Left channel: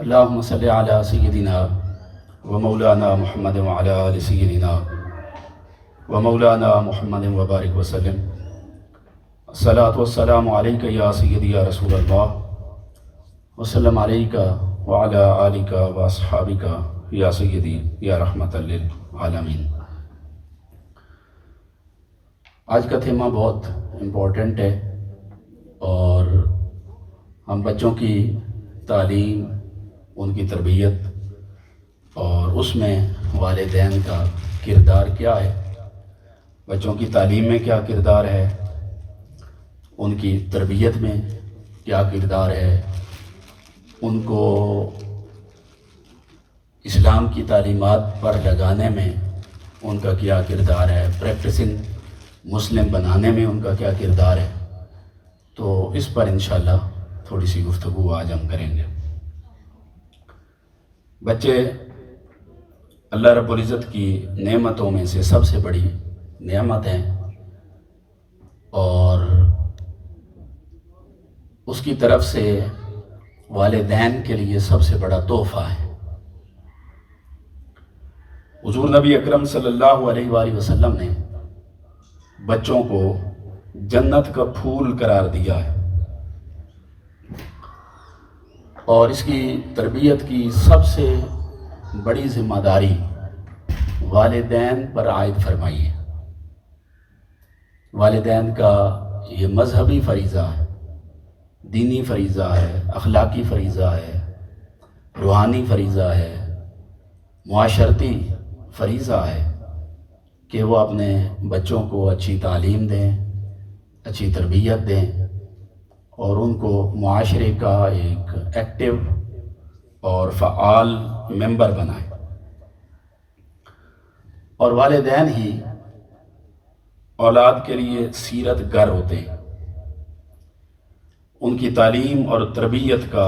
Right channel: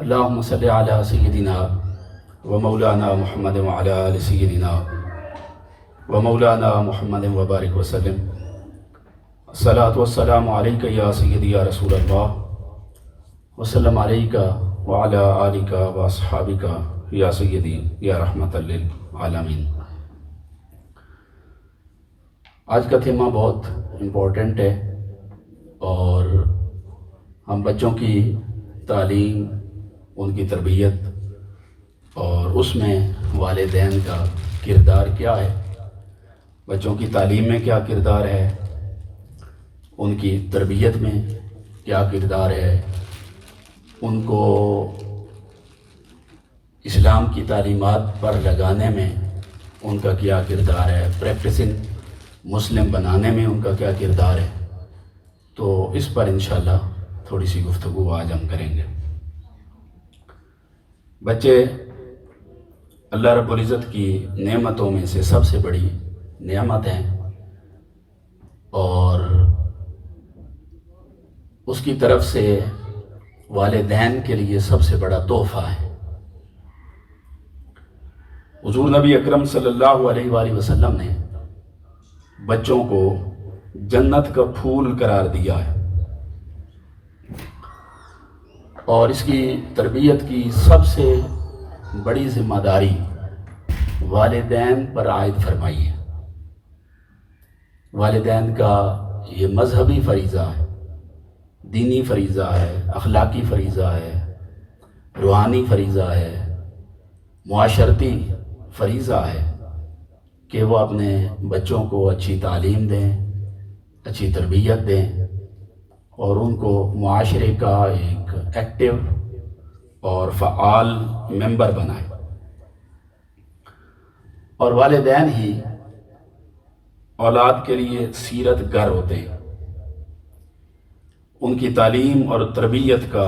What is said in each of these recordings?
اللهم صل على سيدنا ومولانا محمد وعلى آل سيدنا ومولانا محمد وبارك وسلم. الصلاة والسلام عليك يا سيدي يا رسول الله وسلم عليك وعلى آلك وأصحابك يا سيدي يا رحمت للعالمین. آج کا تھیمہ بہت امپورٹنٹ ہے اور ہم بچوں کی تعلیم، ان کی تربیت اور اس میں والدین کا کردار کیا ہے، بچوں کی تعلیم میں کیا کردار ہے، ان کی تربیت میں کیا کردار ہے، ان کو اسلام کی تعلیمات پر لگانے میں ان کا کیا کردار ہے، پریکٹسنگ مسلم بنانے میں ان کا کیا کردار ہے. تو اس پر انشاءاللہ تھوڑی سی گفتگو آج ہم کریں گے. بچے اللہ رب العزت کی نعمتوں میں سے سب سے بڑی نعمت ہیں اور اس کی طرف سے والدین کے لیے سب سے بڑا تحفہ ہے. حضور نبی اکرم صلی اللہ علیہ وآلہ وسلم نے بچوں کو جنت کا پھول قرار دیا ہے اور اس کی تربیت کی سب سے بڑی ذمہ داری والدین پر عائد فرمائی ہے. والدین کا یہ مذہبی فریضہ ہے، دینی فریضہ ہے، اخلاقی فریضہ ہے، روحانی فریضہ ہے، معاشرتی فریضہ ہے کہ وہ اپنے بچوں کو اچھی تعلیم دیں، اچھی تربیت دیں اور ان کو معاشرے کا ایک ایکٹیو اور فعال ممبر بنائیں. اور والدین ہی اولاد کے لیے سیرت گر ہوتے ہیں. ان کی تعلیم اور تربیت کا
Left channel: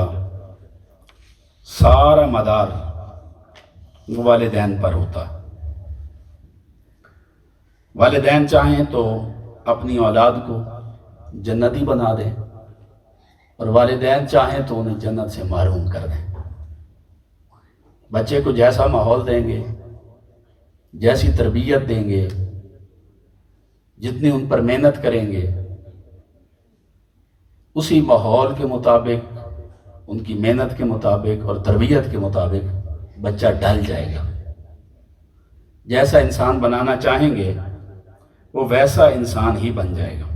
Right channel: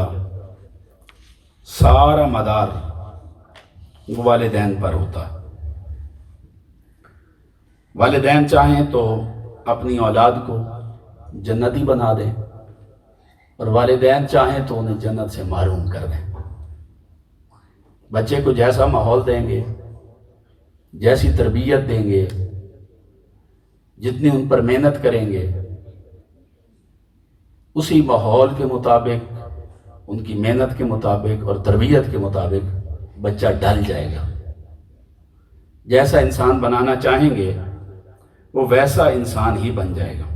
سارا مدار والدین پر ہوتا ہے. والدین چاہیں تو اپنی اولاد کو جنتی بنا دیں اور والدین چاہیں تو انہیں جنت سے محروم کر دیں. بچے کو جیسا ماحول دیں گے، جیسی تربیت دیں گے، جتنی ان پر محنت کریں گے، اسی ماحول کے مطابق، ان کی محنت کے مطابق اور تربیت کے مطابق بچہ ڈھل جائے گا. جیسا انسان بنانا چاہیں گے وہ ویسا انسان ہی بن جائے گا.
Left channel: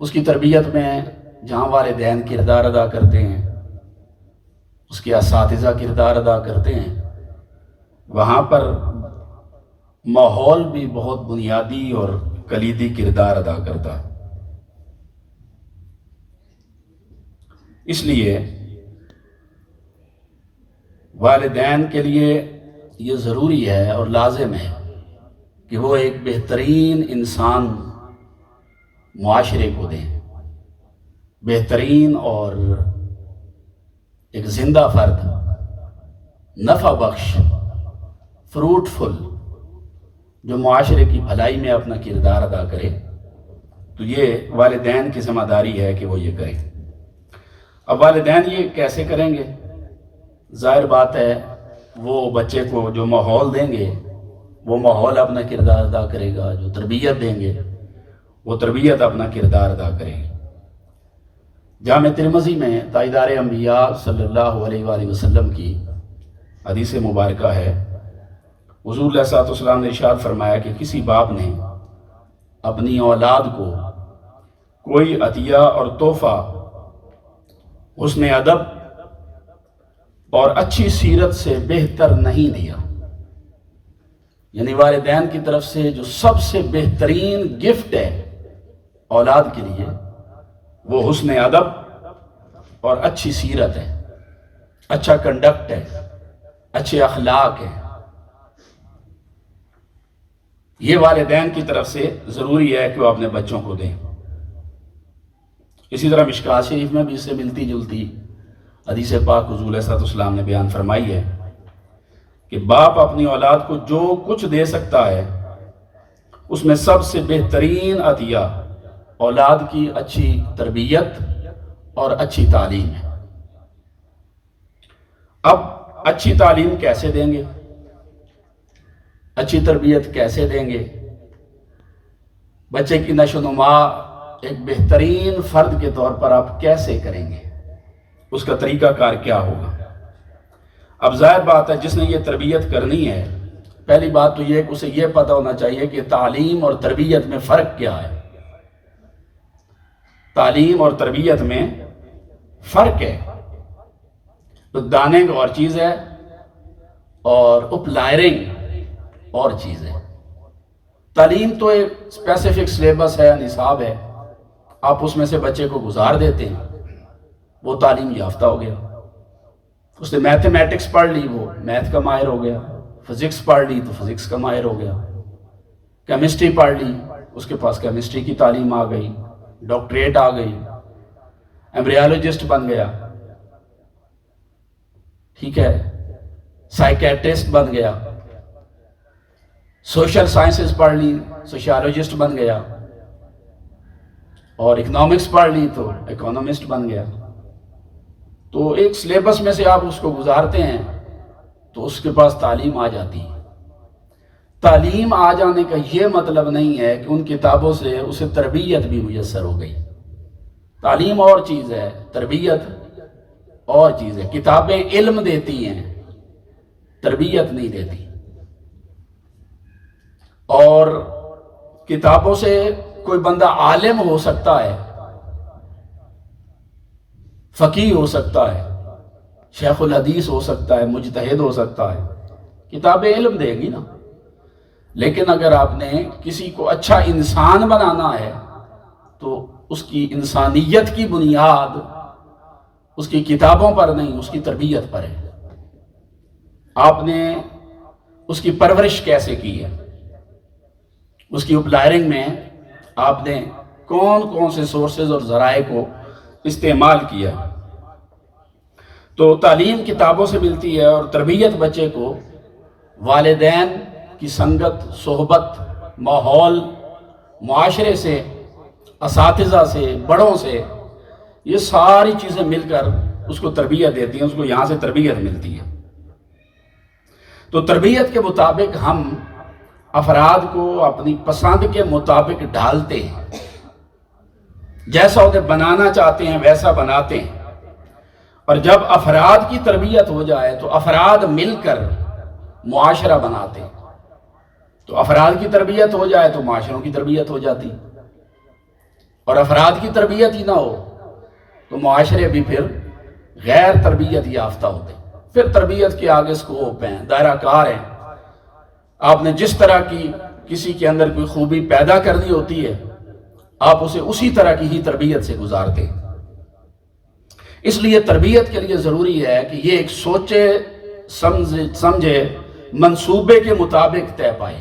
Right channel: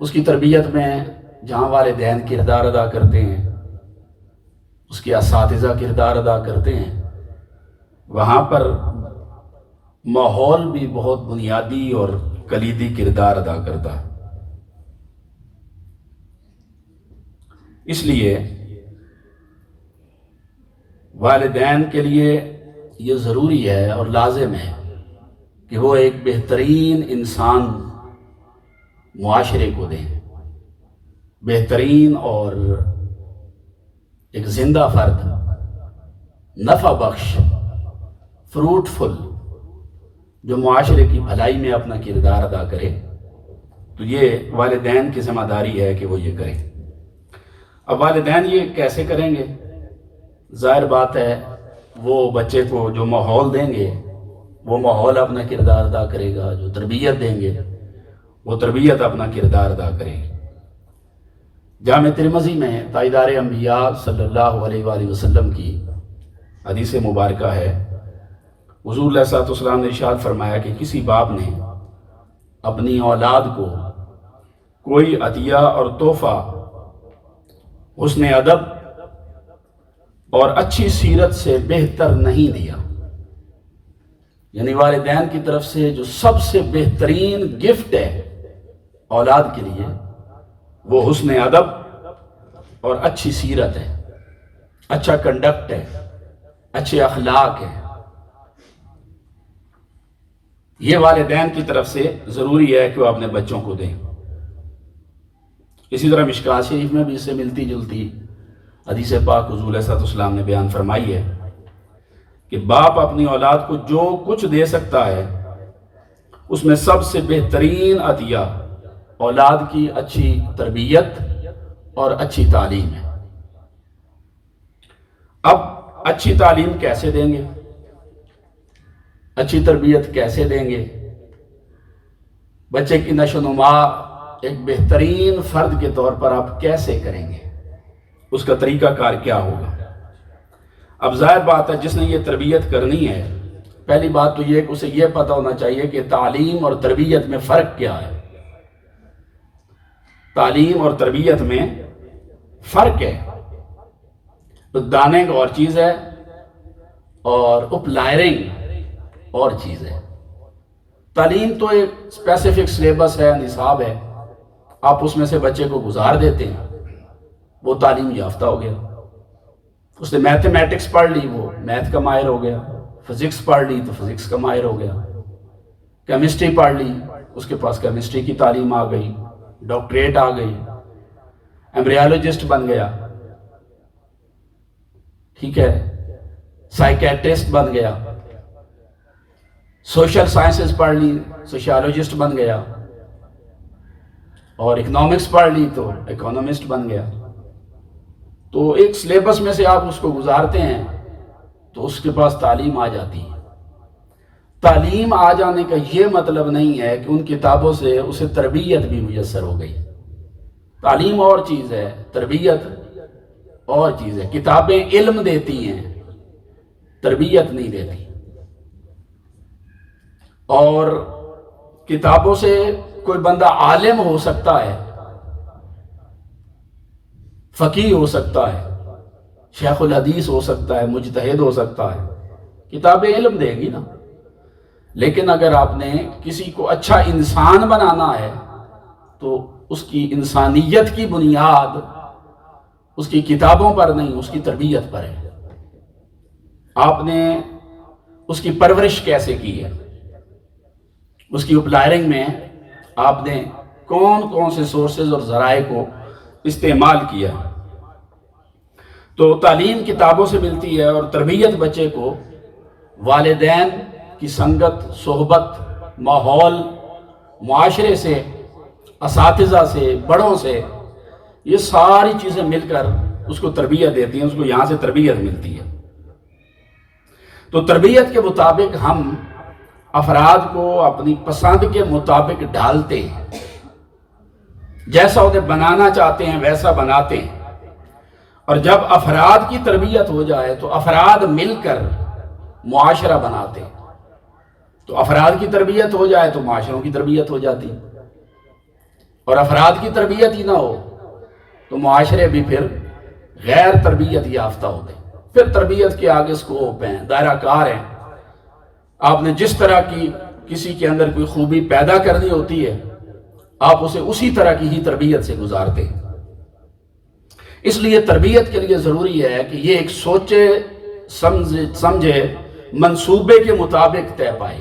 اس کی تربیت میں جہاں والدین کردار ادا کرتے ہیں، اس کے اساتذہ کردار ادا کرتے ہیں، وہاں پر ماحول بھی بہت بنیادی اور کلیدی کردار ادا کرتا ہے. اس لیے والدین کے لیے یہ ضروری ہے اور لازم ہے کہ وہ ایک بہترین انسان معاشرے کو دیں، بہترین اور ایک زندہ فرد، نفع بخش، فروٹفل، جو معاشرے کی بھلائی میں اپنا کردار ادا کرے. تو یہ والدین کی ذمہ داری ہے کہ وہ یہ کریں. اب والدین یہ کیسے کریں گے؟ ظاہر بات ہے وہ بچے کو جو ماحول دیں گے وہ ماحول اپنا کردار ادا کرے گا، جو تربیت دیں گے وہ تربیت اپنا کردار ادا کرے گی. جامع ترمذی میں تاجدار انبیاء صلی اللہ علیہ وآلہ وسلم کی حدیث مبارکہ ہے. حضور علیہ الصلوۃ والسلام نے ارشاد فرمایا کہ کسی باپ نے اپنی اولاد کو کوئی عطیہ اور تحفہ حسن ادب اور اچھی سیرت سے بہتر نہیں دیا. یعنی والدین کی طرف سے جو سب سے بہترین گفٹ ہے اولاد کے لیے وہ حسن ادب اور اچھی سیرت ہے، اچھا کنڈکٹ ہے، اچھے اخلاق ہے. یہ والدین کی طرف سے ضروری ہے کہ وہ اپنے بچوں کو دیں. اسی طرح مشکوٰۃ شریف میں بھی اس سے ملتی جلتی حدیث پاک حضور علیہ الصلوۃ والسلام نے بیان فرمائی ہے کہ باپ اپنی اولاد کو جو کچھ دے سکتا ہے اس میں سب سے بہترین عطیہ اولاد کی اچھی تربیت اور اچھی تعلیم ہے. اب اچھی تعلیم کیسے دیں گے، اچھی تربیت کیسے دیں گے، بچے کی نشو و نما ایک بہترین فرد کے طور پر آپ کیسے کریں گے، اس کا طریقہ کار کیا ہوگا؟ اب ظاہر بات ہے جس نے یہ تربیت کرنی ہے، پہلی بات تو یہ کہ اسے یہ پتہ ہونا چاہیے کہ تعلیم اور تربیت میں فرق کیا ہے۔ تعلیم اور تربیت میں فرق ہے۔ تو داننگ اور چیز ہے اور اپلائرنگ اور چیز ہے۔ تعلیم تو ایک اسپیسیفک سلیبس ہے، نصاب ہے، آپ اس میں سے بچے کو گزار دیتے ہیں، وہ تعلیم یافتہ ہو گیا۔ اس نے میتھمیٹکس پڑھ لی، وہ میتھ کا ماہر ہو گیا، فزکس پڑھ لی تو فزکس کا ماہر ہو گیا، کیمسٹری پڑھ لی، اس کے پاس کیمسٹری کی تعلیم آ گئی، ڈاکٹریٹ آ گئی، ایمبریالوجسٹ بن گیا، ٹھیک ہے، سائیکیٹرسٹ بن گیا، سوشل سائنسز پڑھ لی، سوشیالوجسٹ بن گیا، اور اکنامکس پڑھ لی تو اکونومسٹ بن گیا۔ تو ایک سلیبس میں سے آپ اس کو گزارتے ہیں تو اس کے پاس تعلیم آ جاتی ہے۔ تعلیم آ جانے کا یہ مطلب نہیں ہے کہ ان کتابوں سے اسے تربیت بھی میسر ہو گئی۔ تعلیم اور چیز ہے، تربیت اور چیز ہے۔ کتابیں علم دیتی ہیں، تربیت نہیں دیتی۔ اور کتابوں سے کوئی بندہ عالم ہو سکتا ہے، فقیہ ہو سکتا ہے، شیخ الحدیث ہو سکتا ہے، مجتہد ہو سکتا ہے، کتابیں علم دے گی نا۔ لیکن اگر آپ نے کسی کو اچھا انسان بنانا ہے تو اس کی انسانیت کی بنیاد اس کی کتابوں پر نہیں، اس کی تربیت پر ہے۔ آپ نے اس کی پرورش کیسے کی ہے، اس کی اپلائرنگ میں آپ نے کون کون سے سورسز اور ذرائع کو استعمال کیا۔ تو تعلیم کتابوں سے ملتی ہے، اور تربیت بچے کو والدین کی سنگت، صحبت، ماحول، معاشرے سے، اساتذہ سے، بڑوں سے، یہ ساری چیزیں مل کر اس کو تربیت دیتی ہیں، اس کو یہاں سے تربیت ملتی ہے۔ تو تربیت کے مطابق ہم افراد کو اپنی پسند کے مطابق ڈھالتے ہیں، جیسا انہیں بنانا چاہتے ہیں ویسا بناتے ہیں۔ اور جب افراد کی تربیت ہو جائے تو افراد مل کر معاشرہ بناتے ہیں۔ تو افراد کی تربیت ہو جائے تو معاشروں کی تربیت ہو جاتی، اور افراد کی تربیت ہی نہ ہو تو معاشرے بھی پھر غیر تربیت یافتہ ہوتے ہیں۔ پھر تربیت کے آگے اسکوپ ہیں، دائرہ کار ہیں۔ آپ نے جس طرح کی کسی کے اندر کوئی خوبی پیدا کرنی ہوتی ہے، آپ اسے اسی طرح کی ہی تربیت سے گزارتے ہیں۔ اس لیے تربیت کے لیے ضروری ہے کہ یہ ایک سوچے سمجھے منصوبے کے مطابق طے پائے۔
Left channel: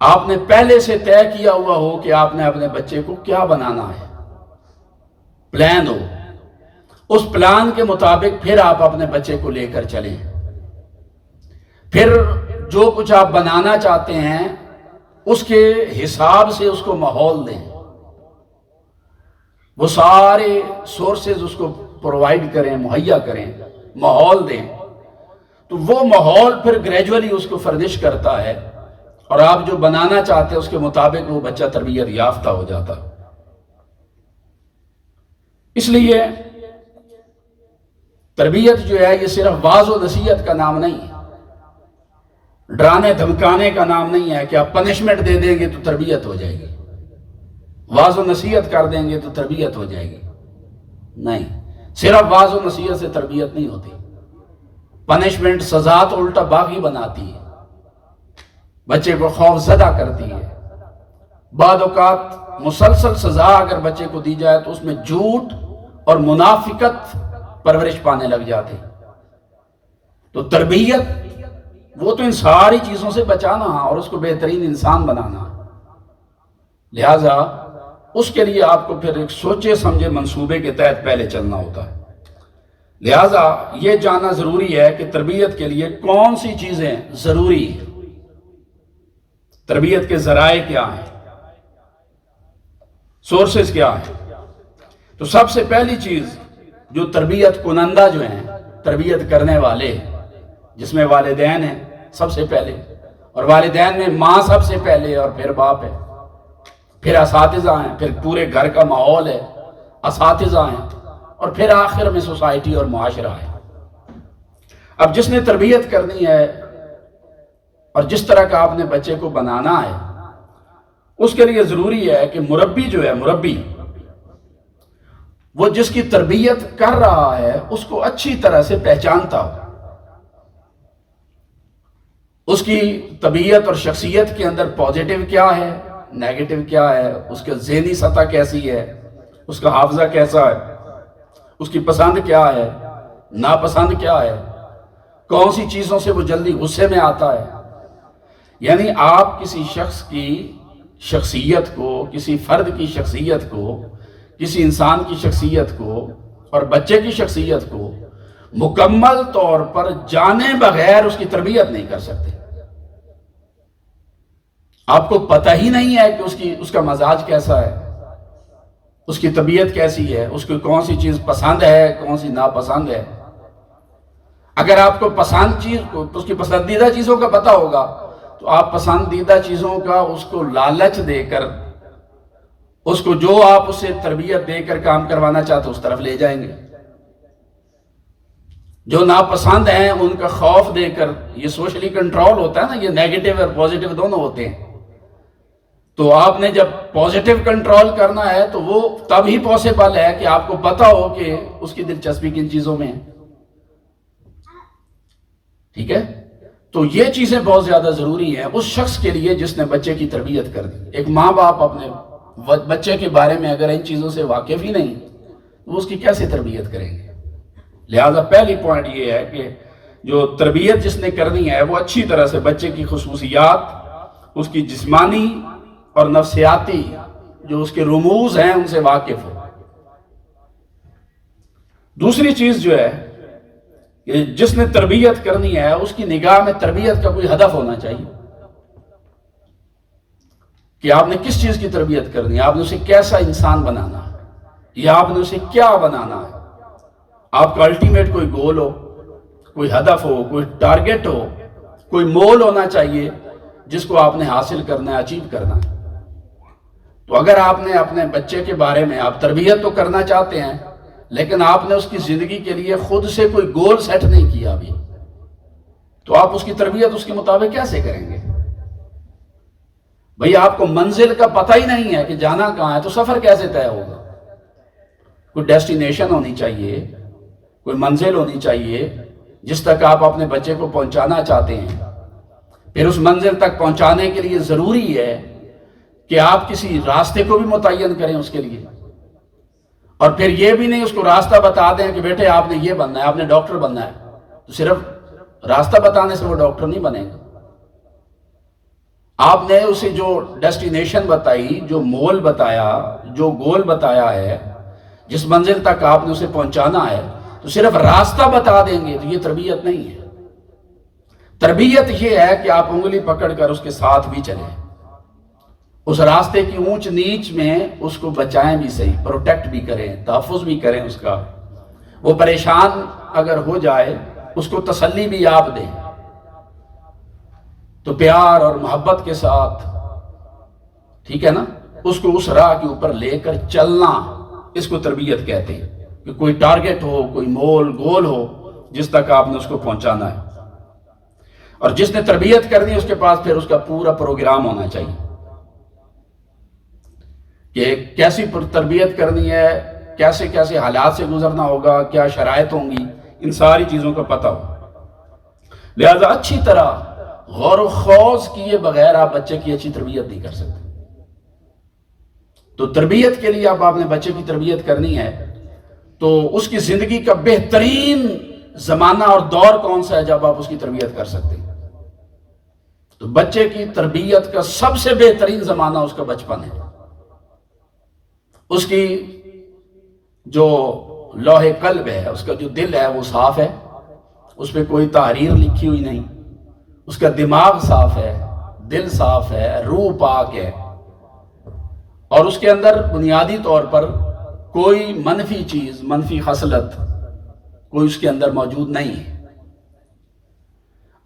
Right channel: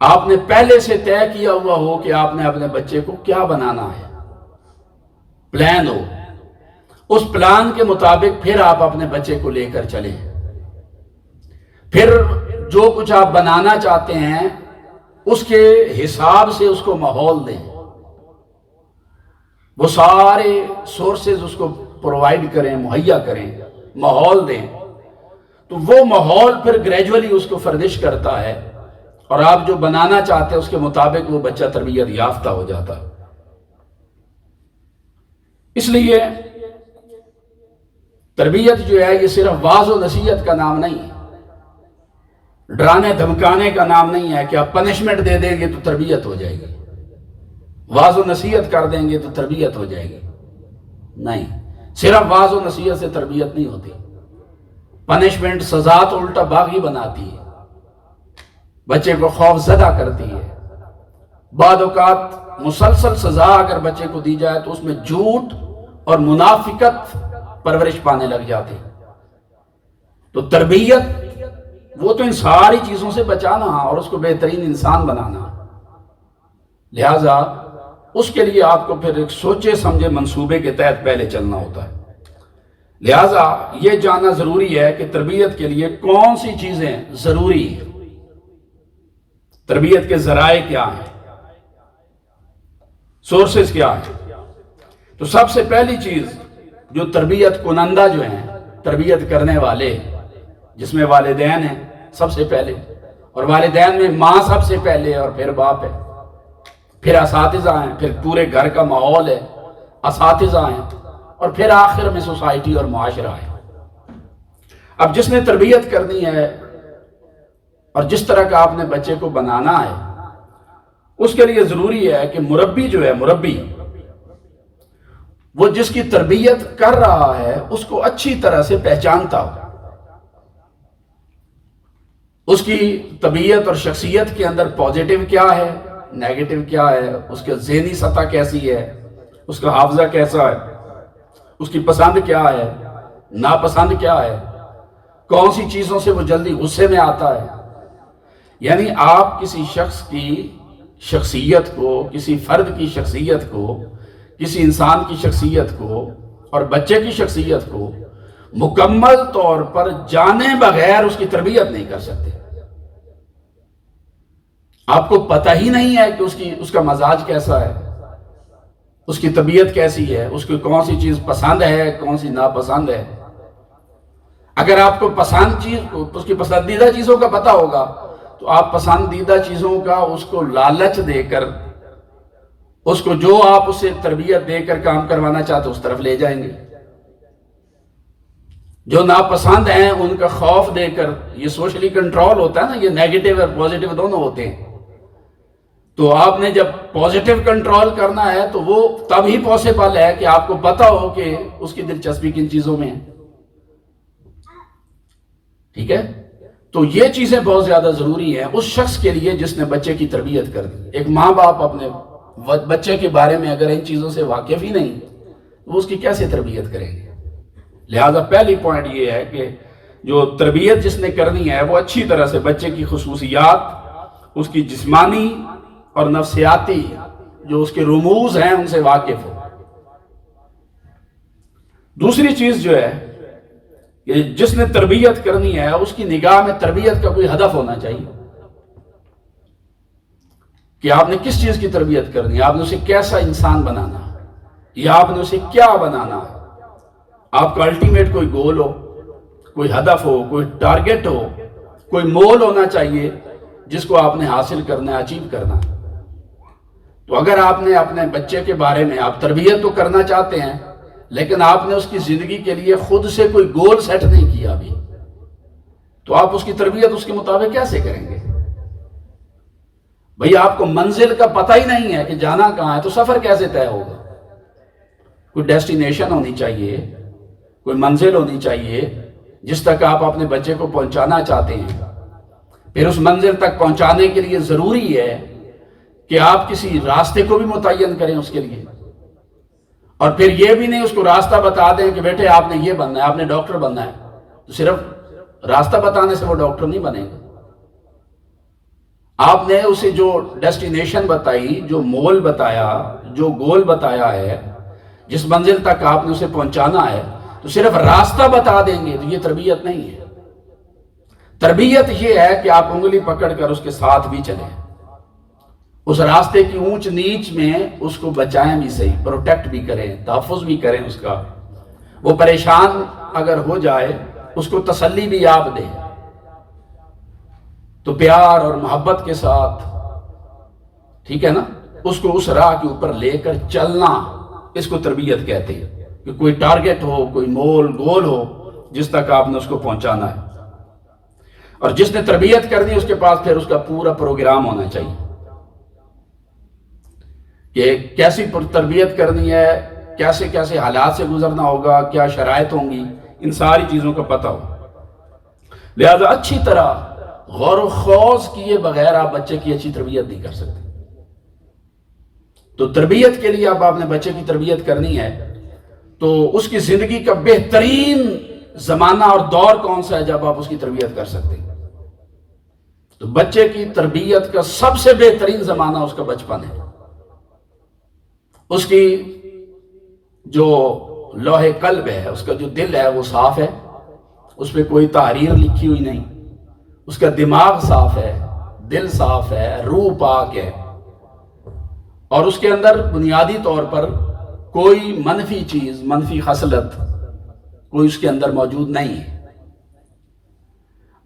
آپ نے پہلے سے طے کیا ہوا ہو کہ آپ نے اپنے بچے کو کیا بنانا ہے، پلان ہو، اس پلان کے مطابق پھر آپ اپنے بچے کو لے کر چلیں۔ پھر جو کچھ آپ بنانا چاہتے ہیں اس کے حساب سے اس کو ماحول دیں، وہ سارے سورسز اس کو پرووائڈ کریں، مہیا کریں، ماحول دیں، تو وہ ماحول پھر گریجولی اس کو فردش کرتا ہے، اور آپ جو بنانا چاہتے ہیں اس کے مطابق وہ بچہ تربیت یافتہ ہو جاتا۔ اس لیے تربیت جو ہے یہ صرف واعظ و نصیحت کا نام نہیں ہے، ڈرانے دھمکانے کا نام نہیں ہے کہ آپ پنشمنٹ دے دیں گے تو تربیت ہو جائے گی، واعظ و نصیحت کر دیں گے تو تربیت ہو جائے گی۔ نہیں، صرف واعظ و نصیحت سے تربیت نہیں ہوتی۔ پنشمنٹ، سزا تو الٹا باغی بناتی ہے، بچے کو خوف زدہ کرتی ہے۔ بعض اوقات مسلسل سزا اگر بچے کو دی جائے تو اس میں جھوٹ اور منافقت پرورش پانے لگ جاتے۔ تو تربیت وہ تو ان ساری چیزوں سے بچانا اور اس کو بہترین انسان بنانا، لہٰذا اس کے لیے آپ کو پھر ایک سوچے سمجھے منصوبے کے تحت پہلے چلنا ہوتا ہے۔ لہٰذا یہ جاننا ضروری ہے کہ تربیت کے لیے کون سی چیزیں ضروری ہیں، تربیت کے ذرائع کیا ہیں، سورسز کیا ہیں۔ تو سب سے پہلی چیز جو تربیت کنندہ جو ہیں تربیت کرنے والے، جس میں والدین ہیں سب سے پہلے، اور والدین میں ماں سب سے پہلے، اور پھر باپ ہے، پھر اساتذہ ہیں، پھر پورے گھر کا ماحول ہے، اساتذہ ہیں، اور پھر آخر میں سوسائٹی اور معاشرہ ہے۔ اب جس نے تربیت کرنی ہے اور جس طرح کا آپ نے بچے کو بنانا ہے، اس کے لیے ضروری ہے کہ مربی جو ہے، مربی وہ جس کی تربیت کر رہا ہے اس کو اچھی طرح سے پہچانتا ہو، اس کی طبیعت اور شخصیت کے اندر پازیٹیو کیا ہے، نیگیٹو کیا ہے، اس کے ذہنی سطح کیسی ہے، اس کا حافظہ کیسا ہے، اس کی پسند کیا ہے، ناپسند کیا ہے، کون سی چیزوں سے وہ جلدی غصے میں آتا ہے۔ یعنی آپ کسی شخص کی شخصیت کو، کسی فرد کی شخصیت کو، کسی انسان کی شخصیت کو اور بچے کی شخصیت کو مکمل طور پر جانے بغیر اس کی تربیت نہیں کر سکتے۔ آپ کو پتہ ہی نہیں ہے کہ اس کا مزاج کیسا ہے، اس کی طبیعت کیسی ہے، اس کو کون سی چیز پسند ہے، کون سی ناپسند ہے۔ اگر آپ کو پسند چیز، اس کی پسندیدہ چیزوں کا پتہ ہوگا تو آپ پسندیدہ چیزوں کا اس کو لالچ دے کر، اس کو جو آپ اسے تربیت دے کر کام کروانا چاہتے اس طرف لے جائیں گے۔ جو ناپسند ہیں ان کا خوف دے کر، یہ سوشلی کنٹرول ہوتا ہے نا، یہ نیگیٹو اور پازیٹیو دونوں ہوتے ہیں۔ تو آپ نے جب پازیٹیو کنٹرول کرنا ہے تو وہ تب ہی پاسبل ہے کہ آپ کو پتا ہو کہ اس کی دلچسپی کن چیزوں میں ہے۔ ٹھیک ہے، تو یہ چیزیں بہت زیادہ ضروری ہیں اس شخص کے لیے جس نے بچے کی تربیت کر دی۔ ایک ماں باپ اپنے بچے کے بارے میں اگر ان چیزوں سے واقف ہی نہیں تو اس کی کیسے تربیت کریں گے؟ لہذا پہلی پوائنٹ یہ ہے کہ جو تربیت جس نے کرنی ہے وہ اچھی طرح سے بچے کی خصوصیات، اس کی جسمانی اور نفسیاتی جو اس کے رموز ہیں ان سے واقف ہو۔ دوسری چیز جو ہے کہ جس نے تربیت کرنی ہے اس کی نگاہ میں تربیت کا کوئی ہدف ہونا چاہیے کہ آپ نے کس چیز کی تربیت کرنی ہے، آپ نے اسے کیسا انسان بنانا ہے، یا آپ نے اسے کیا بنانا ہے۔ آپ کا الٹیمیٹ کوئی گول ہو، کوئی ہدف ہو، کوئی ٹارگٹ ہو، کوئی مول ہونا چاہیے جس کو آپ نے حاصل کرنا ہے، اچیو کرنا ہے۔ تو اگر آپ نے اپنے بچے کے بارے میں، آپ تربیت تو کرنا چاہتے ہیں لیکن آپ نے اس کی زندگی کے لیے خود سے کوئی گول سیٹ نہیں کیا ابھی، تو آپ اس کی تربیت اس کے مطابق کیسے کریں گے؟ بھئی آپ کو منزل کا پتہ ہی نہیں ہے کہ جانا کہاں ہے تو سفر کیسے طے ہوگا؟ کوئی ڈیسٹینیشن ہونی چاہیے، کوئی منزل ہونی چاہیے جس تک آپ اپنے بچے کو پہنچانا چاہتے ہیں۔ پھر اس منزل تک پہنچانے کے لیے ضروری ہے کہ آپ کسی راستے کو بھی متعین کریں اس کے لیے، اور پھر یہ بھی نہیں اس کو راستہ بتا دیں کہ بیٹے آپ نے یہ بننا ہے، آپ نے ڈاکٹر بننا ہے، تو صرف راستہ بتانے سے وہ ڈاکٹر نہیں بنے گا۔ آپ نے اسے جو ڈیسٹینیشن بتائی، جو مول بتایا، جو گول بتایا ہے، جس منزل تک آپ نے اسے پہنچانا ہے، تو صرف راستہ بتا دیں گے تو یہ تربیت نہیں ہے۔ تربیت یہ ہے کہ آپ انگلی پکڑ کر اس کے ساتھ بھی چلیں، اس راستے کی اونچ نیچ میں اس کو بچائیں بھی صحیح، پروٹیکٹ بھی کریں، تحفظ بھی کریں اس کا۔ وہ پریشان اگر ہو جائے اس کو تسلی بھی آپ دیں، تو پیار اور محبت کے ساتھ، ٹھیک ہے نا، اس کو اس راہ کے اوپر لے کر چلنا، اس کو تربیت کہتے ہیں کہ کوئی ٹارگٹ ہو، کوئی مول گول ہو جس تک آپ نے اس کو پہنچانا ہے۔ اور جس نے تربیت کرنی اس کے پاس پھر اس کا پورا پروگرام ہونا چاہیے کہ کیسی تربیت کرنی ہے، کیسے کیسے حالات سے گزرنا ہوگا، کیا شرائط ہوں گی، ان ساری چیزوں کا پتہ ہو۔ لہذا اچھی طرح غور و خوض کیے بغیر آپ بچے کی اچھی تربیت نہیں کر سکتے۔ تو تربیت کے لیے اب آپ نے بچے کی تربیت کرنی ہے تو اس کی زندگی کا بہترین زمانہ اور دور کون سا ہے جب آپ اس کی تربیت کر سکتے ہیں؟ تو بچے کی تربیت کا سب سے بہترین زمانہ اس کا بچپن ہے۔ اس کی جو لوح قلب ہے، اس کا جو دل ہے وہ صاف ہے، اس پہ کوئی تحریر لکھی ہوئی نہیں، اس کا دماغ صاف ہے، دل صاف ہے، روح پاک ہے، اور اس کے اندر بنیادی طور پر کوئی منفی چیز، منفی خصلت کوئی اس کے اندر موجود نہیں ہے،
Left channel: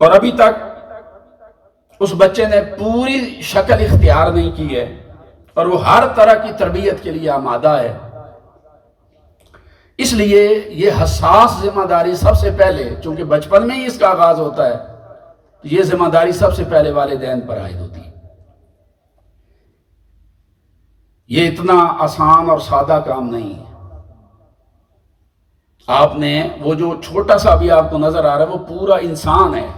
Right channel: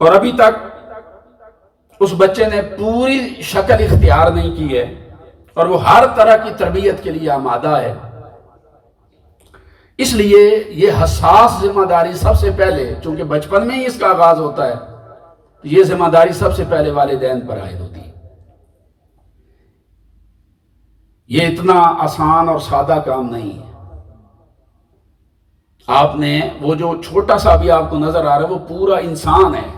اور ابھی تک اس بچے نے پوری شکل اختیار نہیں کی ہے، اور وہ ہر طرح کی تربیت کے لیے آمادہ ہے۔ اس لیے یہ حساس ذمہ داری سب سے پہلے، چونکہ بچپن میں ہی اس کا آغاز ہوتا ہے، یہ ذمہ داری سب سے پہلے والدین پر عائد ہوتی ہے۔ یہ اتنا آسان اور سادہ کام نہیں ہے۔ آپ نے وہ جو چھوٹا سا بھی آپ کو نظر آ رہا ہے وہ پورا انسان ہے۔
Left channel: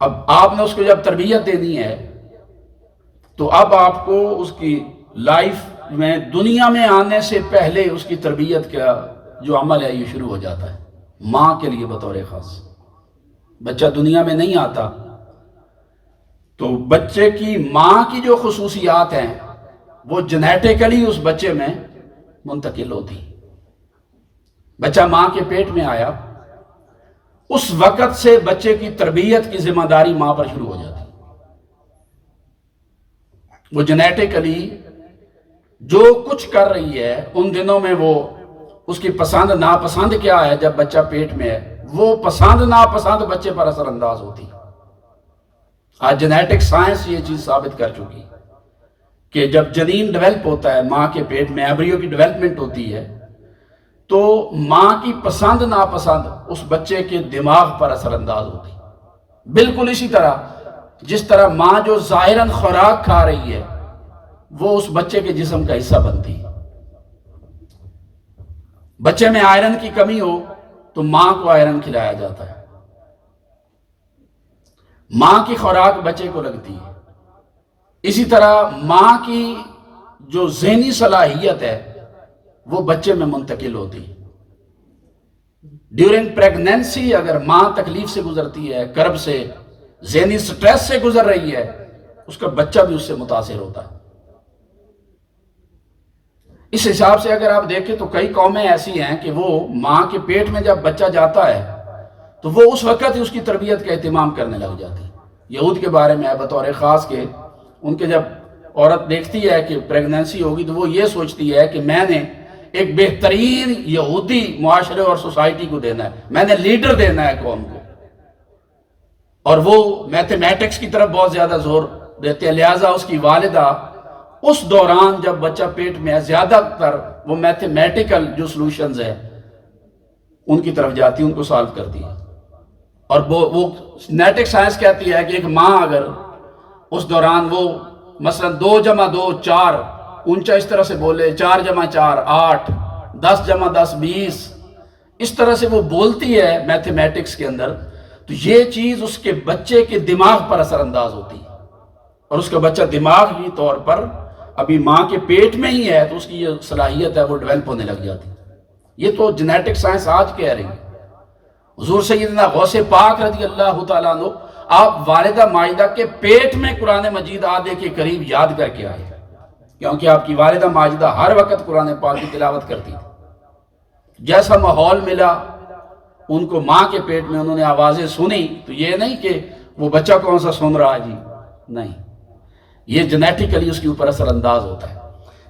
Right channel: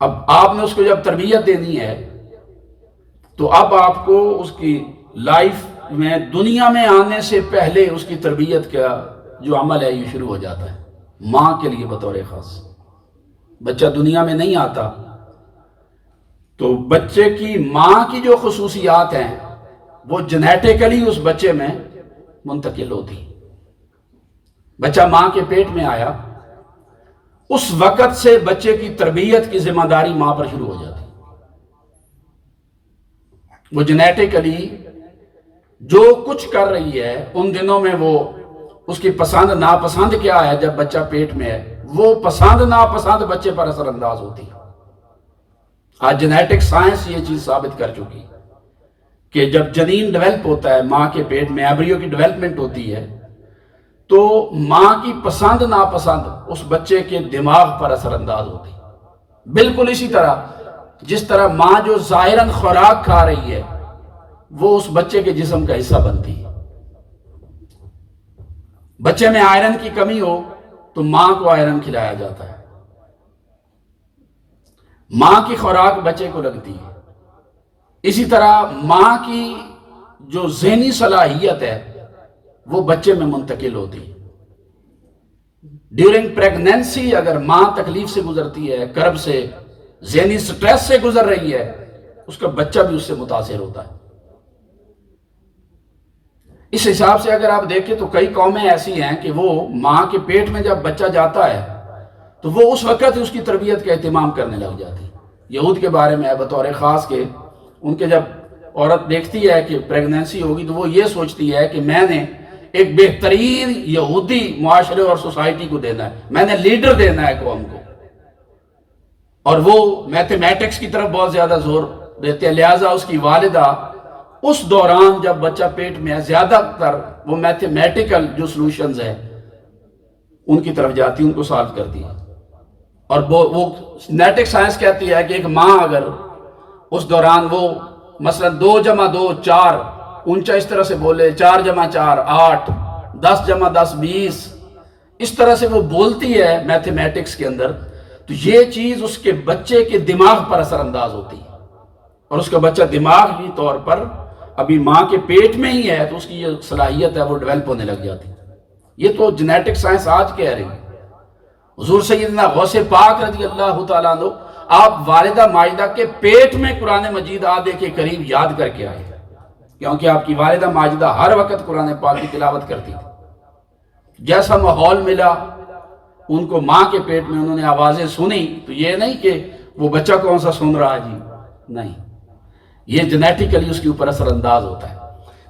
اب آپ نے اس کو جب تربیت دینی ہے تو اب آپ کو اس کی لائف میں دنیا میں آنے سے پہلے اس کی تربیت کا جو عمل ہے یہ شروع ہو جاتا ہے، ماں کے لیے بطور خاص۔ بچہ دنیا میں نہیں آتا تو بچے کی ماں کی جو خصوصیات ہیں وہ جنیٹیکلی اس بچے میں منتقل ہوتی۔ بچہ ماں کے پیٹ میں آیا، اس وقت سے بچے کی تربیت کی ذمہ داری ماں پر شروع ہو جاتی۔ وہ جنیٹیکلی جو کچھ کر رہی ہے ان دنوں میں، وہ اس کی پسند ناپسند کیا ہے جب بچہ پیٹ میں ہے، وہ پسند ناپسند بچے پر اثر انداز ہوتی۔ آج جنیٹک سائنس یہ چیز ثابت کر چکی کہ جب جنین ڈیولپ ہوتا ہے ماں کے پیٹ میں، ایمبریو کی ڈیولپمنٹ ہوتی ہے، تو ماں کی پسند ناپسند اس بچے کے دماغ پر اثر انداز ہوتی۔ بالکل اسی طرح جس طرح ماں جو ظاہراً خوراک کھا رہی ہے وہ اس بچے کے جسم کا حصہ بنتی ہے۔ بچے میں آئرن کی کمی ہو تو ماں کو آئرن کھلایا جاتا ہے، ماں کی خوراک بچے کو لگتی ہے۔ اسی طرح ماں کی جو ذہنی صلاحیت ہے وہ بچے میں منتقل ہوتی ہے۔ ڈیورنگ پریگنینسی اگر ماں تکلیف سے گزرتی ہے، کرب سے، ذہنی سٹریس سے گزر رہی ہے، اس کا بچہ بھی اس سے متاثر ہوتا ہے۔ اس حساب سے اگر آپ دیکھیں تو کئی قومیں ایسی ہیں کہ وہ ماں کے پیٹ میں جب بچہ جاتا ہے تو وہ اس وقت ہی اس کی تربیت کا اہتمام کرنے لگ جاتی۔ یہود کے بارے میں ہے بطور خاص کہ ان کے جب عورت دیکھتی ہے کہ پریگنینسی ہوگی تو وہ یہ سوچتی ہے کہ میں نے ایک بہترین یہودی معاشرے اور سوسائٹی کو دینا ہے، میں نے لیڈر دینا ہے قوم کو، اور وہ میتھمیٹکس کی طرف بہت زیادہ زور دیتے ہیں۔ لہٰذا اس کی والدہ اس دوران جب بچہ پیٹ میں ہے زیادہ تر وہ میتھمیٹیکل جو سلوشنز ہیں ان کی طرف جاتی، ان کو سالو کرتی ہے۔ اور وہ جنیٹک سائنس کہتی ہے کہ ایک ماں اگر اس دوران وہ مثلا 2 × 2 4 اونچا اس طرح سے بولے، 4 × 4 8، 10 × 10 20، اس طرح سے وہ بولتی ہے میتھمیٹکس کے اندر، تو یہ چیز اس کے بچے کے دماغ پر اثر انداز ہوتی ہے، اور اس کا بچہ دماغی طور پر ابھی ماں کے پیٹ میں ہی ہے تو اس کی یہ صلاحیت ہے وہ ڈیولپ ہونے لگ جاتی۔ یہ تو جنیٹک سائنس آج کہہ رہی ہے۔ حضور سیدنا غوث پاک رضی اللہ تعالیٰ عنہ آپ والدہ ماجدہ کے پیٹ میں قرآن مجید آدھے کے قریب یاد کر کے آئے، کیونکہ آپ کی والدہ ماجدہ ہر وقت قرآن پاک کی تلاوت کرتی تھی۔ جیسا ماحول ملا ان کو ماں کے پیٹ میں، انہوں نے آوازیں سنی، تو یہ نہیں کہ وہ بچہ کون سا سن رہا ہے جی، نہیں، یہ جنیٹیکلی اس کے اوپر اثر انداز ہوتا ہے۔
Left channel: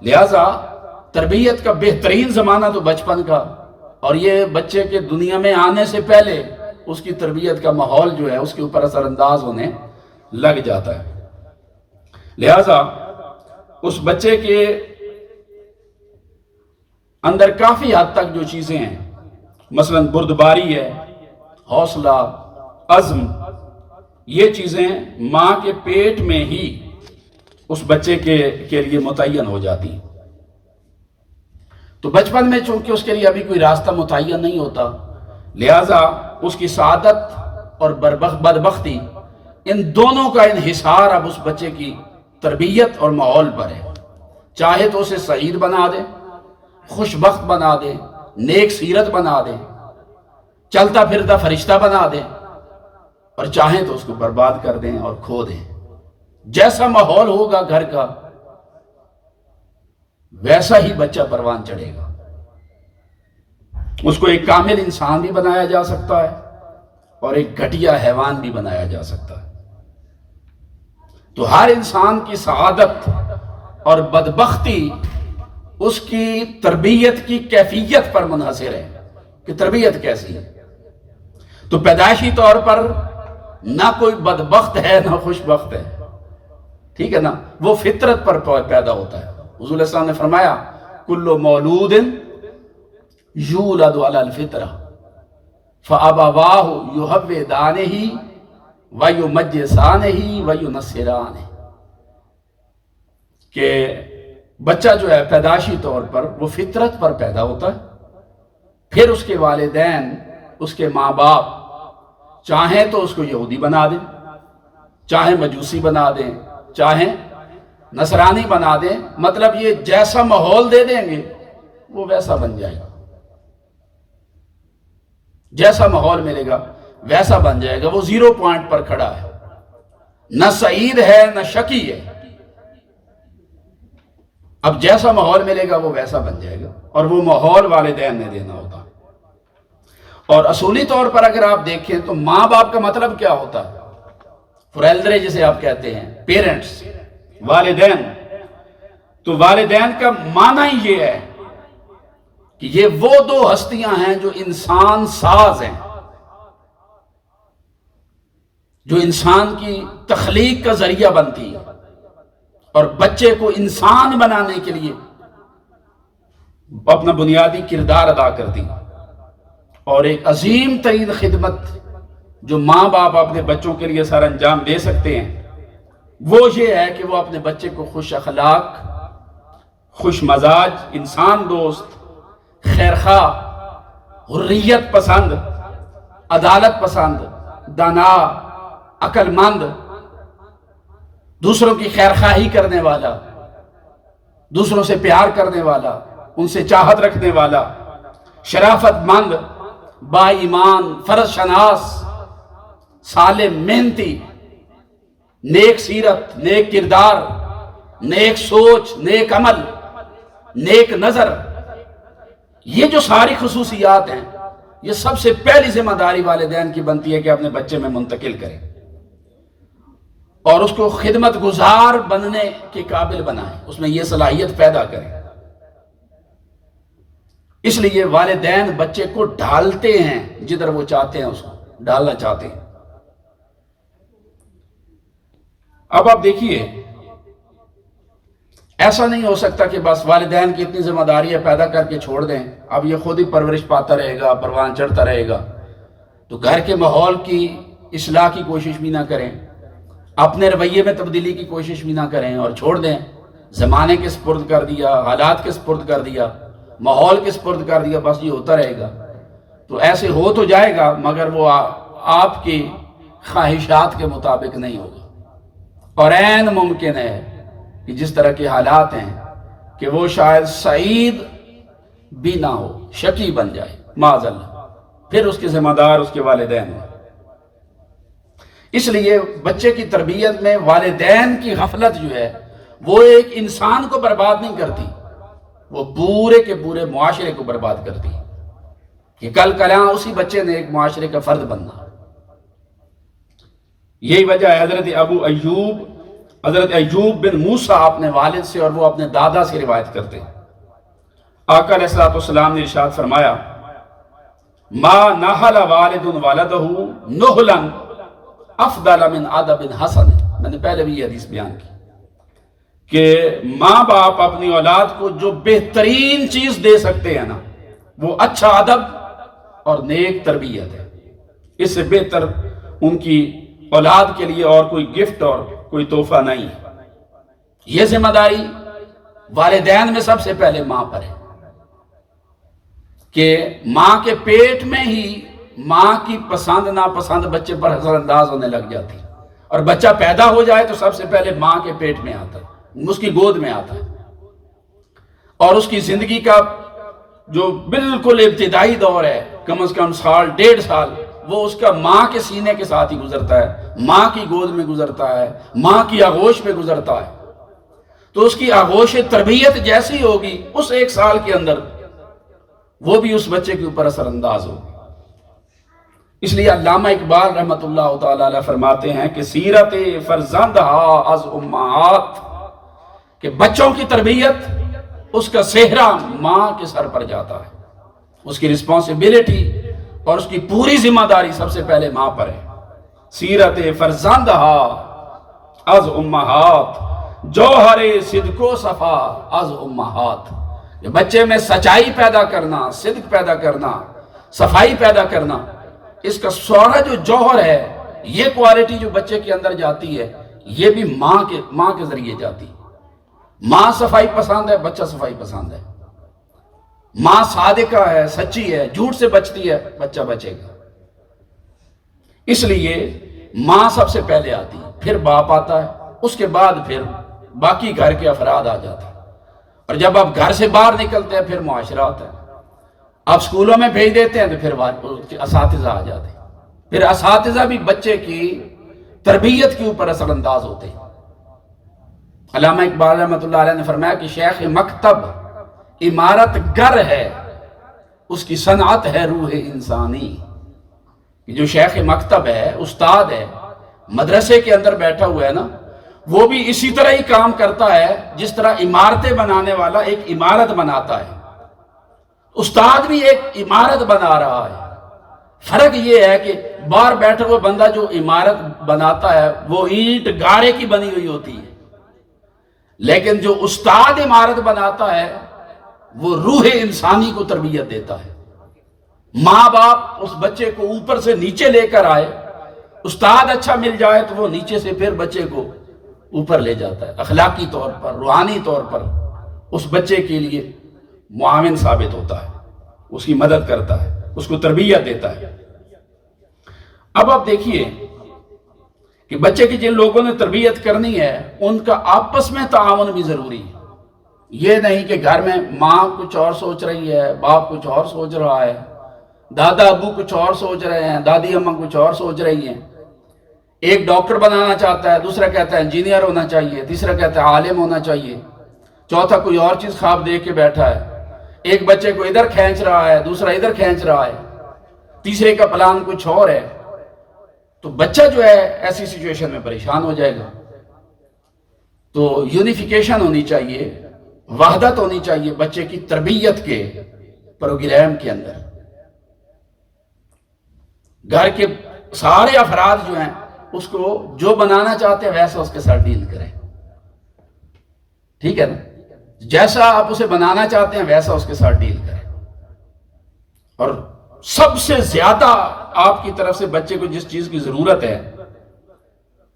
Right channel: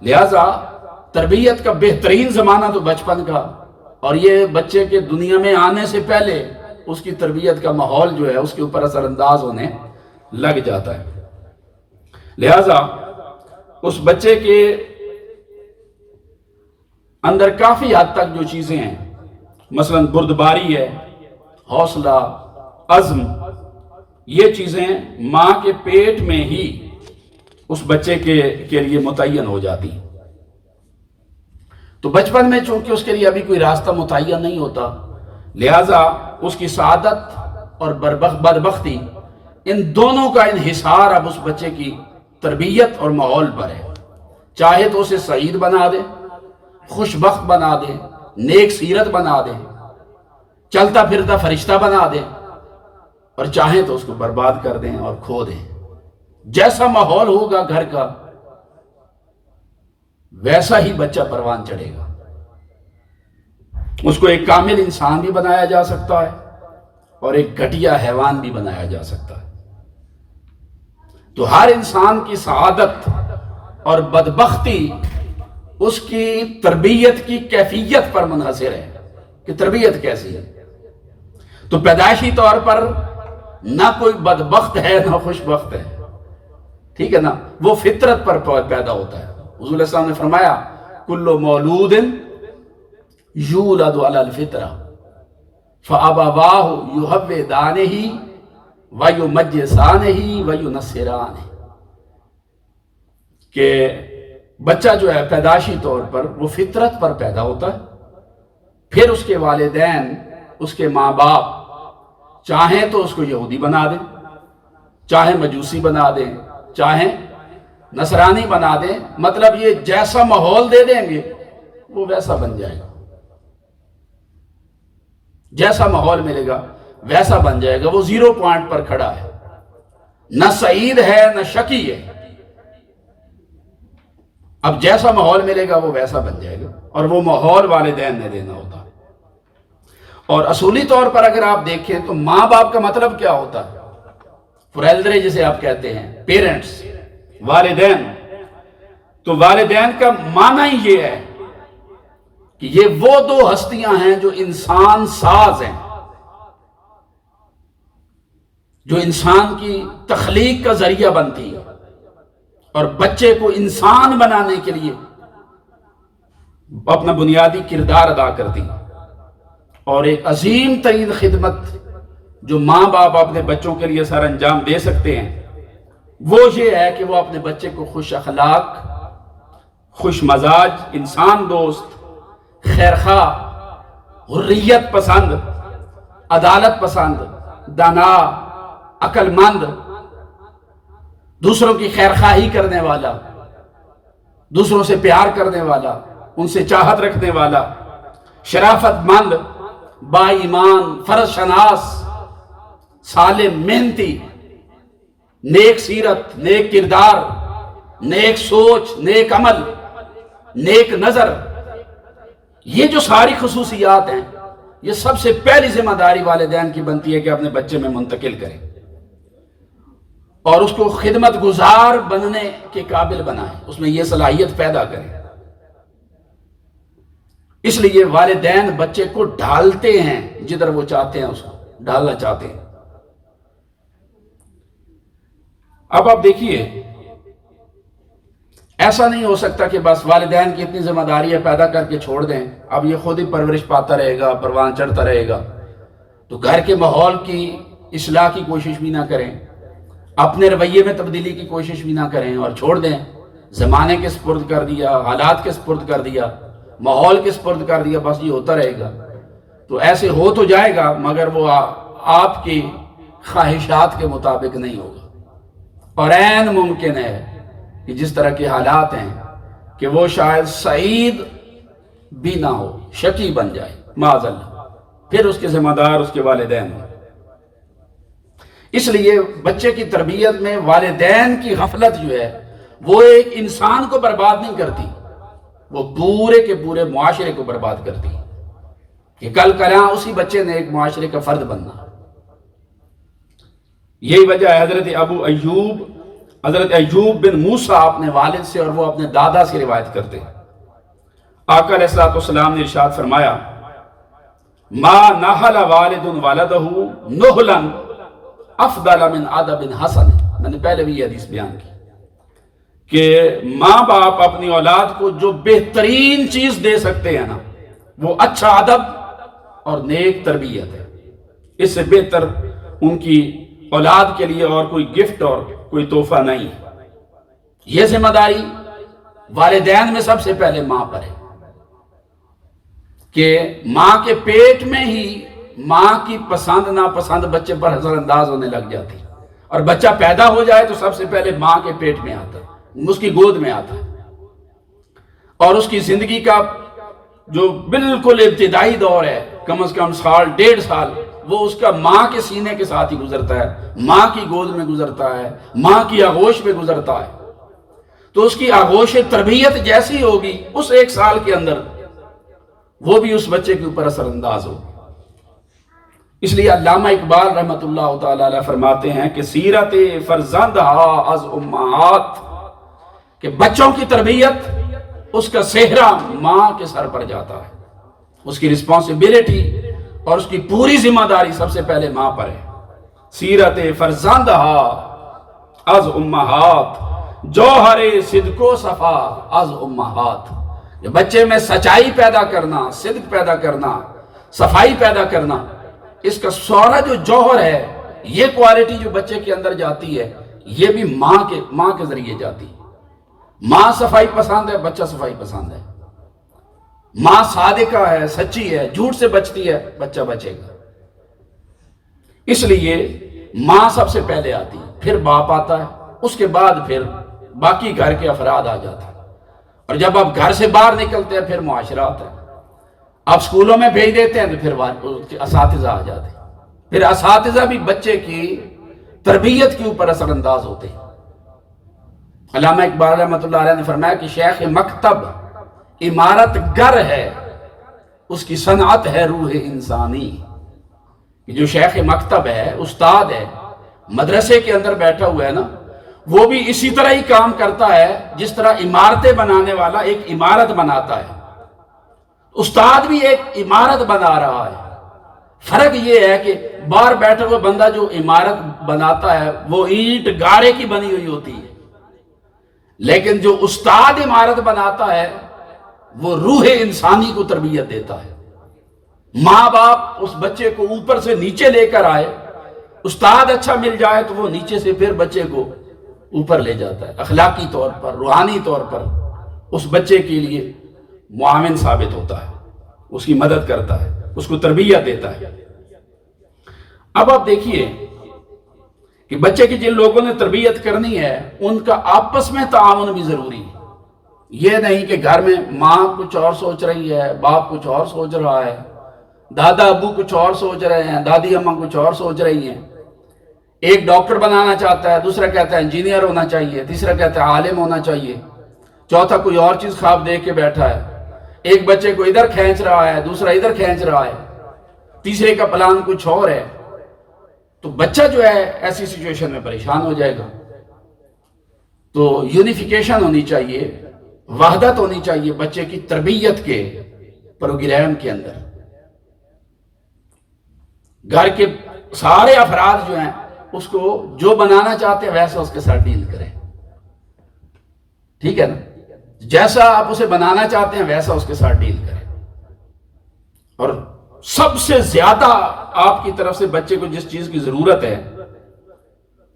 لہٰذا تربیت کا بہترین زمانہ تو بچپن کا، اور یہ بچے کے دنیا میں آنے سے پہلے اس کی تربیت کا ماحول جو ہے اس کے اوپر اثر انداز ہونے لگ جاتا ہے۔ لہٰذا اس بچے کے اندر کافی حد تک جو چیزیں ہیں، مثلا بردباری ہے، حوصلہ، عزم، یہ چیزیں ماں کے پیٹ میں ہی اس بچے کے لیے متعین ہو جاتی ہیں۔ تو بچپن میں چونکہ اس کے لیے ابھی کوئی راستہ متعین نہیں ہوتا، لہٰذا اس کی سعادت اور بدبختی ان دونوں کا انحصار اب اس بچے کی تربیت اور ماحول پر ہے۔ چاہے تو اسے سعید بنا دے، خوش بخت بنا دے، نیک سیرت بنا دے، چلتا پھرتا فرشتہ بنا دے، اور چاہیں تو اس کو برباد کر دیں اور کھو دیں۔ جیسا ماحول ہوگا گھر کا ویسا ہی بچہ پروان چڑھے گا۔ اس کو ایک کامل انسان بھی بنایا جا سکتا ہے اور ایک گھٹیا حیوان بھی بنایا جا سکتا ہے۔ تو ہر انسان کی سعادت اور بدبختی اس کی تربیت کی کیفیت پر منحصر ہے کہ تربیت کیسی ہے۔ تو پیدائشی طور پر نہ کوئی بدبخت ہے نہ خوش بخت ہے، ٹھیک ہے نا، وہ فطرت پر پیدا ہوتا ہے۔ حضور علیہ السلام نے فرمایا کل مولود یولد علی الفطرہ فابواہ یہودانہ ویمجسانہ وینصرانہ، کہ بچہ جو ہے پیدائشی طور پر وہ فطرت پر پیدا ہوتا ہے، پھر اس کے والدین، اس کے ماں باپ چاہیں تو اس کو یہودی بنا دیں، چاہیں مجوسی بنا دیں، چاہیں نصرانی بنا دیں، مطلب یہ جیسا ماحول دے دیں گے وہ ویسا بن جائے گا، جیسا ماحول ملے گا ویسا بن جائے گا، وہ 0 پوائنٹ پر کھڑا ہے، نہ سعید ہے نہ شقی ہے، اب جیسا ماحول ملے گا وہ ویسا بن جائے گا، اور وہ ماحول والدین نے دینا ہوتا ہے۔ اور اصولی طور پر اگر آپ دیکھیں تو ماں باپ کا مطلب کیا ہوتا ہے؟ فریلدرے جسے آپ کہتے ہیں، پیرنٹس، والدین۔ تو والدین کا معنی ہی یہ ہے کہ یہ وہ 2 ہستیاں ہیں جو انسان ساز ہیں، جو انسان کی تخلیق کا ذریعہ بنتی ہے اور بچے کو انسان بنانے کے لیے اپنا بنیادی کردار ادا کرتی ہے۔ اور ایک عظیم ترین خدمت جو ماں باپ اپنے بچوں کے لیے سر انجام دے سکتے ہیں وہ یہ ہے کہ وہ اپنے بچے کو خوش اخلاق، خوش مزاج، انسان دوست، خیرخواہ، حریت پسند، عدالت پسند، دانا، عقل مند، دوسروں کی خیرخواہی کرنے والا، دوسروں سے پیار کرنے والا، ان سے چاہت رکھنے والا، شرافت مند، با ایمان، فرض شناس، صالح، محنتی، نیک سیرت، نیک کردار، نیک سوچ، نیک عمل، نیک نظر، یہ جو ساری خصوصیات ہیں یہ سب سے پہلی ذمہ داری والدین کی بنتی ہے کہ اپنے بچے میں منتقل کریں اور اس کو خدمت گزار بننے کے قابل بنائیں، اس میں یہ صلاحیت پیدا کریں۔ اس لیے والدین بچے کو ڈھالتے ہیں جدھر وہ چاہتے ہیں، اس کو ڈالنا چاہتے ہیں۔ اب آپ دیکھیے، ایسا نہیں ہو سکتا کہ بس والدین کی اتنی ذمہ داری ہے پیدا کر کے چھوڑ دیں، اب یہ خود ہی پرورش پاتا رہے گا، پروان چڑھتا رہے گا، تو گھر کے ماحول کی اصلاح کی کوشش بھی نہ کریں، اپنے رویے میں تبدیلی کی کوشش بھی نہ کریں اور چھوڑ دیں، زمانے کے سپرد کر دیا، حالات کے سپرد کر دیا، ماحول کے سپرد کر دیا، بس یہ ہوتا رہے گا، تو ایسے ہو تو جائے گا مگر وہ آپ کی خواہشات کے مطابق نہیں ہوگا، اور عین ممکن ہے کہ جس طرح کے حالات ہیں کہ وہ شاید سعید بھی نہ ہو، شقی بن جائے معاذ اللہ، پھر اس کے ذمہ دار اس کے والدین ہیں۔ اس لیے بچے کی تربیت میں والدین کی غفلت جو ہے وہ ایک انسان کو برباد نہیں کرتی، وہ پورے کے پورے معاشرے کو برباد کرتی ہے، کہ کل کلاں اسی بچے نے ایک معاشرے کا فرد بننا۔ یہی وجہ ہے حضرت ایوب بن موسیٰ اپنے والد سے اور وہ اپنے دادا سے روایت کرتے ہیں۔ آقا علیہ السلام نے ارشاد فرمایا ما نحل والد والدہ نحلا افضل من ادب حسن، میں نے پہلے بھی یہ حدیث بیان کی کہ ماں باپ اپنی اولاد کو جو بہترین چیز دے سکتے ہیں نا وہ اچھا ادب اور نیک تربیت ہے، اس سے بہتر ان کی اولاد کے لیے اور کوئی گفٹ اور کوئی تحفہ نہیں ہے۔ یہ ذمہ داری والدین میں سب سے پہلے ماں پر ہے کہ ماں کے پیٹ میں ہی ماں کی پسند ناپسند بچے پر اثر انداز ہونے لگ جاتی، اور بچہ پیدا ہو جائے تو سب سے پہلے ماں کے پیٹ میں آتا ہے، اس کی گود میں آتا ہے، اور اس کی زندگی کا جو بالکل ابتدائی دور ہے کم از کم سال 1.5 سال وہ اس کا ماں کے سینے کے ساتھ ہی گزرتا ہے، ماں کی گود میں گزرتا ہے، ماں کی آغوش میں گزرتا ہے، تو اس کی آغوش تربیت جیسی ہوگی اس 1 سال کے اندر وہ بھی اس بچے کے اوپر اثر انداز ہوگی۔ اس لیے علامہ اقبال رحمۃ اللہ تعالی علیہ فرماتے ہیں کہ سیرت فرزندہا از امہات، کہ بچوں کی تربیت اس کا سہرا ماں کے سر پر جاتا ہے، اس کی رسپانسبلٹی اور اس کی پوری ذمہ داری سب سے پہلے ماں پر ہے۔ سیرت فرزندہ از امہات، جوہر صدق و صفا از امہات۔ یہ بچے میں سچائی پیدا کرنا، صدق پیدا کرنا، صفائی پیدا کرنا، اس کا سارا جو جوہر ہے، یہ کوالٹی جو بچے کے اندر جاتی ہے، یہ بھی ماں کے ذریعے جاتی ہے۔ ماں صفائی پسند ہے، بچہ صفائی پسند ہے۔ ماں صادقہ ہے، سچی ہے، جھوٹ سے بچتی ہے، بچہ بچے گا۔ اس لیے ماں سب سے پہلے آتی ہے، پھر باپ آتا ہے، اس کے بعد پھر باقی گھر کے افراد آ جاتے ہیں۔ اور جب آپ گھر سے باہر نکلتے ہیں پھر معاشرہ آتا ہے۔ آپ سکولوں میں بھیج دیتے ہیں تو پھر اساتذہ آ جاتے ہیں، پھر اساتذہ بھی بچے کی تربیت کے اوپر اثر انداز ہوتے ہیں۔ علامہ اقبال رحمۃ اللہ علیہ نے فرمایا کہ شیخ مکتب عمارت گر ہے، اس کی صنعت ہے روح انسانی۔ کہ جو شیخ مکتب ہے، استاد ہے، مدرسے کے اندر بیٹھا ہوا ہے نا، وہ بھی اسی طرح ہی کام کرتا ہے جس طرح عمارتیں بنانے والا ایک عمارت بناتا ہے۔ استاد بھی ایک عمارت بنا رہا ہے۔ فرق یہ ہے کہ باہر بیٹھے ہوئے بندہ جو عمارت بناتا ہے وہ اینٹ گارے کی بنی ہوئی ہوتی ہے، لیکن جو استاد عمارت بناتا ہے وہ روح انسانی کو تربیت دیتا ہے۔ ماں باپ اس بچے کو اوپر سے نیچے لے کر آئے، استاد اچھا مل جائے تو وہ نیچے سے پھر بچے کو اوپر لے جاتا ہے، اخلاقی طور پر، روحانی طور پر اس بچے کے لیے معاون ثابت ہوتا ہے، اس کی مدد کرتا ہے، اس کو تربیت دیتا ہے۔ اب آپ دیکھیے کہ بچے کی جن لوگوں نے تربیت کرنی ہے ان کا آپس میں تعاون بھی ضروری ہے۔ یہ نہیں کہ گھر میں ماں کچھ اور سوچ رہی ہے، باپ کچھ اور سوچ رہا ہے، دادا ابو کچھ اور سوچ رہے ہیں، دادی اماں کچھ اور سوچ رہی ہیں۔ ایک ڈاکٹر بنانا چاہتا ہے، دوسرا کہتا ہے انجینئر ہونا چاہیے، تیسرا کہتا ہے عالم ہونا چاہیے، چوتھا کوئی اور چیز خواب دیکھ کے بیٹھا ہے۔ ایک بچے کو ادھر کھینچ رہا ہے، دوسرا ادھر کھینچ رہا ہے، تیسرے کا پلان کچھ اور ہے۔ تو بچہ جو ہے ایسی سچویشن میں پریشان ہو جائے گا۔ تو یونیفیکیشن ہونی چاہیے، وحدت ہونی چاہیے بچے کی تربیت کے پروگرام کے اندر۔ گھر کے سارے افراد جو ہیں اس کو جو بنانا چاہتے ہیں ویسا اس کے ساتھ ڈیل کریں، ٹھیک ہے نا؟ جیسا آپ اسے بنانا چاہتے ہیں ویسا اس کے ساتھ ڈیل کریں۔ اور سب سے زیادہ آپ کی طرف سے بچے کو جس چیز کی ضرورت ہے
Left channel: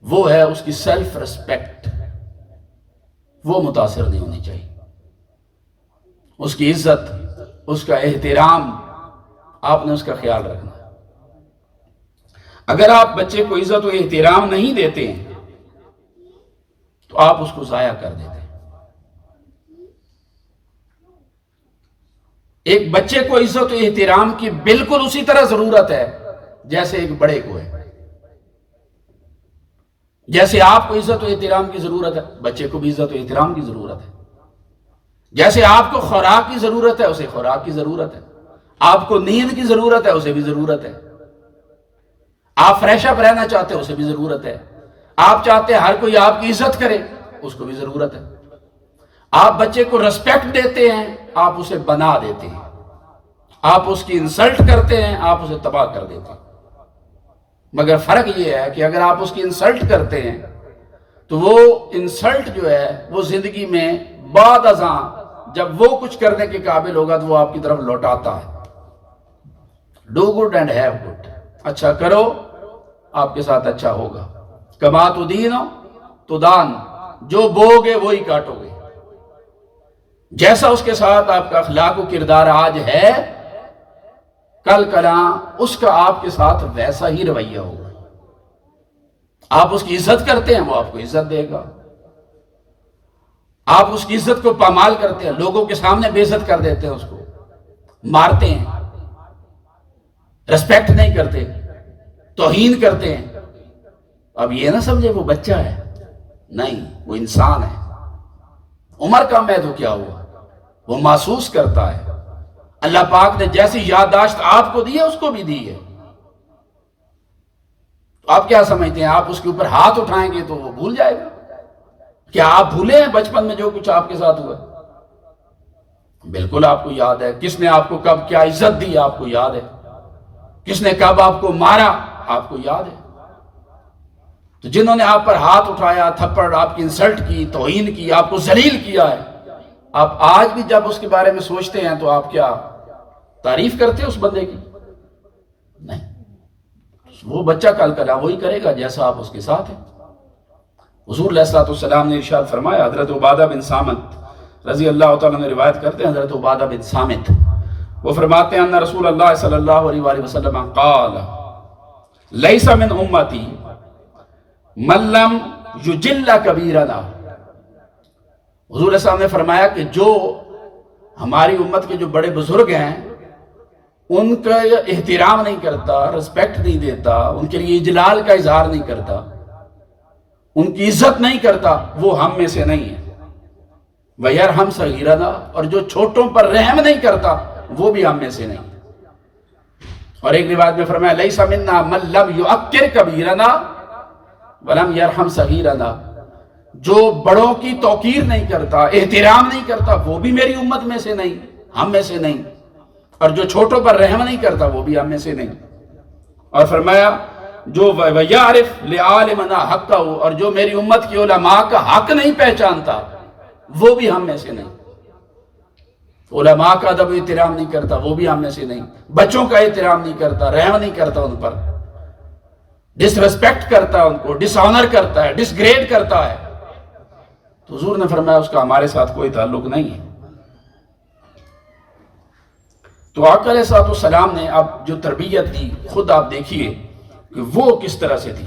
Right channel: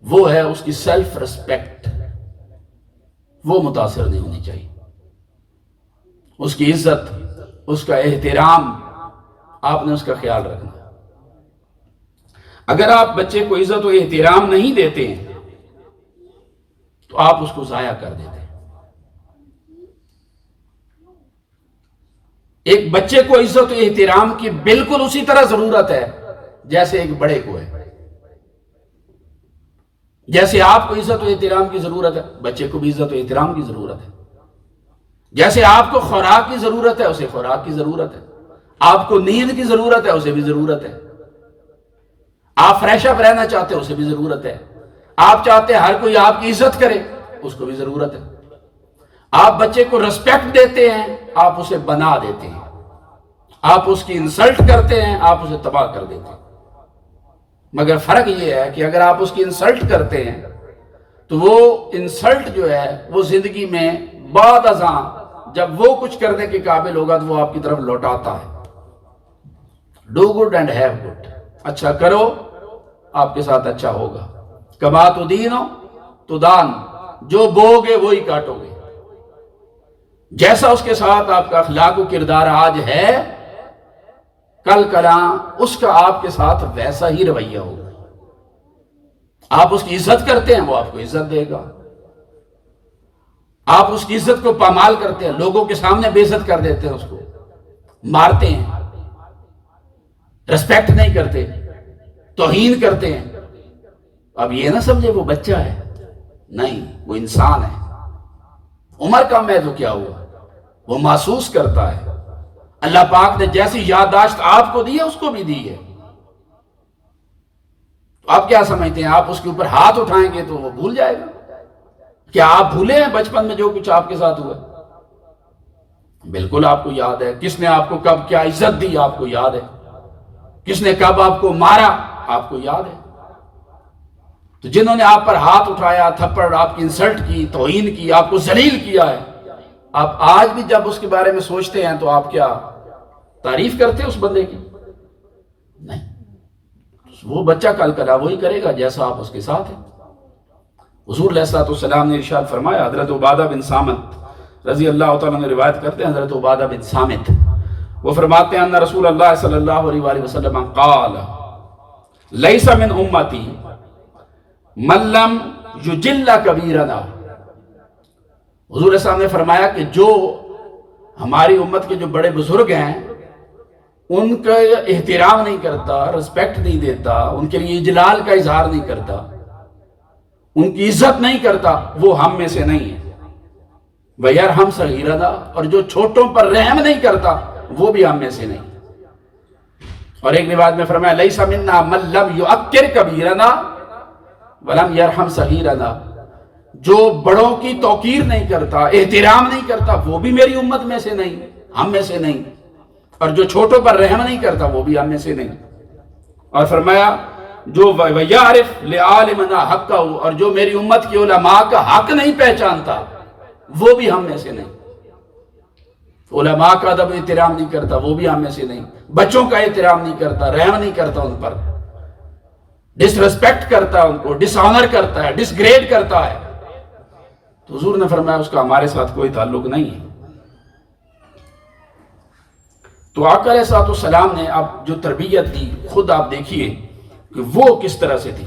وہ ہے اس کی سیلف ریسپیکٹ۔ وہ متاثر نہیں ہونی چاہیے۔ اس کی عزت، اس کا احترام، آپ نے اس کا خیال رکھنا۔ اگر آپ بچے کو عزت و احترام نہیں دیتے ہیں تو آپ اس کو ضائع کر دیتے ہیں۔ ایک بچے کو عزت و احترام کی بالکل اسی طرح ضرورت ہے جیسے ایک بڑے کو ہے۔ جیسے آپ کو عزت و احترام کی ضرورت ہے، بچے کو بھی عزت و احترام کی ضرورت ہے۔ جیسے آپ کو خوراک کی ضرورت ہے اسے خوراک کی ضرورت ہے، آپ کو نیند کی ضرورت ہے اسے بھی ضرورت ہے، آپ فریش اپ رہنا چاہتے ہیں اسے بھی ضرورت ہے، آپ چاہتے ہیں ہر کوئی آپ کی عزت کرے اس کو بھی ضرورت ہے۔ آپ بچے کو ریسپیکٹ دیتے ہیں، آپ اسے بنا دیتے ہیں، آپ اس کی انسلٹ کرتے ہیں، آپ اسے تباہ کر دیتے ہیں۔ مگر فرق یہ ہے کہ اگر آپ اس کی انسلٹ کرتے ہیں تو وہ انسلٹ جو ہے وہ زندگی میں بعد ازاں جب وہ کچھ کرنے کے قابل ہوگا تو وہ آپ کی طرف لوٹاتا ہے۔ Do good and have good, اچھا کرو آپ کے ساتھ اچھا ہوگا۔ کما تو دینو تو دان، جو بو گے وہی کاٹو گے۔ جیسا اس کے ساتھ آپ کا اخلاق و کردار آج ہے، کل کلاں اس کا آپ کے ساتھ ویسا ہی رویہ ہوگا۔ آپ اس کی عزت کرتے ہیں وہ آپ کو عزت دے گا، آپ اس کی عزت کو پامال کرتے ہیں، لوگوں کے سامنے بے عزت کر دیتے ہیں، اس کو مارتے ہیں، ریسپیکٹ نہیں کرتے، توہین کرتے ہیں۔ اب یہ نہ سمجھے وہ بچہ ہے، نہیں، وہ انسان ہے۔ عمر کم ہے تو کیا ہوا، وہ محسوس کرتا ہے۔ اللہ پاک نے جیسی یادداشت آپ کو دی ہے اس کو بھی دی ہے۔ آپ کیا سمجھتے ہیں آپ اس کے اوپر ہاتھ اٹھائیں گے تو وہ بھول جائے گا؟ کیا آپ بھولے ہیں بچپن میں جو کچھ آپ کے ساتھ ہوا؟ بالکل آپ کو یاد ہے کس نے آپ کو کب کیا عزت دی، آپ کو یاد ہے کس نے کب آپ کو مارا، آپ کو یاد ہے۔ تو جنہوں نے آپ پر ہاتھ اٹھایا، تھپڑ، آپ کی انسلٹ کی، توہین کی، آپ کو ذلیل کیا ہے، آپ آج بھی جب اس کے بارے میں سوچتے ہیں تو آپ کیا تعریف کرتے ہیں اس بندے کی؟ نہیں، وہ بچہ کل کدا وہی کرے گا جیسا آپ اس کے ساتھ ہیں۔ حضور علیہ الصلوۃ والسلام نے ارشاد فرمایا، حضرت عبادہ بن صامت رضی اللہ تعالیٰ نے روایت کرتے ہیں، حضرت عبادہ بن صامت وہ فرماتے ہیں ان رسول اللہ صلی اللہ علیہ وآلہ وسلم قال لیس من امتی من لم یجل کبیرنا۔ حضور علیہ السلام نے فرمایا کہ جو ہماری امت کے جو بڑے بزرگ ہیں ان کا احترام نہیں کرتا، رسپیکٹ نہیں دیتا، ان کے لیے اجلال کا اظہار نہیں کرتا، ان کی عزت نہیں کرتا، وہ ہم میں سے نہیں ہے۔ وَيَرْحَمْ صَغِيرَنَا، اور جو چھوٹوں پر رحم نہیں کرتا وہ بھی ہم میں سے نہیں۔ اور ایک روایت میں فرمایا لَيْسَ مِنَّا مَن لَمْ يُعَكِّرْ كَبِيرَنَا وَلَمْ يَرْحَمْ صَغِيرَنَا، جو بڑوں کی توقیر نہیں کرتا، احترام نہیں کرتا، وہ بھی میری امت میں سے نہیں، ہم میں سے نہیں، اور جو چھوٹوں پر رحم نہیں کرتا وہ بھی ہم میں سے نہیں۔ اور فرمایا جو وَيَعْرِفْ لِعَالِمَنَا حَقَّهُ، اور جو میری امت کی علماء کا حق نہیں پہچانتا وہ بھی ہم میں سے نہیں۔ علماء کا ادب احترام نہیں کرتا وہ بھی ہم میں سے نہیں، بچوں کا احترام نہیں کرتا، رحم نہیں کرتا ان پر، ڈس ریسپیکٹ کرتا ہے ان کو، ڈس آنر کرتا ہے، ڈس گریڈ کرتا ہے، تو حضور نے فرمایا اس کا ہمارے ساتھ کوئی تعلق نہیں ہے۔ تو آقا علیہ الصلوۃ والسلام نے اب جو تربیت دی خود آپ دیکھیے کہ وہ کس طرح سے تھی۔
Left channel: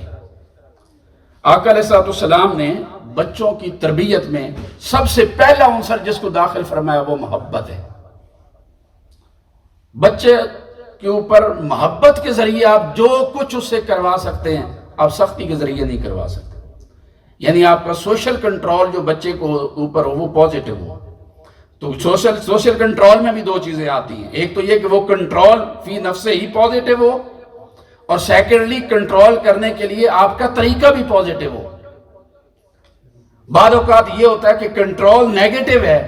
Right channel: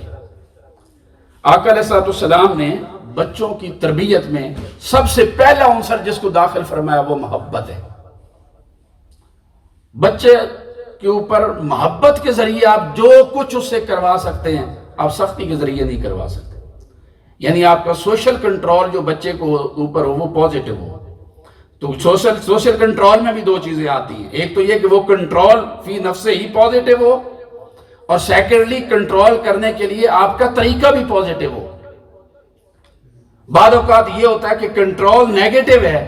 آقا علیہ الصلوۃ والسلام نے بچوں کی تربیت میں سب سے پہلا عنصر جس کو داخل فرمایا وہ محبت ہے۔ بچے کے اوپر محبت کے ذریعے آپ جو کچھ اس سے کروا سکتے ہیں آپ سختی کے ذریعے نہیں کروا سکتے۔ یعنی آپ کا سوشل کنٹرول جو بچے کو اوپر ہو وہ پازیٹیو ہو۔ تو سوشل کنٹرول میں بھی دو چیزیں آتی ہیں، ایک تو یہ کہ وہ کنٹرول فی نفسے ہی پازیٹیو ہو، اور سیکنڈلی کنٹرول کرنے کے لیے آپ کا طریقہ بھی پازیٹیو ہو۔ بعض اوقات یہ ہوتا ہے کہ کنٹرول نیگیٹو ہے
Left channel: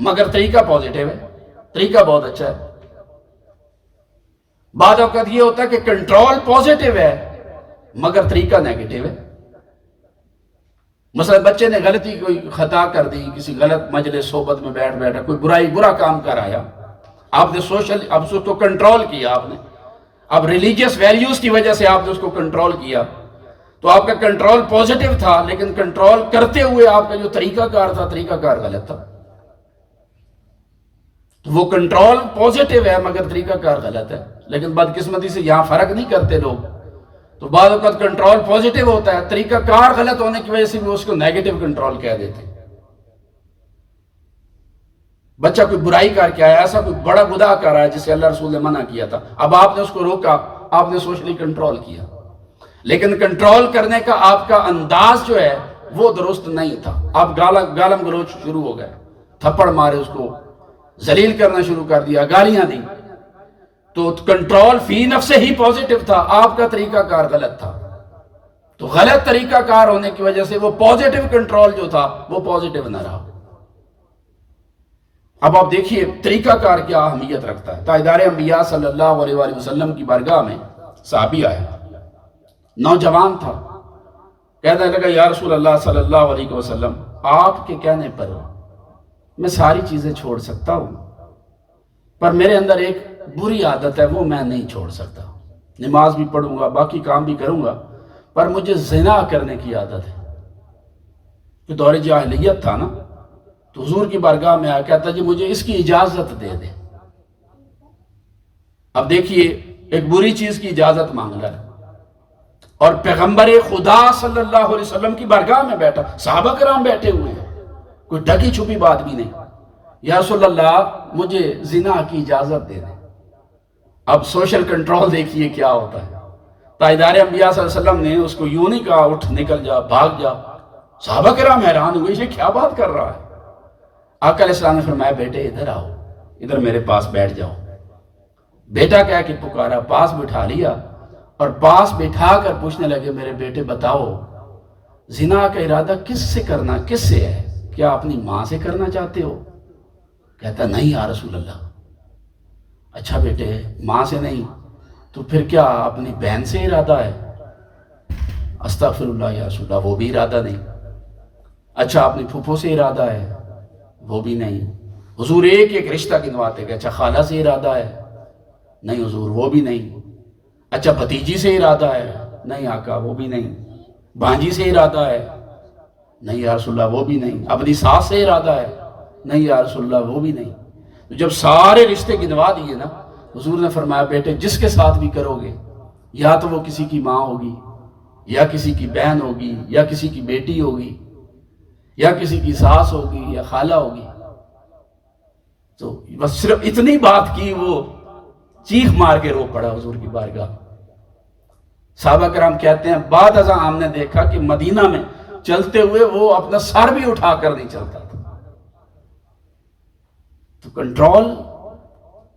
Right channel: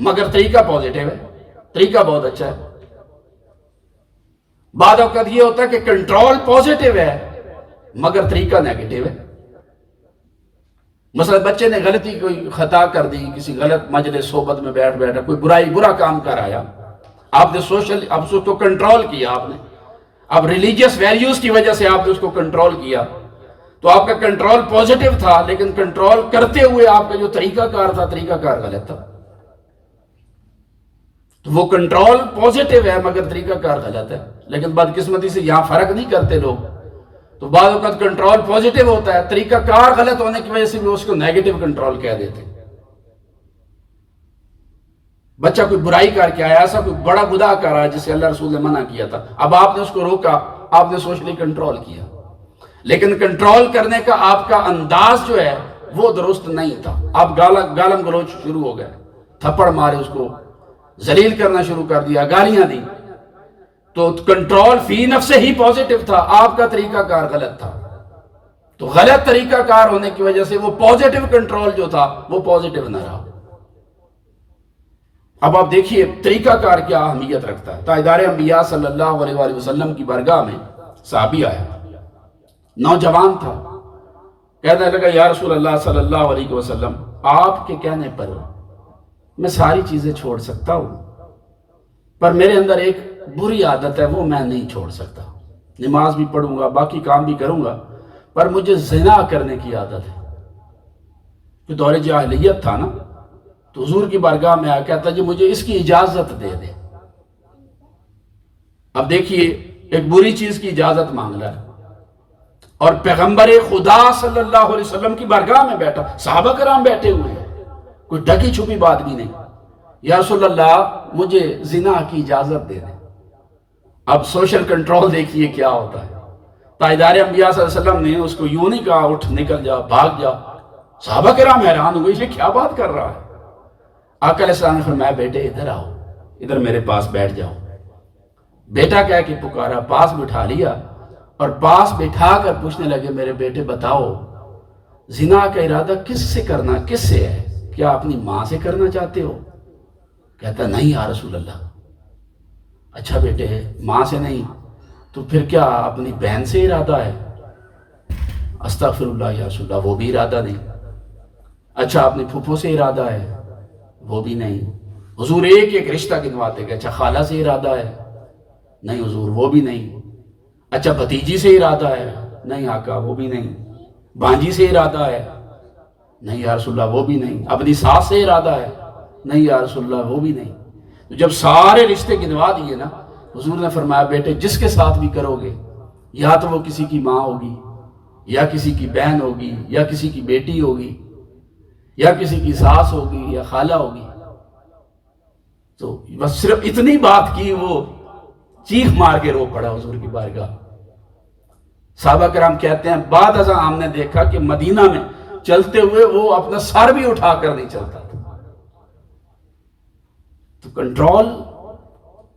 مگر طریقہ پازیٹیو ہے، طریقہ بہت اچھا ہے۔ بعض اوقات یہ ہوتا ہے کہ کنٹرول پازیٹیو ہے مگر طریقہ نیگیٹو ہے۔ مثلا بچے نے غلطی کوئی خطا کر دی، کسی غلط مجلس صحبت میں بیٹھا کوئی برا کام کر آیا، آپ نے اب اس کو کنٹرول کیا، آپ نے اب ریلیجیس ویلیوز کی وجہ سے آپ نے اس کو کنٹرول کیا، تو آپ کا کنٹرول پازیٹیو تھا، لیکن کنٹرول کرتے ہوئے آپ کا جو طریقہ کار تھا طریقہ کار غلط تھا۔ تو وہ کنٹرول پازیٹیو ہے مگر طریقہ کار غلط ہے، لیکن بدقسمتی سے یہاں فرق نہیں کرتے لوگ۔ تو بعض اوقات کنٹرول پازیٹیو ہوتا ہے، طریقہ کار غلط ہونے کی وجہ سے بھی اس کو نیگیٹو کنٹرول کہہ دیتے۔ بچہ کوئی برائی کر کے آیا، ایسا کوئی بڑا گناہ کر رہا ہے جسے اللہ رسول نے منع کیا تھا، اب آپ نے اس کو روکا، آپ نے سوشلی کنٹرول کیا، لیکن کنٹرول کرنے کا آپ کا انداز جو ہے وہ درست نہیں تھا۔ آپ گالم گلوچ شروع ہو گئے، تھپڑ مارے، اس کو ذلیل کرنا شروع کر دیا، گالیاں دی، تو کنٹرول فی نفس ہی پازیٹیو تھا، آپ کا طریقہ کار غلط تھا۔ تو غلط طریقہ کار ہونے کی وجہ سے وہ پازیٹیو کنٹرول جو تھا وہ پازیٹیو نہ رہا۔ اب آپ دیکھیے طریقہ کار کیا اہمیت رکھتا ہے۔ تاجدار انبیاء صلی اللہ علیہ وآلہ وسلم کی بارگاہ میں صحابی آیا، نوجوان تھا، کہنے لگا یا رسول اللہ صلی اللہ علیہ وسلم، آپ کے کہنے پر میں ساری چیزیں چھوڑ سکتا ہوں، پر میرے اندر ایک بری عادت ہے وہ میں نہیں چھوڑ سکتا، نماز بھی پڑھوں گا، باقی کام بھی کروں گا، پر مجھے زنا کرنے کی عادت ہے۔ جو دور جاہلیت تھا نا، تو حضور کی بارگاہ میں آیا، کہتا جی مجھے اس کی اجازت دے دے۔ اب دیکھیے ایک بری چیز کی اجازت مانگ رہا ہے، اور پیغمبر خدا صلی اللہ علیہ وسلم کی بارگاہ میں بیٹھا، صحابہ کرام بیٹھے ہوئے ہیں، کوئی ڈھکی چھپی بات بھی نہیں، یا رسول اللہ مجھے زنا کی اجازت دے دیں۔ اب سوشل کنٹرول دیکھیے کیا ہوتا ہے۔ تاجدار انبیاء صلی اللہ علیہ وسلم نے اس کو یوں نہیں کہا اٹھ نکل جا، بھاگ جا۔ صحابہ کرام حیران ہوئے، یہ کیا بات کر رہا ہے؟ آقا علیہ السلام نے فرمایا بیٹے ادھر آؤ، ادھر میرے پاس بیٹھ جاؤ۔ بیٹا کہہ کے پکارا، پاس بٹھا لیا، اور پاس بٹھا کر پوچھنے لگے میرے بیٹے بتاؤ زنا کا ارادہ کس سے کرنا، کس سے ہے؟ کیا اپنی ماں سے کرنا چاہتے ہو؟ کہتا نہیں یا رسول اللہ۔ اچھا بیٹے، ماں سے نہیں تو پھر کیا اپنی بہن سے ارادہ ہے؟ استغفر اللہ یا رسول اللہ، وہ بھی ارادہ نہیں۔ اچھا اپنی پھوپھو سے ارادہ ہے؟ وہ بھی نہیں۔ حضور ایک ایک رشتہ گنواتے گئے۔ اچھا خالہ سے ارادہ ہے؟ نہیں حضور وہ بھی نہیں۔ اچھا بھتیجی سے ارادہ ہے؟ نہیں آقا وہ بھی نہیں۔ بھانجی سے ارادہ ہے؟ نہیں یا رسول اللہ وہ بھی نہیں۔ اپنی ساس سے ارادہ ہے؟ نہیں یا رسول اللہ وہ بھی نہیں۔ جب سارے رشتے گنوا دیے نا، حضور نے فرمایا بیٹے جس کے ساتھ بھی کرو گے، یا تو وہ کسی کی ماں ہوگی، یا کسی کی بہن ہوگی، یا کسی کی بیٹی ہوگی، یا کسی کی ساس ہوگی، یا خالہ ہوگی۔ تو بس صرف اتنی بات کی، وہ چیخ مار کے رو پڑا حضور کی بارگاہ۔ صحابہ کرام کہتے ہیں بعد ازاں ہم نے دیکھا کہ مدینہ میں چلتے ہوئے وہ اپنا سر بھی اٹھا کر نہیں چلتا تھا۔ تو کنٹرول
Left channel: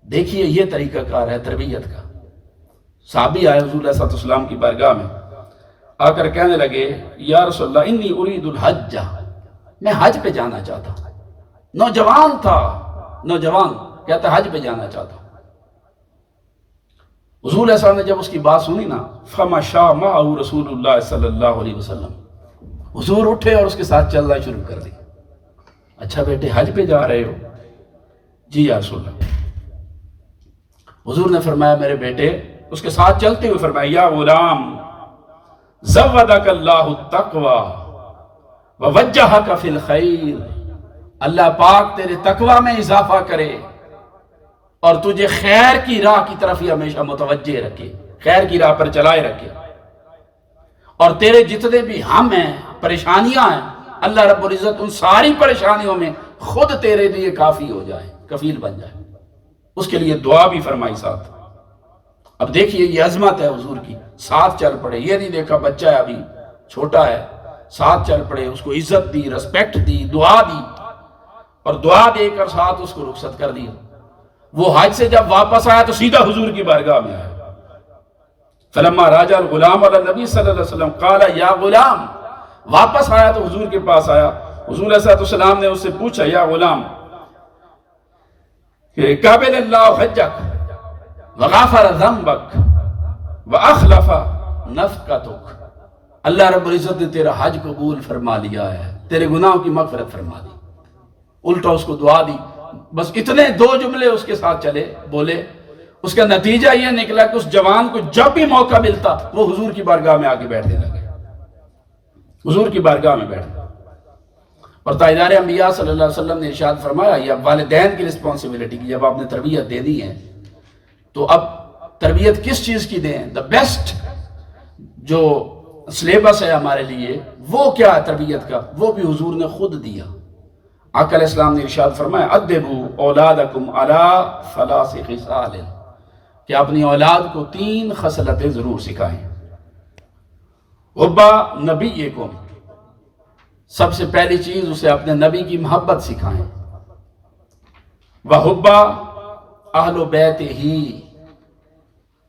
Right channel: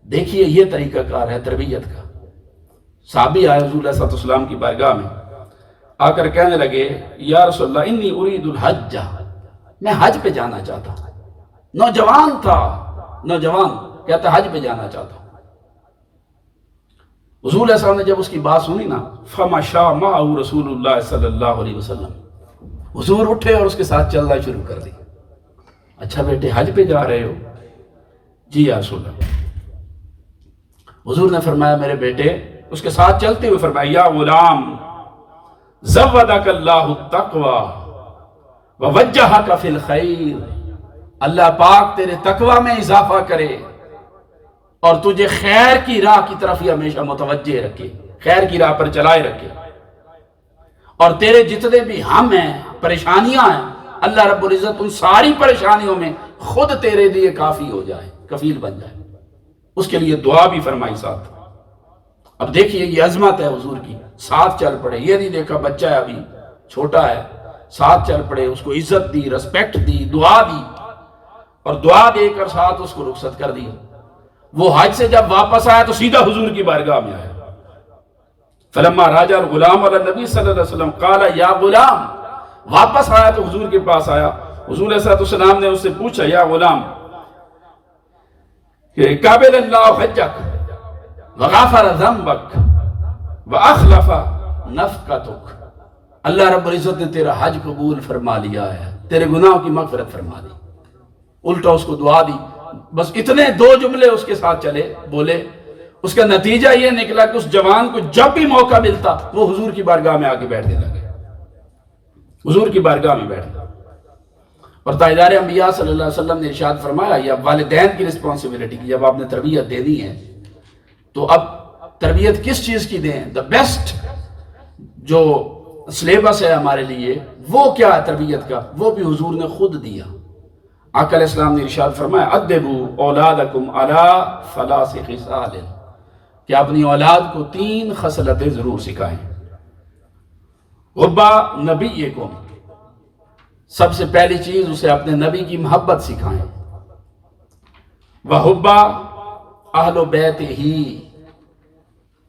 دیکھیے، یہ طریقہ کار ہے تربیت کا۔ صحابی آئے حضور علیہ السلام کی بارگاہ میں، آ کر کہنے لگے یا رسول اللہ انی ارید الحج، میں حج پہ جانا چاہتا ہوں۔ نوجوان تھا، نوجوان کہتا حج پہ جانا چاہتا ہوں۔ حضور علیہ السلام نے جب اس کی بات سنی نا، فمشى معه رسول اللہ صلی اللہ علیہ وسلم، حضور اٹھے اور اس کے ساتھ چلنا شروع کر دی۔ اچھا بیٹے حج پہ جا رہے ہو؟ جی یا رسول اللہ۔ حضور نے فرمایا میرے بیٹے، اس کے ساتھ چلتے ہوئے فرمایا یا غلام زودک اللہ التقوی ووجہک فی الخیر، اللہ پاک تیرے تقوی میں اضافہ کرے اور تجھے خیر کی راہ کی طرف ہی ہمیشہ متوجہ رکھے، خیر کی راہ پر چلائے رکھے، اور تیرے جتنے بھی ہم ہیں، پریشانیاں ہیں، اللہ رب العزت ان ساری پریشانیوں میں خود تیرے لیے کافی ہو جائے، کفیل بن جائے۔ اس کے لیے دعا بھی فرمائی ساتھ۔ اب دیکھیے یہ عظمت ہے حضور کی، ساتھ چل پڑے۔ یہ نہیں دیکھا بچہ ہے ابھی چھوٹا ہے، ساتھ چل پڑے، اس کو عزت دی، رسپیکٹ دی، دعا دی، اور دعا دے کر ساتھ اس کو رخصت کر دیا۔ وہ حج سے جب واپس آیا تو سیدھا حضور کی بارگاہ میں آیا۔ فلما راجع الغلام علی النبی صلی اللہ علیہ وسلم قال یا غلام، واپس آیا تو حضور کے پاس آیا۔ حضور علیہ السلام نے اس سے پوچھا یا غلام کہ قبل اللہ حجک وغفر ذنبک واخلف نفقتک، اللہ رب العزت نے تیرا حج قبول فرما لیا ہے، تیرے گناہوں کی مغفرت فرما دی۔ الٹا اس کو دعا دی۔ بس اتنے دو جملے اس کے ساتھ چلے، بولے، اس کا نتیجہ یہ نکلا کہ اس جوان کو جب بھی موقع ملتا وہ حضور کی بارگاہ میں آ کے بیٹھنے لگے، حضور کی بارگاہ میں بیٹھنے۔ اور تاجدار انبیاء صلی اللہ علیہ وسلم نے ارشاد فرمایا، یہ والدین کی رسپانسبلٹی کی، جب آپ نے تربیت دینی ہے تو اب تربیت کس چیز کی دیں؟ دا بیسٹ جو سلیبس ہے ہمارے لیے وہ کیا ہے تربیت کا، وہ بھی حضور نے خود دیا۔ آقا علیہ السلام نے ارشاد فرمایا ادبوا اولادکم علی ثلاث خصال، کہ اپنی اولاد کو 3 خصلتیں ضرور سکھائیں۔ حب نبیکم، سب سے پہلی چیز اسے اپنے نبی کی محبت سکھائیں۔ وحب اہل بیت ہی،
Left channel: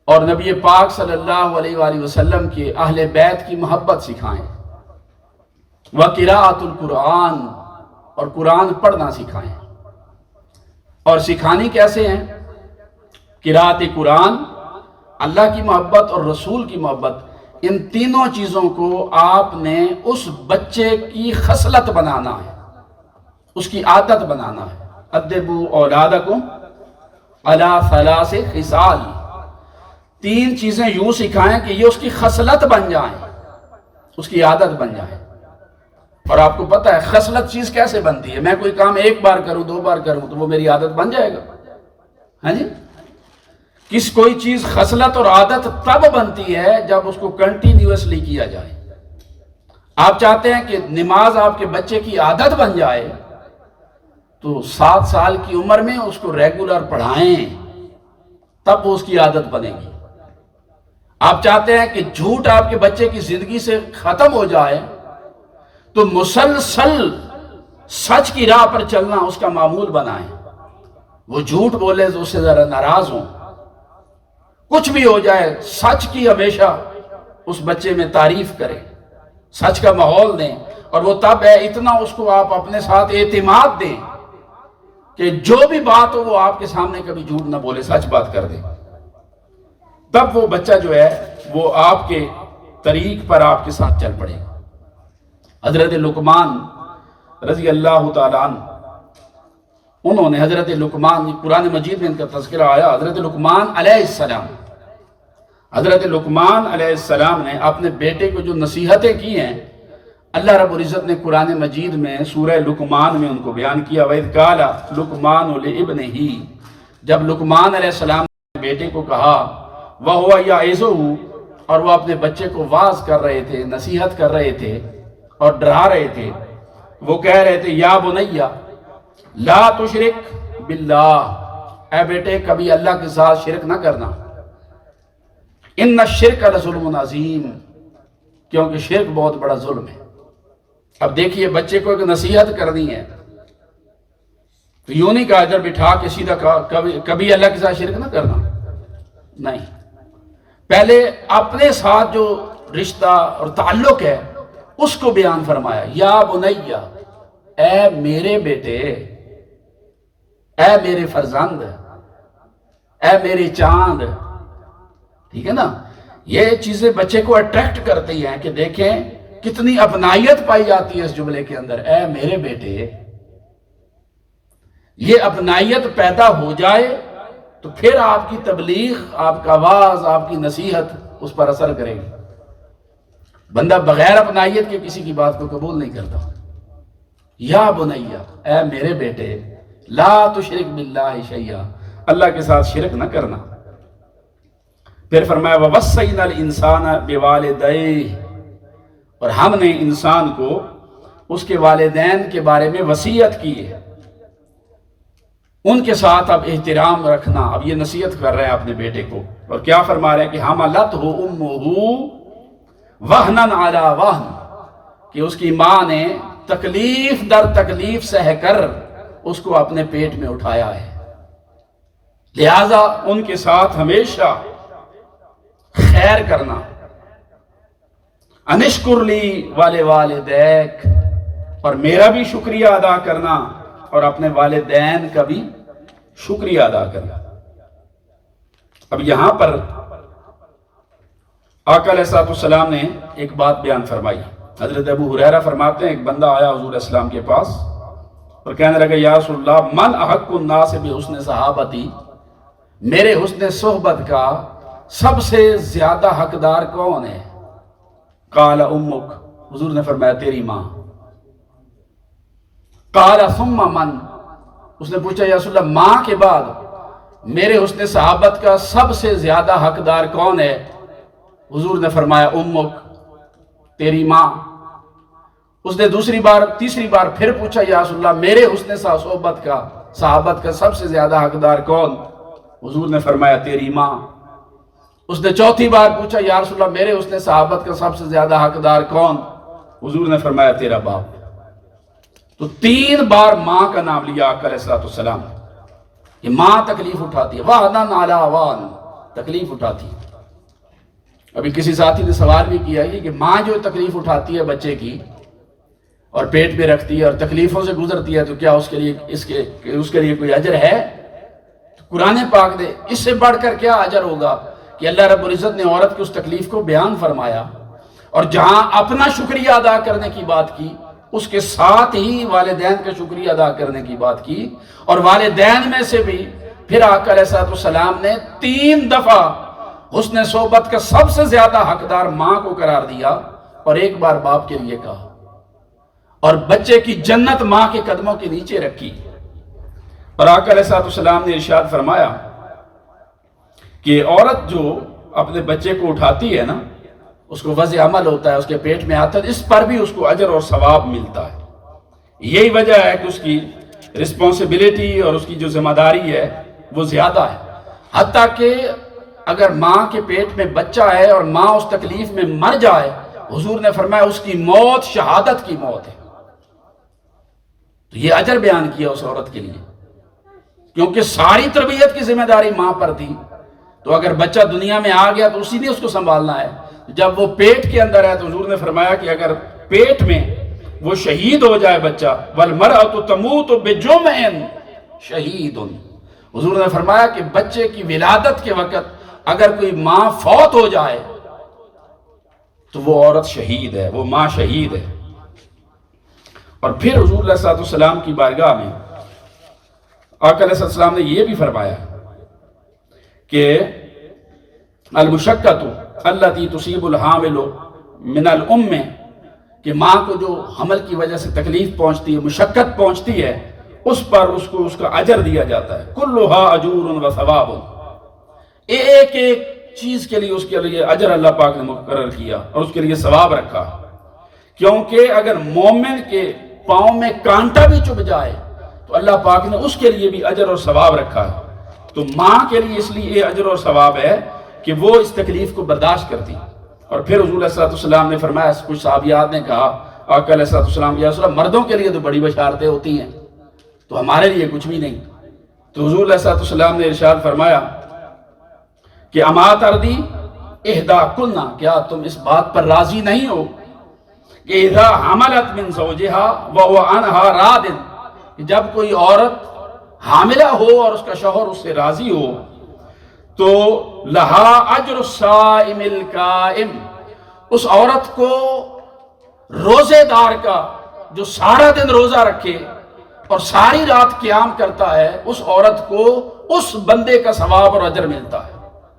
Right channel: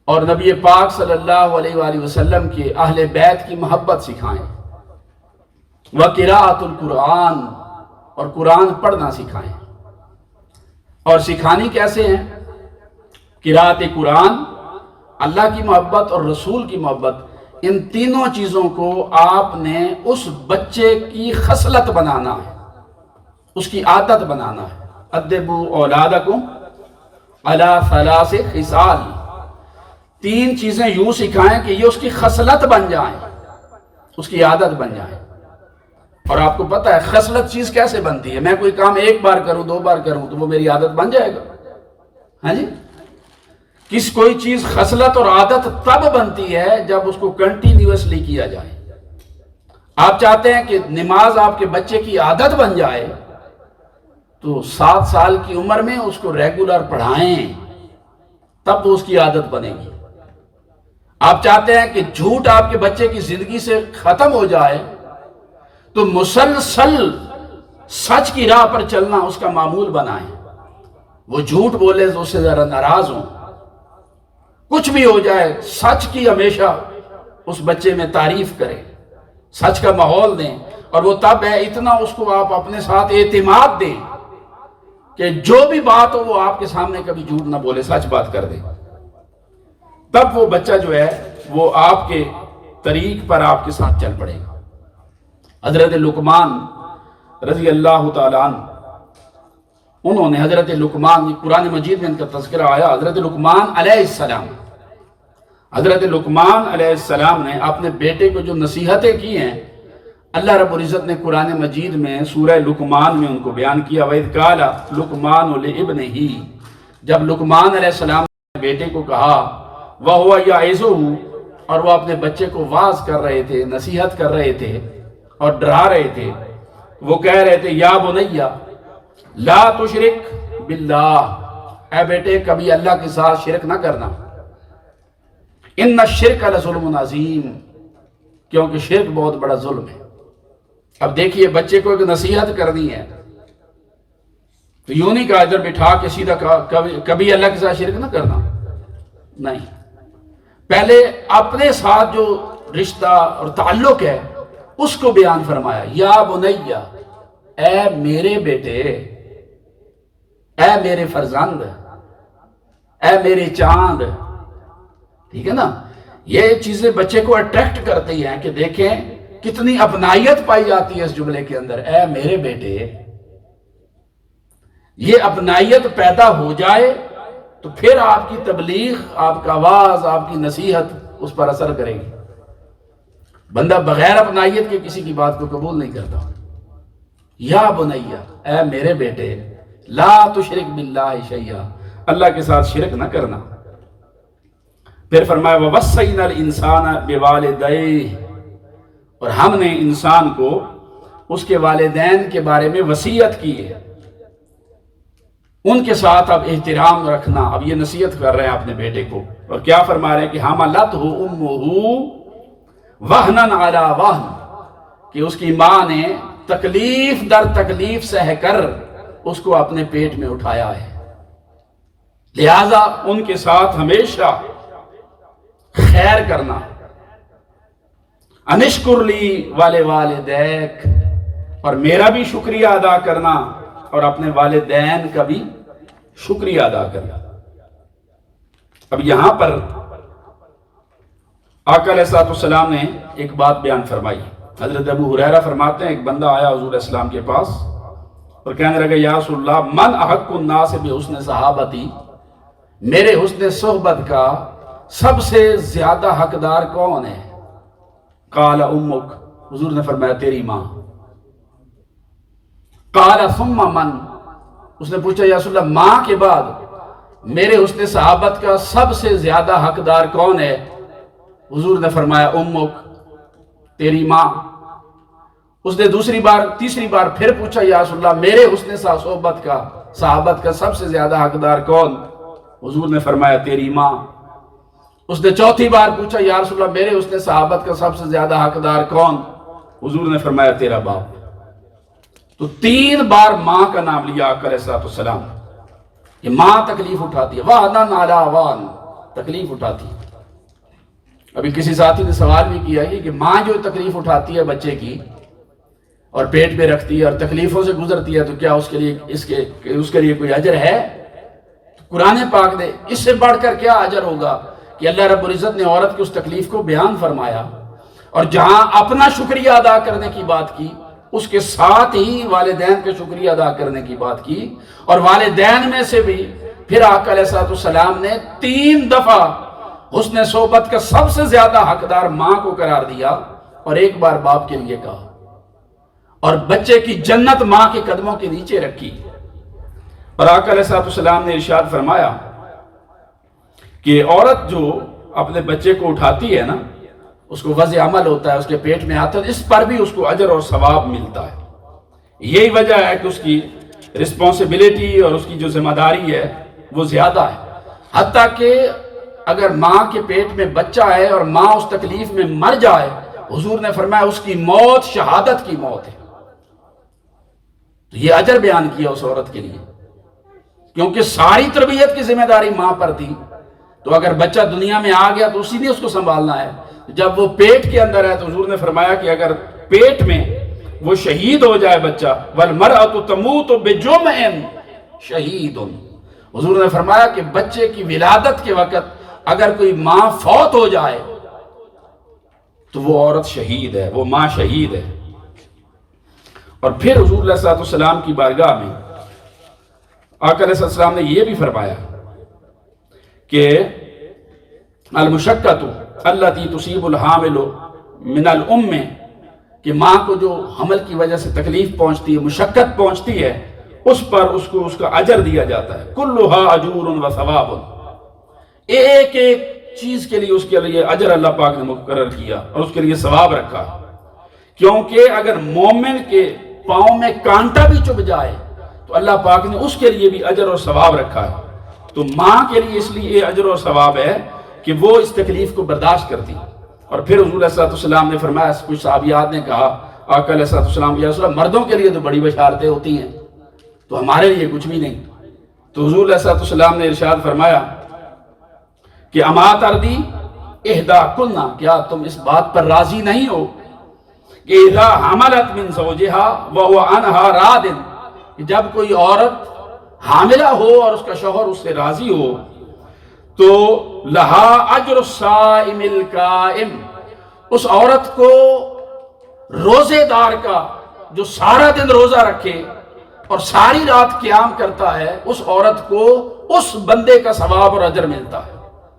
اور نبی پاک صلی اللہ علیہ وآلہ وسلم کے اہل بیت کی محبت سکھائیں۔ وقراءۃ القرآن، اور قرآن پڑھنا سکھائیں۔ اور سکھانی کیسے ہیں؟ قراءت قرآن، اللہ کی محبت اور رسول کی محبت، ان تینوں چیزوں کو آپ نے اس بچے کی خصلت بنانا ہے، اس کی عادت بنانا ہے۔ ادبوا اولادکم علی ثلاث خصال، 3 چیزیں یوں سکھائیں کہ یہ اس کی خصلت بن جائیں، اس کی عادت بن جائیں۔ اور آپ کو پتہ ہے خصلت چیز کیسے بنتی ہے؟ میں کوئی کام 1 بار کروں 2 بار کروں تو وہ میری عادت بن جائے گا؟ ہاں جی، کوئی چیز خصلت اور عادت تب بنتی ہے جب اس کو کنٹینیوسلی کیا جائے۔ آپ چاہتے ہیں کہ نماز آپ کے بچے کی عادت بن جائے تو 7 سال کی عمر میں اس کو ریگولر پڑھائیں، تب وہ اس کی عادت بنے گی۔ آپ چاہتے ہیں کہ جھوٹ آپ کے بچے کی زندگی سے ختم ہو جائے تو مسلسل سچ کی راہ پر چلنا اس کا معمول بنائیں۔ وہ جھوٹ بولے تو اس سے ذرا ناراض ہوں، کچھ بھی ہو جائے سچ کی ہمیشہ اس بچے میں تعریف کریں، سچ کا ماحول دیں۔ اور وہ تب ہے اتنا اس کو آپ اپنے ساتھ اعتماد دیں کہ جو بھی بات ہو وہ آپ کے سامنے کبھی جھوٹ نہ بولے، سچ بات کر دے، تب وہ بچہ جو ہے وہ آپ کے طریق پر آپ کے ساتھ چل پڑے گا۔ حضرت لقمان رضی اللہ تعالیٰ عنہ، انہوں نے حضرت لقمان، قرآن مجید میں ان کا تذکرہ آیا، حضرت لقمان علیہ السلام، حضرت لقمان علیہ السلام نے اپنے بیٹے کو جو نصیحتیں کی ہیں، اللہ رب العزت نے قرآن مجید میں سورہ لقمان میں ان کو بیان کیا۔ وَإِذْ قَالَ لُقْمَانُ لِابْنِهِ، جب لقمان علیہ السلام نے بیٹے کو کہا، وَهُوَ يَعِظُهُ، اور وہ اپنے بچے کو واعظ کر رہے تھے، نصیحت کر رہے تھے اور ڈرا رہے تھے، وہ کہہ رہے تھے یا بنیا لا تشرک باللہ، اے بیٹے کبھی اللہ کے ساتھ شرک نہ کرنا، ان الشرک لظلم عظیم، کیونکہ شرک بہت بڑا ظلم ہے۔ اب دیکھیے بچے کو ایک نصیحت کرنی ہے تو یوں نہیں کہا ادھر بٹھا کے سیدھا کہا کبھی اللہ کے ساتھ شرک نہ کرنا، نہیں، پہلے اپنے ساتھ جو رشتہ اور تعلق ہے اس کو بیان فرمایا، یا بنیا، اے میرے بیٹے، اے میرے فرزند، اے میرے چاند، ٹھیک ہے نا؟ یہ چیزیں بچے کو اٹریکٹ کرتی ہیں کہ دیکھیں کتنی اپنائیت پائی جاتی ہے اس جملے کے اندر، اے میرے بیٹے۔ یہ اپنائیت پیدا ہو جائے تو پھر آپ کی تبلیغ، آپ کا آواز، آپ کی نصیحت اس پر اثر کرے گی۔ بندہ بغیر اپنائیت کے کسی کی بات کو قبول نہیں کرتا۔ یا بنیا، اے میرے بیٹے، لا تشرک باللہ شیئا، اللہ کے ساتھ شرک نہ کرنا۔ پھر فرمایا وَوَصَّيْنَا الْإِنسَانَ بِوَالِدَيْهِ، اور ہم نے انسان کو اس کے والدین کے بارے میں وصیت کی ہے، ان کے ساتھ اب احترام رکھنا۔ اب یہ نصیحت کر رہے ہیں اپنے بیٹے کو، اور کیا فرما رہے ہیں کہ حَمَلَتْهُ أُمُّهُ وَهْنًا عَلَى وَهْنٍ، کہ اس کی ماں نے تکلیف در تکلیف سہ کر اس کو اپنے پیٹ میں اٹھایا ہے، لہٰذا ان کے ساتھ ہمیشہ خیر کرنا۔ انشکر لی والدیک، اور میرا بھی شکریہ ادا کرنا اور اپنے والدین کا بھی شکریہ ادا کرنا۔ اب یہاں پر آقا علیہ السلام نے ایک بات بیان فرمائی۔ حضرت ابو ہریرہ فرماتے ہیں ایک بندہ آیا حضور علیہ السلام کے پاس اور کہنے لگا یا رسول اللہ من احق الناس بحسن صحابتی، میرے حسن صحبت کا سب سے زیادہ حقدار کون ہے؟ قال امک، حضور نے فرمایا تیری ماں۔ قال ثم من، اس نے پوچھا یا رسول اللہ ماں کے بعد میرے حسن صحابت کا سب سے زیادہ حقدار کون ہے؟ حضور نے فرمایا امک، تیری ماں۔ اس نے تیسری بار پھر پوچھا یا رسول اللہ میرے حسن صحابت کا سب سے زیادہ حقدار کون؟ حضور نے فرمایا تیری ماں۔ اس نے چوتھی بار پوچھا یا رسول اللہ میرے حسن صحابت کا سب سے زیادہ حقدار کون؟ حضور نے فرمایا تیرا باپ۔ تو 3 بار ماں کا نام لیا آقا علیہ السلام۔ یہ ماں تکلیف اٹھاتی ہے، وَهْنًا عَلَىٰ وَهْنٍ، تکلیف اٹھاتی ہے۔ ابھی کسی ساتھی نے سوال بھی کیا ہے کہ ماں جو تکلیف اٹھاتی ہے بچے کی اور پیٹ پہ رکھتی ہے اور تکلیفوں سے گزرتی ہے تو کیا اس کے لیے کوئی اجر ہے؟ قرآن پاک نے اس سے بڑھ کر کیا اجر ہوگا کہ اللہ رب العزت نے عورت کی اس تکلیف کو بیان فرمایا، اور جہاں اپنا شکریہ ادا کرنے کی بات کی اس کے ساتھ ہی والدین کا شکریہ ادا کرنے کی بات کی، اور والدین میں سے بھی پھر آقا علیہ السلام نے 3 دفعہ حسن صحبت کا سب سے زیادہ حقدار ماں کو قرار دیا اور 1 بار باپ کے لیے کہا، اور بچے کی جنت ماں کے قدموں کے نیچے رکھی۔ اور آقا علیہ السلام نے ارشاد فرمایا کہ عورت جو اپنے بچے کو اٹھاتی ہے نا، اس کو وضع عمل ہوتا ہے، اس کے پیٹ میں آتا ہے، اس پر بھی اس کو اجر اور ثواب ملتا ہے۔ یہی وجہ ہے کہ اس کی رسپانسبلٹی اور اس کی جو ذمہ داری ہے وہ زیادہ ہے، حتیٰ کہ اگر ماں کے پیٹ میں بچہ ہے اور ماں اس تکلیف میں مر جائے، حضور نے فرمایا اس کی موت شہادت کی موت ہے۔ تو یہ اجر بیان کیا اس عورت کے لیے، کیونکہ ساری تربیت کی ذمہ داری ماں پر تھی۔ تو اگر بچہ دنیا میں آ گیا تو اسی نے اس کو سنبھالنا ہے، جب وہ پیٹ کے اندر ہے تو حضور نے فرمایا کہ اگر پیٹ میں وہ شہید ہو جائے بچہ، وَالْمَرْأَةُ تَمُوتُ بِجُمْعٍ، شہید. حضور نے فرمایا کہ بچے کی ولادت کے وقت اگر کوئی ماں فوت ہو جائے تو وہ عورت شہید ہے، وہ ماں شہید ہے. اور پھر حضور علیہ الصلوۃ والسلام کی بارگاہ میں آقا علیہ السلام نے یہ بھی فرمایا کہ المشقۃ التی تصیب الحامل من الام، کہ ماں کو جو حمل کی وجہ سے تکلیف پہنچتی ہے، مشقت پہنچتی ہے، اس پر اس کو اس کا اجر دیا جاتا ہے. کلھا اجور و ثواب، ایک ایک چیز کے لیے اس کے لیے اجر اللہ پاک نے مقرر کیا اور اس کے لیے ثواب رکھا. کیونکہ اگر مومن کے پاؤں میں کانٹا بھی چبھ جائے تو اللہ پاک نے اس کے لیے بھی اجر اور ثواب رکھا ہے. تو ماں کے لیے اس لیے یہ اجر اور ثواب ہے کہ وہ اس تکلیف کو برداشت کرتی. اور پھر حضور علیہ السلام نے فرمایا، کچھ صحابیات نے کہا آقا علیہ السلام یا رسول اللہ، مردوں کے لیے تو بڑی بشارتیں ہوتی ہیں تو ہمارے لیے کچھ بھی نہیں. تو حضور علیہ السلام نے ارشاد فرمایا کہ اما تردی احدا کلنا، کیا تم اس بات پر راضی نہیں ہو کہ اذا حملت من زوجہا وهو عنہا راض، جب کوئی عورت حاملہ ہو اور اس کا شوہر اس سے راضی ہو تو لہا اجر الصائم القائم، اس عورت کو روزے دار کا جو سارا دن روزہ رکھے اور ساری رات قیام کرتا ہے، اس عورت کو اس بندے کا ثواب اور اجر ملتا ہے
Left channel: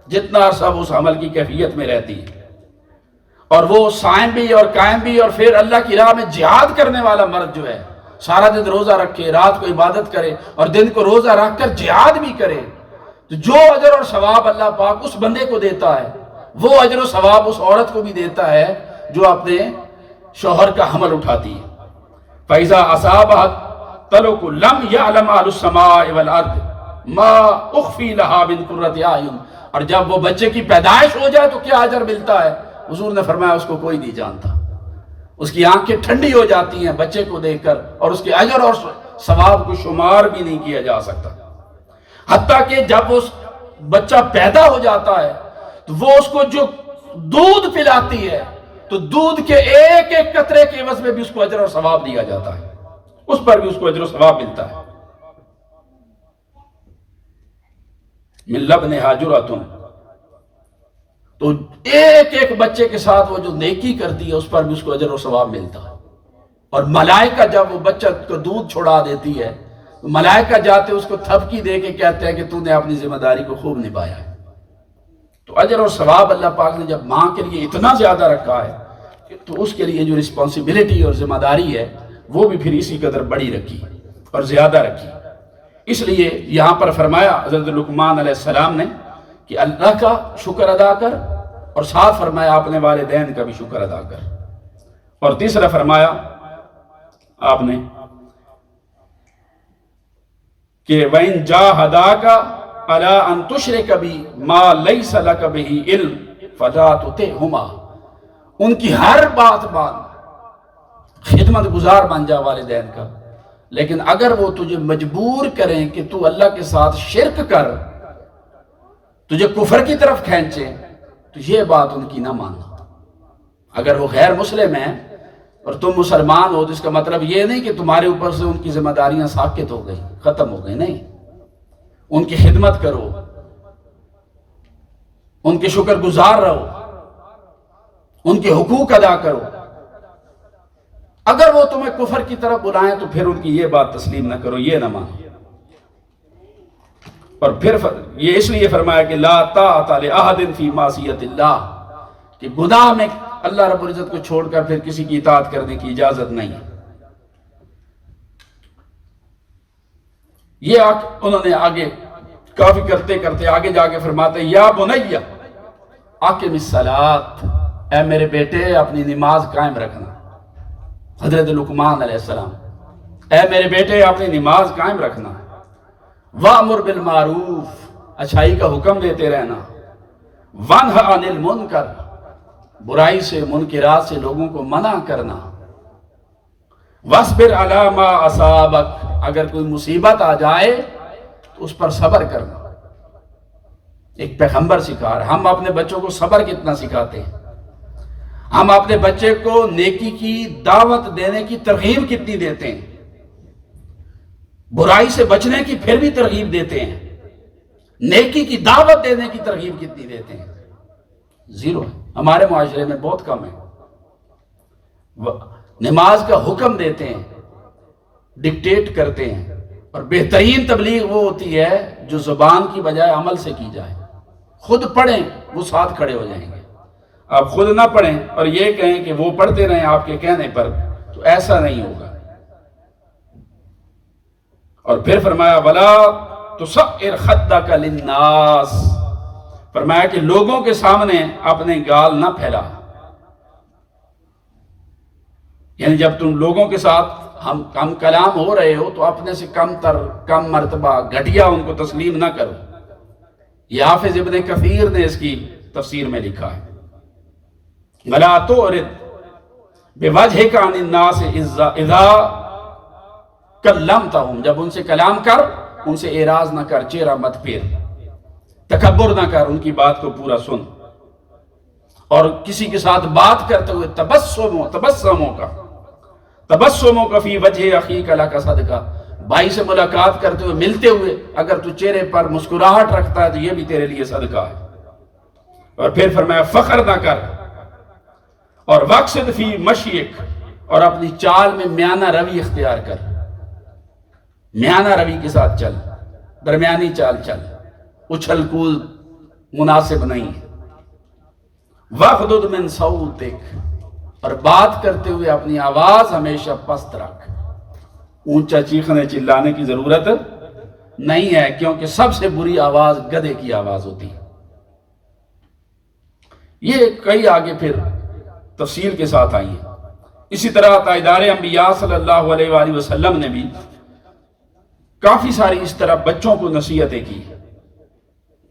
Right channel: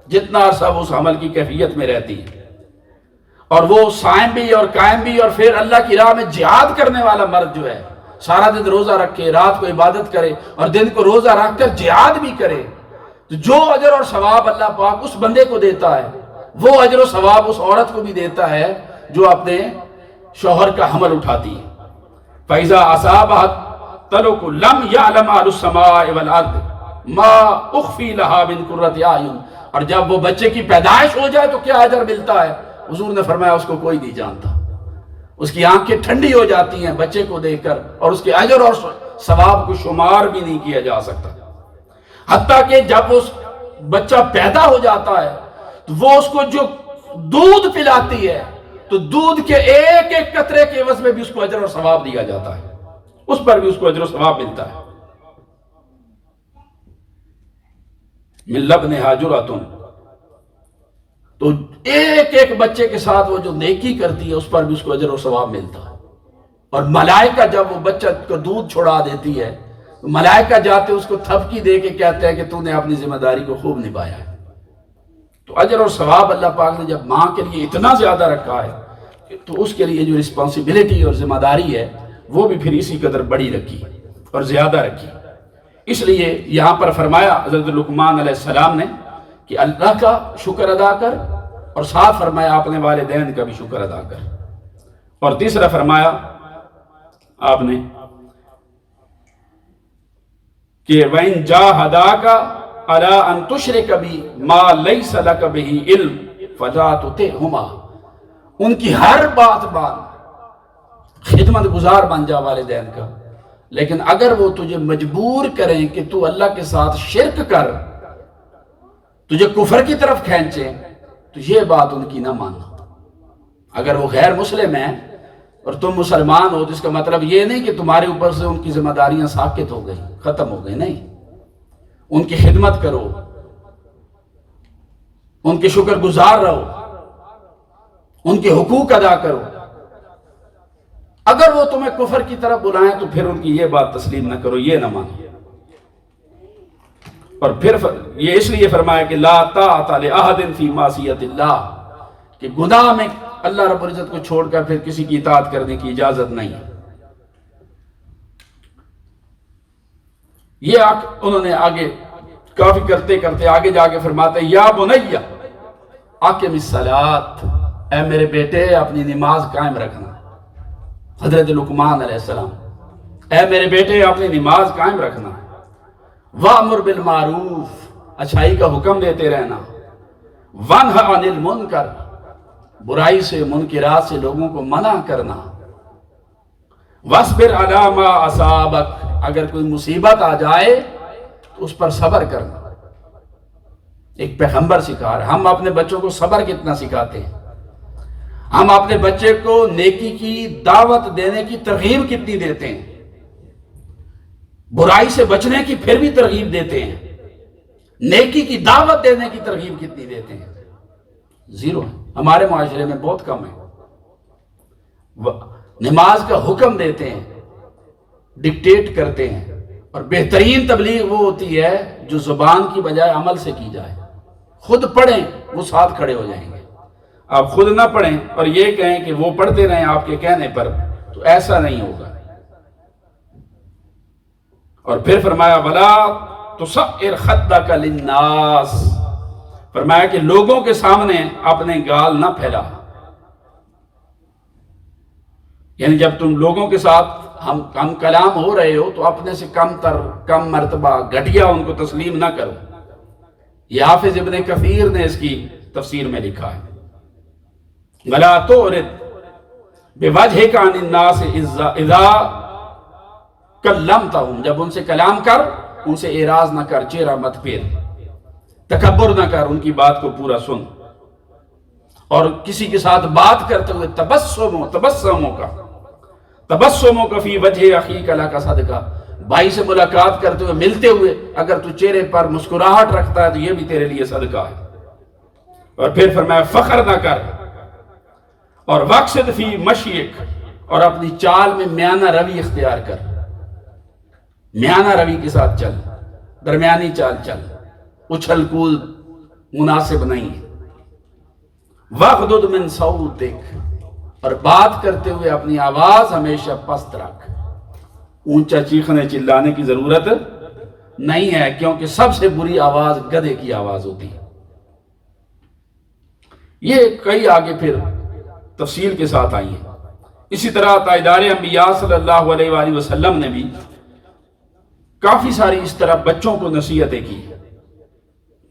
جتنا عرصہ اس عمل کی کیفیت میں رہتی ہے. اور وہ صائم بھی اور قائم بھی، اور پھر اللہ کی راہ میں جہاد کرنے والا مرد جو ہے، سارا دن روزہ رکھے، رات کو عبادت کرے اور دن کو روزہ رکھ کر جہاد بھی کرے، تو جو اجر اور ثواب اللہ پاک اس بندے کو دیتا ہے وہ اجر و ثواب اس عورت کو بھی دیتا ہے جو اپنے شوہر کا حمل اٹھاتی ہے. فَإِذَا أَصَابَهَا طَلُقُ لَمْ يَعْلَمْ أَهْلُ السَّمَاءِ وَالْأَرْضِ مَا أُخْفِي لَهَا مِنْ قُرَّةِ أَعْيُنٍ. اور جب وہ بچے کی پیدائش ہو جائے تو کیا اجر ملتا ہے، حضور نے فرمایا اس کو کوئی نہیں جانتا. اس کی آنکھیں ٹھنڈی ہو جاتی ہیں بچے کو دیکھ کر، اور اس کے اجر اور ثواب کو شمار بھی نہیں کیا جا سکتا. حتیٰ کہ جب اس بچہ پیدا ہو جاتا ہے تو وہ اس کو جو دودھ پلاتی ہے تو دودھ کے ایک ایک قطرے کے عوض میں بھی اس کو اجر اور ثواب دیا جاتا ہے، اس پر بھی اس کو اجر و ثواب ملتا ہے. من لبنہا جرعۃ، تو ایک ایک بچے کے ساتھ وہ جو نیکی کرتی ہے اس پر بھی اس کو اجر اور ثواب ملتا ہے. اور ملائکہ جب وہ بچہ کو دودھ چھوڑا دیتی ہے تو ملائکہ جاتے اس کو تھپکی دے کے کہتے ہیں کہ تو نے اپنی ذمہ داری کو خوب نبھایا ہے. تو اجر اور ثواب اللہ پاک نے جب ماں کے لیے اتنا زیادہ رکھا ہے تو اس کے لیے جو رسپانسبلٹی اور ذمہ داری ہے وہ بھی پھر اسی قدر بڑی رکھی اور زیادہ رکھی. اس لیے یہاں پر فرمایا حضرت لقمان علیہ السلام نے کہ اللہ کا شکر ادا کر، اور ساتھ فرمایا اپنے والدین کا بھی شکر ادا کر. اور تیسرا فرمایا آپ نے کہ وَإِن جَاهَدَاكَ عَلَىٰ أَن تُشْرِكَ بِي مَا لَيْسَ لَكَ بِهِ عِلْمٌ فَلَا تُطِعْهُمَا، ان کی ہر بات مان، خدمت گزار بن جا والدین کا، لیکن اگر وہ تجھے مجبور کریں کہ تو اللہ کے ساتھ شرک کر، تجھے کفر کی طرف کھینچے، تو یہ بات ان کی نہ ماننا. اگر وہ غیر مسلم ہیں اور تم مسلمان ہو تو اس کا مطلب یہ نہیں کہ تمہارے اوپر سے ان کی ذمہ داریاں ساقط ہو گئی، ختم ہو گئی، نہیں. ان کی خدمت کرو، ان کے شکر گزار رہو، ان کے حقوق ادا کرو. اگر وہ تمہیں کفر کی طرف بلائیں تو پھر ان کی یہ بات تسلیم نہ کرو، یہ نہ مانو. اور پھر یہ اس لیے فرمایا کہ لا طاعۃ لأحد فی معصیۃ اللہ، کہ گناہ میں اللہ رب العزت کو چھوڑ کر پھر کسی کی اطاعت کرنے کی اجازت نہیں ہے. یہ انہوں نے آگے کافی کرتے کرتے آگے جا کے فرماتے ہیں یا بنی اقم الصلاۃ، اے میرے بیٹے اپنی نماز قائم رکھنا. حضرت لقمان علیہ السلام، اے میرے بیٹے اپنی نماز قائم رکھنا. وَأْمُرْ بِالْمَعْرُوفِ، اچھائی کا حکم دیتے رہنا. وَانْهَ عَنِ الْمُنْکَرِ، برائی سے منکرات سے لوگوں کو منع کرنا. وَاصْبِرْ عَلَىٰ مَا أَصَابَكَ، اگر کوئی مصیبت آ جائے تو اس پر صبر کرنا. ایک پیغمبر سکھا رہا. ہم اپنے بچوں کو صبر کتنا سکھاتے ہیں، ہم اپنے بچے کو نیکی کی دعوت دینے کی ترغیب کتنی دیتے ہیں. برائی سے بچنے کی پھر بھی ترغیب دیتے ہیں، نیکی کی دعوت دینے کی ترغیب کتنی دیتے ہیں؟ زیرو ہے۔ ہمارے معاشرے میں بہت کم ہے۔ نماز کا حکم دیتے ہیں، ڈکٹیٹ کرتے ہیں، اور بہترین تبلیغ وہ ہوتی ہے جو زبان کی بجائے عمل سے کی جائے۔ خود پڑھیں، وہ ساتھ کھڑے ہو جائیں گے۔ آپ خود نہ پڑھیں اور یہ کہیں کہ وہ پڑھتے رہیں آپ کے کہنے پر، تو ایسا نہیں ہوگا۔ اور پھر فرمایا وَلَا تُصَعِّرْ خَدَّكَ لِلنَّاسِ، فرمایا کہ لوگوں کے سامنے اپنے گال نہ پھیلا۔ یعنی جب تم لوگوں کے ساتھ ہم کلام ہو رہے ہو تو اپنے سے کم مرتبہ گھٹیا ان کو تسلیم نہ کرو۔ یہ حافظ ابن کثیر نے اس کی تفسیر میں لکھا ہے، وَلَا تُعْرِضْ بِوَجْهِكَ عَنِ النَّاسِ اِذَا کلمتہم، جب ان سے کلام کر ان سے اعراض نہ کر، چہرہ مت پھیر، تکبر نہ کر، ان کی بات کو پورا سن۔ اور کسی کے ساتھ بات کرتے ہوئے تبسموں کا فی وجہ اخیک لک صدقہ، بھائی سے ملاقات کرتے ہوئے ملتے ہوئے اگر تو چہرے پر مسکراہٹ رکھتا ہے تو یہ بھی تیرے لیے صدقہ ہے۔ اور پھر فرمایا فخر نہ کر، اور واقصد فی مشیک، اور اپنی چال میں میانہ روی اختیار کر، میانہ روی کے ساتھ چل، درمیانی چال چل، اچھل کود مناسب نہیں ہے۔ وَغْضُضْ مِنْ صَوْتِكَ، اور بات کرتے ہوئے اپنی آواز ہمیشہ پست رکھ، اونچا چیخنے چلانے کی ضرورت نہیں ہے، کیونکہ سب سے بری آواز گدھے کی آواز ہوتی ہے۔ یہ کئی آگے پھر تفصیل کے ساتھ آئی ہیں۔ اسی طرح تاجدار انبیاء صلی اللہ علیہ وآلہ وسلم نے بھی کافی ساری اس طرح بچوں کو نصیحتیں کی۔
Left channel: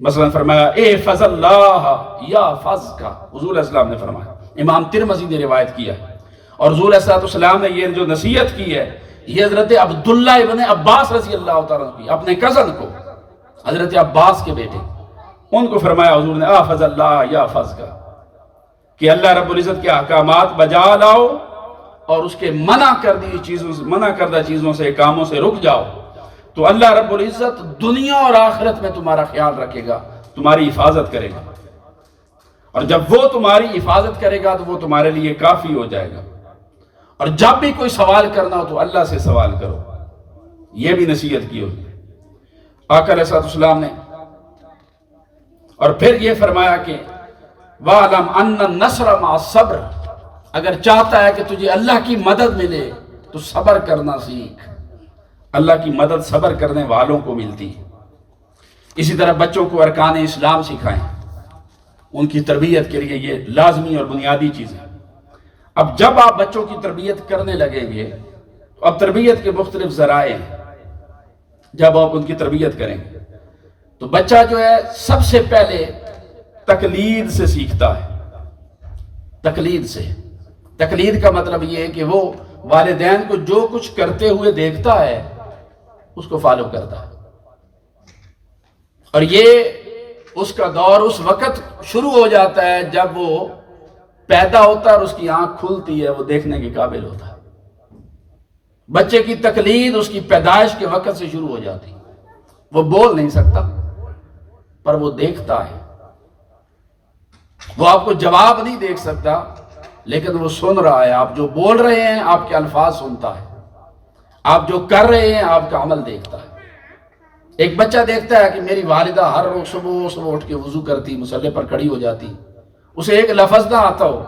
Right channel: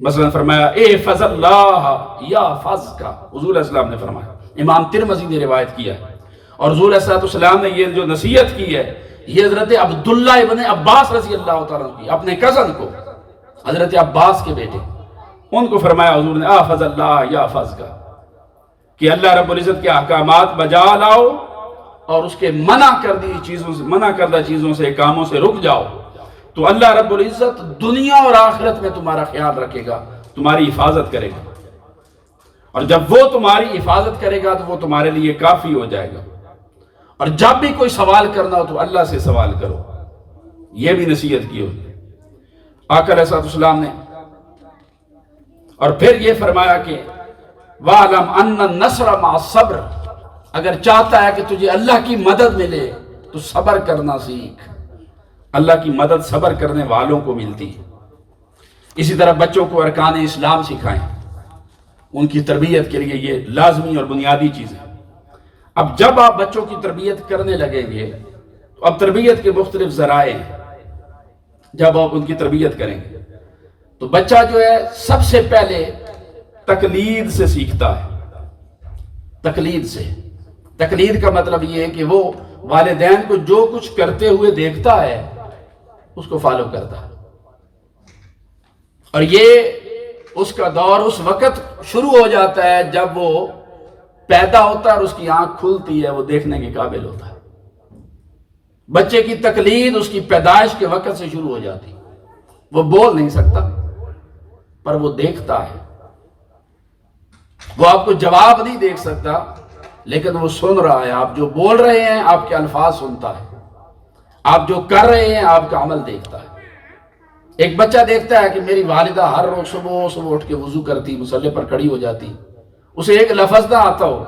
مثلا فرمایا احفظ اللہ یحفظک، حضور علیہ السلام نے فرمایا، امام ترمذی نے روایت کیا ہے۔ اور حضور علیہ السلام نے یہ جو نصیحت کی ہے یہ حضرت عبداللہ ابن عباس رضی اللہ تعالیٰ عنہ کی، اپنے کزن کو، حضرت عباس کے بیٹے، ان کو فرمایا حضور نے احفظ اللہ یحفظک، کہ اللہ رب العزت کے احکامات بجا لاؤ اور اس کے منع کردہ چیزوں سے کاموں سے رک جاؤ، تو اللہ رب العزت دنیا اور آخرت میں تمہارا خیال رکھے گا، تمہاری حفاظت کرے گا۔ اور جب وہ تمہاری حفاظت کرے گا تو وہ تمہارے لیے کافی ہو جائے گا۔ اور جب بھی کوئی سوال کرنا ہو تو اللہ سے سوال کرو، یہ بھی نصیحت کی ہوگی آقا علیہ السلام نے۔ اور پھر یہ فرمایا کہ وَعْلَمْ أَنَّ النَّصْرَ مَعَ الصَّبْرِ، اگر چاہتا ہے کہ تجھے اللہ کی مدد ملے تو صبر کرنا سیکھ، اللہ کی مدد صبر کرنے والوں کو ملتی ہے۔ اسی طرح بچوں کو ارکان اسلام سکھائیں، ان کی تربیت کے لیے یہ لازمی اور بنیادی چیز ہے۔ اب جب آپ بچوں کی تربیت کرنے لگیں گے تو اب تربیت کے مختلف ذرائع ہیں۔ جب آپ ان کی تربیت کریں گے تو بچہ جو ہے سب سے پہلے تقلید سے سیکھتا ہے، تقلید سے۔ تقلید کا مطلب یہ ہے کہ وہ والدین کو جو کچھ کرتے ہوئے دیکھتا ہے اس کو فالو کرتا ہے، اور یہ اس کا دور اس وقت شروع ہو جاتا ہے جب وہ پیدا ہوتا ہے اور اس کی آنکھ کھلتی ہے، وہ دیکھنے کے قابل ہوتا ہے۔ بچے کی تقلید اس کی پیدائش کے وقت سے شروع ہو جاتی ہے۔ وہ بول نہیں سکتا پر وہ دیکھتا ہے، وہ آپ کو جواب نہیں دیکھ سکتا لیکن وہ سن رہا ہے، آپ جو بول رہے ہیں آپ کے الفاظ سنتا ہے، آپ جو کر رہے ہیں آپ کا عمل دیکھتا ہے۔ ایک بچہ دیکھتا ہے کہ میری والدہ ہر روز صبح اٹھ کے وضو کرتی، مصلی پر کھڑی ہو جاتی، اسے ایک لفظ نہ آتا ہو،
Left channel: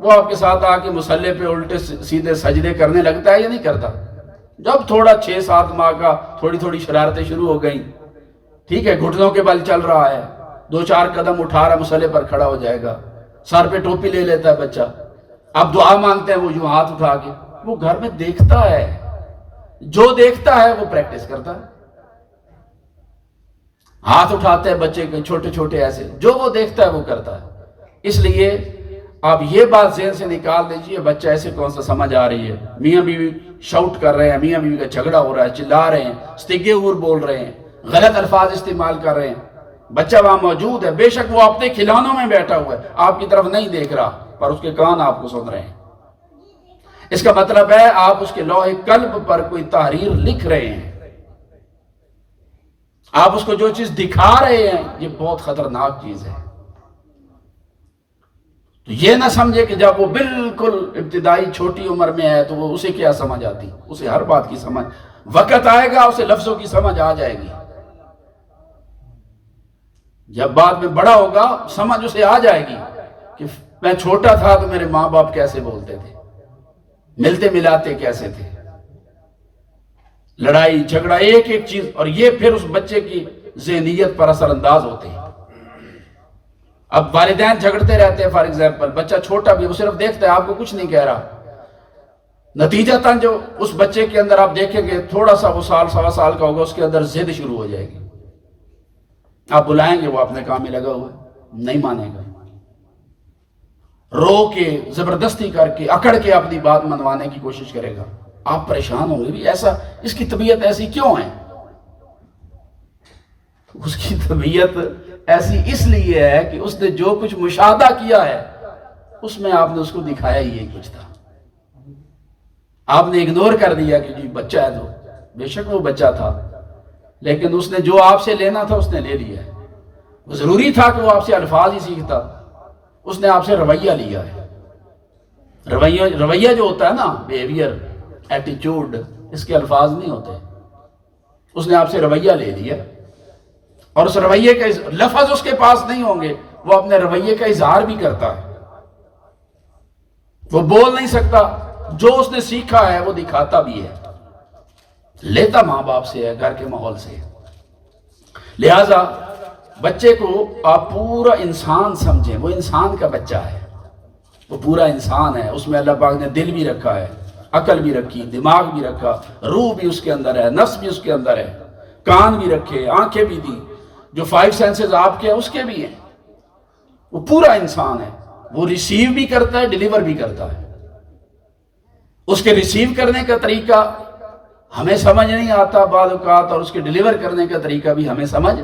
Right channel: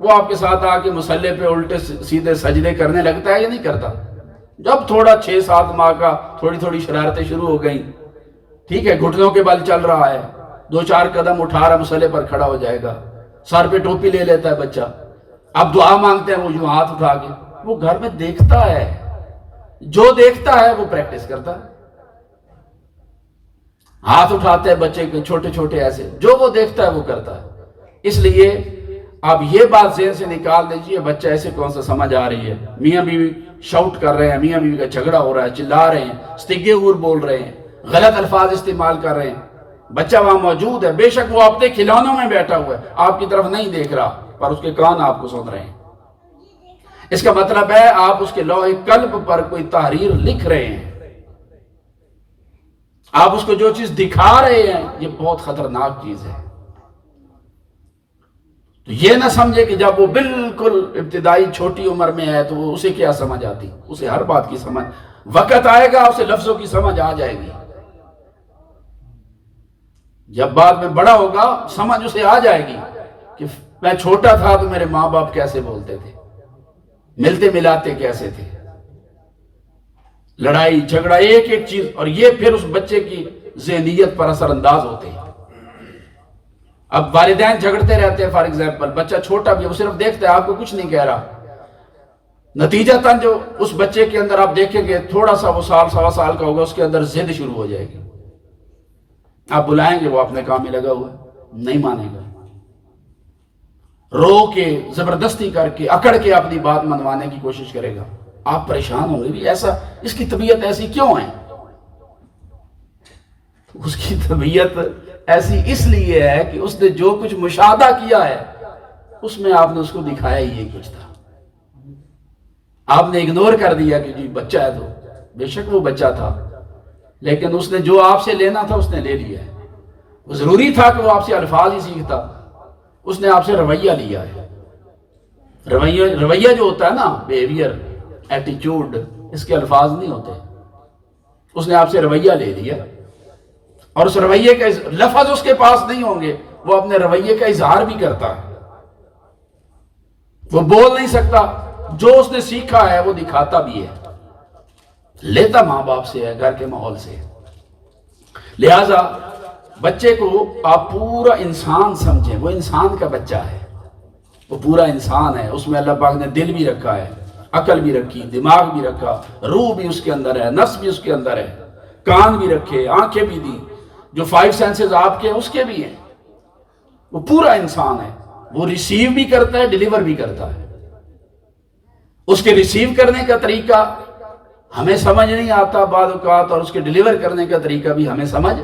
وہ آپ کے ساتھ آ کے مصلی پہ الٹے سیدھے سجدے کرنے لگتا ہے یا نہیں کرتا؟ جب تھوڑا 6-7 ماہ کا تھوڑی شرارتیں شروع ہو گئیں، ٹھیک ہے، گھٹنوں کے بل چل رہا ہے، 2-4 قدم اٹھا رہا مصلی پر کھڑا ہو جائے گا، سر پہ ٹوپی لے لیتا ہے بچہ، اب دعا مانگتے ہیں وہ یوں ہاتھ اٹھا کے، وہ گھر میں دیکھتا ہے، جو دیکھتا ہے وہ پریکٹس کرتا ہے۔ ہاتھ اٹھاتے ہیں بچے کے چھوٹے ایسے، جو وہ دیکھتا ہے وہ کرتا ہے۔ اس لیے آپ یہ بات ذہن سے نکال دیجئے، بچہ ایسے کون سا سمجھ آ رہی ہے، میاں بیوی شاؤٹ کر رہے ہیں، میاں بیوی کا جھگڑا ہو رہا ہے، چلا رہے ہیں، استگے اور بول رہے ہیں، غلط الفاظ استعمال کر رہے ہیں، بچہ وہاں موجود ہے، بے شک وہ اپنے کھلونوں میں بیٹھا ہوا ہے، آپ کی طرف نہیں دیکھ رہا پر اس کے کان آپ کو سن رہے ہیں۔ اس کا مطلب ہے آپ اس کے لوح قلب پر کوئی تحریر لکھ رہے ہیں، آپ اس کو جو چیز دکھا رہے ہیں یہ بہت خطرناک چیز ہے. تو یہ نہ سمجھے کہ جب وہ بالکل ابتدائی چھوٹی عمر میں ہے تو وہ اسے کیا سمجھ آتی. اسے ہر بات کی سمجھ، وقت آئے گا اسے لفظوں کی سمجھ آ جائے گی. جب بعد میں بڑا ہوگا سمجھ اسے آ جائے گی کہ میں چھوٹا تھا تو میرے ماں باپ کیسے بولتے تھے، ملتے ملاتے کیسے تھے، لڑائی جھگڑا ایک ایک چیز. اور یہ پھر اس بچے کی ذہنیت پر اثر انداز ہوتے ہیں. اب والدین جھگڑتے رہتے ہیں، فار ایگزامپل بچہ چھوٹا بھی، وہ صرف دیکھتا ہے، آپ کو کچھ نہیں کہہ رہا. نتیجتاً جو اس بچے کے اندر آپ دیکھیں گے تھوڑا سا وہ سال سوا سال کا ہوگا، اس کے اندر ضد شروع ہو جائے گی. آپ بلائیں گے وہ اپنے کام میں لگا ہوا ہے، نہیں مانے گا. رو کے زبردستی کر کے اکڑ کے اپنی بات منوانے کی کوشش کرے گا. آپ پریشان ہوں گے بھی ایسا، اس کی طبیعت ایسی کیوں ہے؟ اس کی طبیعت ایسی اس لیے ہے کہ اس نے جو کچھ مشاہدہ کیا ہے اس میں آپ نے اس کو دکھایا ہی یہ کچھ تھا. آپ نے اگنور کر دیا کہ جی بچہ ہے. تو بے شک وہ بچہ تھا، لیکن اس نے جو آپ سے لینا تھا اس نے لے لیا ہے. وہ ضروری تھا کہ وہ آپ سے الفاظ ہی سیکھتا، اس نے آپ سے رویہ لیا ہے. رویہ جو ہوتا ہے نا، بیہیویئر، ایٹیچیوڈ، اس کے الفاظ نہیں ہوتے. اس نے آپ سے رویہ لے لیا، اور اس رویے کا لفظ اس کے پاس نہیں ہوں گے، وہ اپنے رویے کا اظہار بھی کرتا ہے. وہ بول نہیں سکتا، جو اس نے سیکھا ہے وہ دکھاتا بھی ہے. لیتا ماں باپ سے ہے، گھر کے ماحول سے. لہذا بچے کو آپ پورا انسان سمجھیں. وہ انسان کا بچہ ہے، وہ پورا انسان ہے. اس میں اللہ پاک نے دل بھی رکھا ہے، عقل بھی رکھی، دماغ بھی رکھا، روح بھی اس کے اندر ہے، نفس بھی اس کے اندر ہے، کان بھی رکھے، آنکھیں بھی دی. جو 5 سینسز آپ کے ہیں اس کے بھی ہیں. وہ پورا انسان ہے. وہ ریسیو بھی کرتا ہے، ڈیلیور بھی کرتا ہے. اس کے ریسیو کرنے کا طریقہ ہمیں سمجھ نہیں آتا بعض اوقات، اور اس کے ڈیلیور کرنے کا طریقہ بھی ہمیں سمجھ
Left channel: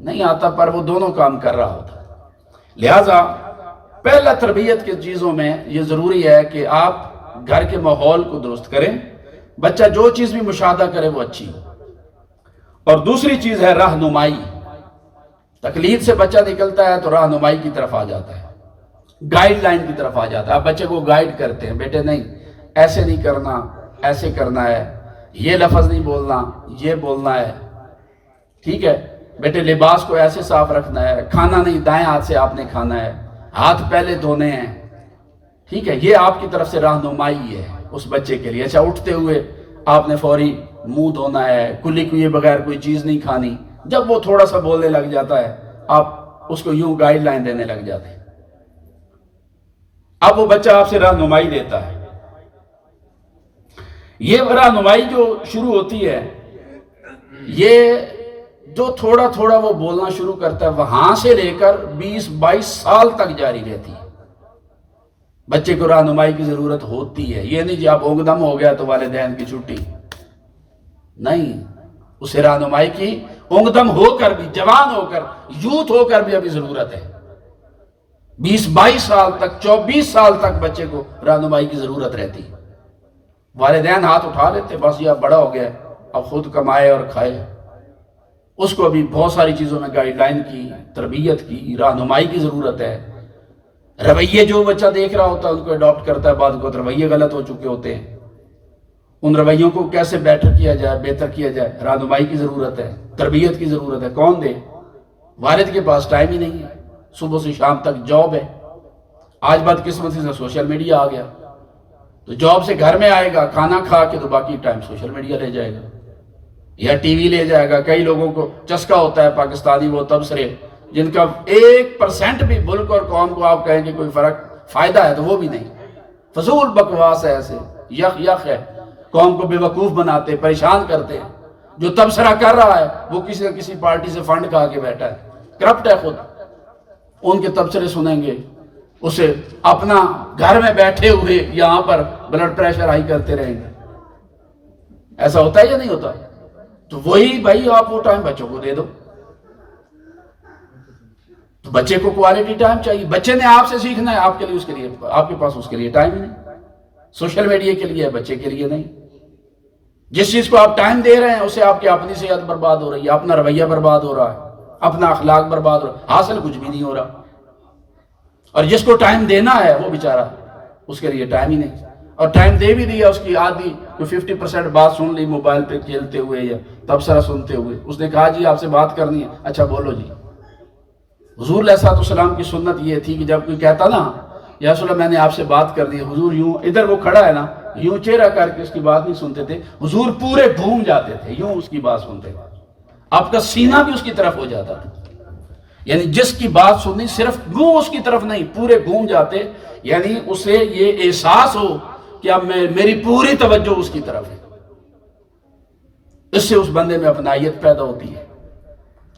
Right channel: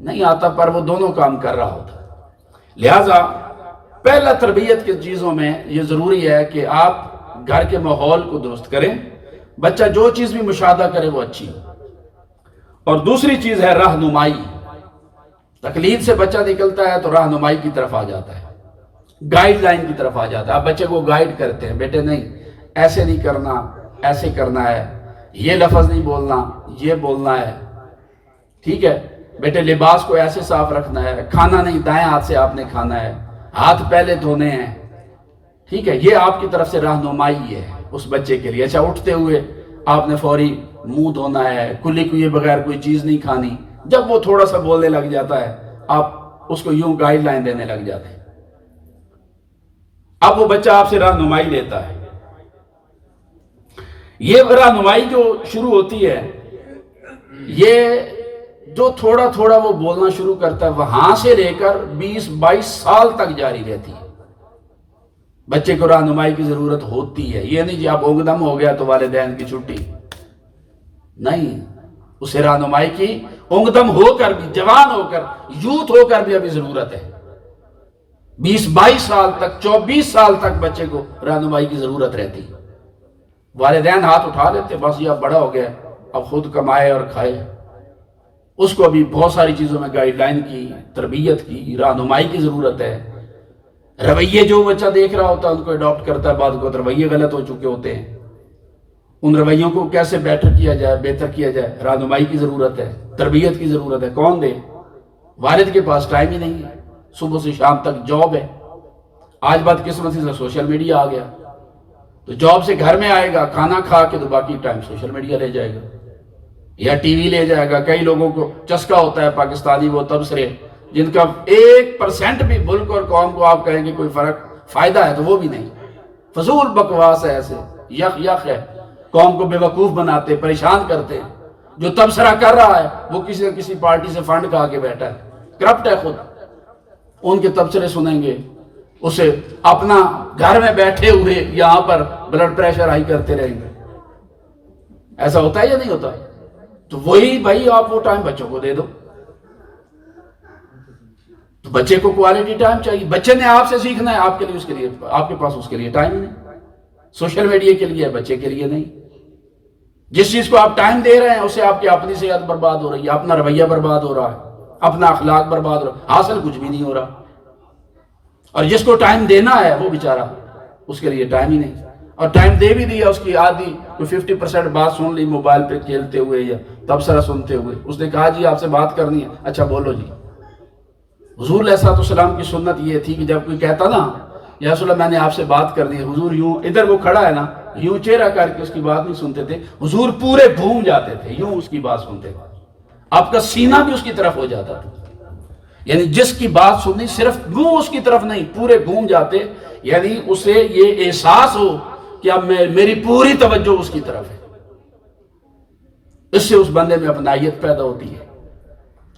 نہیں آتا، پر وہ دونوں کام کر رہا ہوتا. لہٰذا پہلا تربیت کی چیزوں میں یہ ضروری ہے کہ آپ گھر کے ماحول کو درست کریں. بچہ جو چیز بھی مشاہدہ کرے وہ اچھی ہو. اور دوسری چیز ہے رہنمائی. تقلید سے بچہ نکلتا ہے تو رہنمائی کی طرف آ جاتا ہے، گائیڈ لائن کی طرف آ جاتا ہے. آپ بچے کو گائیڈ کرتے ہیں، بیٹے نہیں ایسے نہیں کرنا، ایسے کرنا ہے، یہ لفظ نہیں بولنا، یہ بولنا ہے، ٹھیک ہے بیٹے لباس کو ایسے صاف رکھنا ہے، کھانا نہیں دائیں ہاتھ سے آپ نے کھانا ہے، ہاتھ پہلے دھونے ہیں، ٹھیک ہے. یہ آپ کی طرف سے رہنمائی ہے اس بچے کے لیے. اچھا اٹھتے ہوئے آپ نے فوری منہ دھونا ہے، کلی کیے بغیر کوئی چیز نہیں کھانی. جب وہ تھوڑا سا بولنے لگ جاتا ہے آپ اس کو یوں گائیڈ لائن دینے لگ جاتے ہیں. اب وہ بچہ آپ سے رہنمائی لیتا ہے. یہ رہنمائی جو شروع ہوتی ہے، یہ جو تھوڑا تھوڑا وہ بولنا شروع کرتا ہے وہاں سے لے کر 20-22 سال تک جاری رہتی ہے. بچے کو رہنمائی کی ضرورت ہوتی ہے. یہ نہیں کہ آپ اونگ دم ہو گیا تو والدین کی چھٹی نہیں. اسے رہنمائی کی اونگ دم ہو کر بھی، جوان ہو کر، یوتھ ہو کر بھی ابھی ضرورت ہے. 20-22 سال تک، 24 سال تک بچے کو رہنمائی کی ضرورت رہتی. والدین ہاتھ اٹھا لیتے، بس یہ اب بڑا ہو گیا، اب خود کمائے اور کھائے. اس کو ابھی بہت ساری چیزوں میں گائیڈ لائن کی، تربیت کی، رہنمائی کی ضرورت ہے. رویے جو بچہ دیکھ رہا ہوتا ہے ان کو اڈاپٹ کرتا ہے. بعض اوقات رویے غلط ہو چکے ہوتے ہیں. ان رویوں کو کیسے بہتر کیا جائے، رہنمائی کی ضرورت ہے، تربیت کی ضرورت ہے. کون دے؟ والد کے پاس ٹائم ہی نہیں ہے، صبح سے شام تک جاب ہے. آج بدقسمتی سے سوشل میڈیا آ گیا، تو جاب سے گھر میں آئے گا، کھانا کھا کے تو باقی ٹائم سوشل میڈیا لے جائے گا یا ٹی وی لے جائے گا. کئی لوگوں کو چسکا ہوتا ہے پاکستانی وہ تبصرے جن کا 1% بھی ملک اور قوم کو آپ کہیں گے کوئی فائدہ ہے تو وہ بھی نہیں. فضول بکواس ہے، ایسے یخ ہے. قوم کو بے وقوف بناتے، پریشان کرتے. جو تبصرہ کر رہا ہے وہ کسی نہ کسی پارٹی سے فنڈ کھا کے بیٹھا ہے، کرپٹ ہے خود. ان کے تبصرے سنیں گے، اسے اپنا گھر میں بیٹھے ہوئے یہاں پر بلڈ پریشر ہائی کرتے رہیں گے. ایسا ہوتا ہے یا نہیں ہوتا؟ تو وہی بھائی آپ وہ ٹائم بچوں کو دے دو. تو بچے کو کوالٹی ٹائم چاہیے. بچے نے آپ سے سیکھنا ہے، آپ کے لیے اس کے لیے آپ کے پاس اس کے لیے ٹائم نہیں. سوشل میڈیا کے لیے ہے، بچے کے لیے نہیں. جس چیز کو آپ ٹائم دے رہے ہیں اسے آپ کی اپنی صحت برباد ہو رہی ہے، اپنا رویہ برباد ہو رہا ہے، اپنا اخلاق برباد ہو رہا ہے، حاصل کچھ بھی نہیں ہو رہا۔ اور جس کو ٹائم دینا ہے وہ بیچارہ، اس کے لیے ٹائم ہی نہیں، اور ٹائم دے بھی دیا، اس کی آدھی تو 50% بات سن لی موبائل پہ کھیلتے ہوئے یا تبصرہ سنتے ہوئے۔ اس نے کہا جی آپ سے بات کرنی ہے، اچھا بولو جی۔ حضور علیہ السلام کی سنت یہ تھی کہ جب کوئی کہتا نا یا رسول اللہ میں نے آپ سے بات کرنی ہے، حضور یوں ادھر وہ کھڑا ہے نا، یوں چہرہ کر کے اس کی بات نہیں سنتے تھے، حضور پورے گھوم جاتے تھے، یوں اس کی بات سنتے تھے، آپ کا سینہ بھی اس کی طرف ہو جاتا تھا، یعنی جس کی بات سننی صرف منہ اس کی طرف نہیں، پورے گھوم جاتے، یعنی اسے یہ احساس ہو کہ اب میری پوری توجہ اس کی طرف ہے۔ اس سے اس بندے میں اپنائیت پیدا ہوتی ہے۔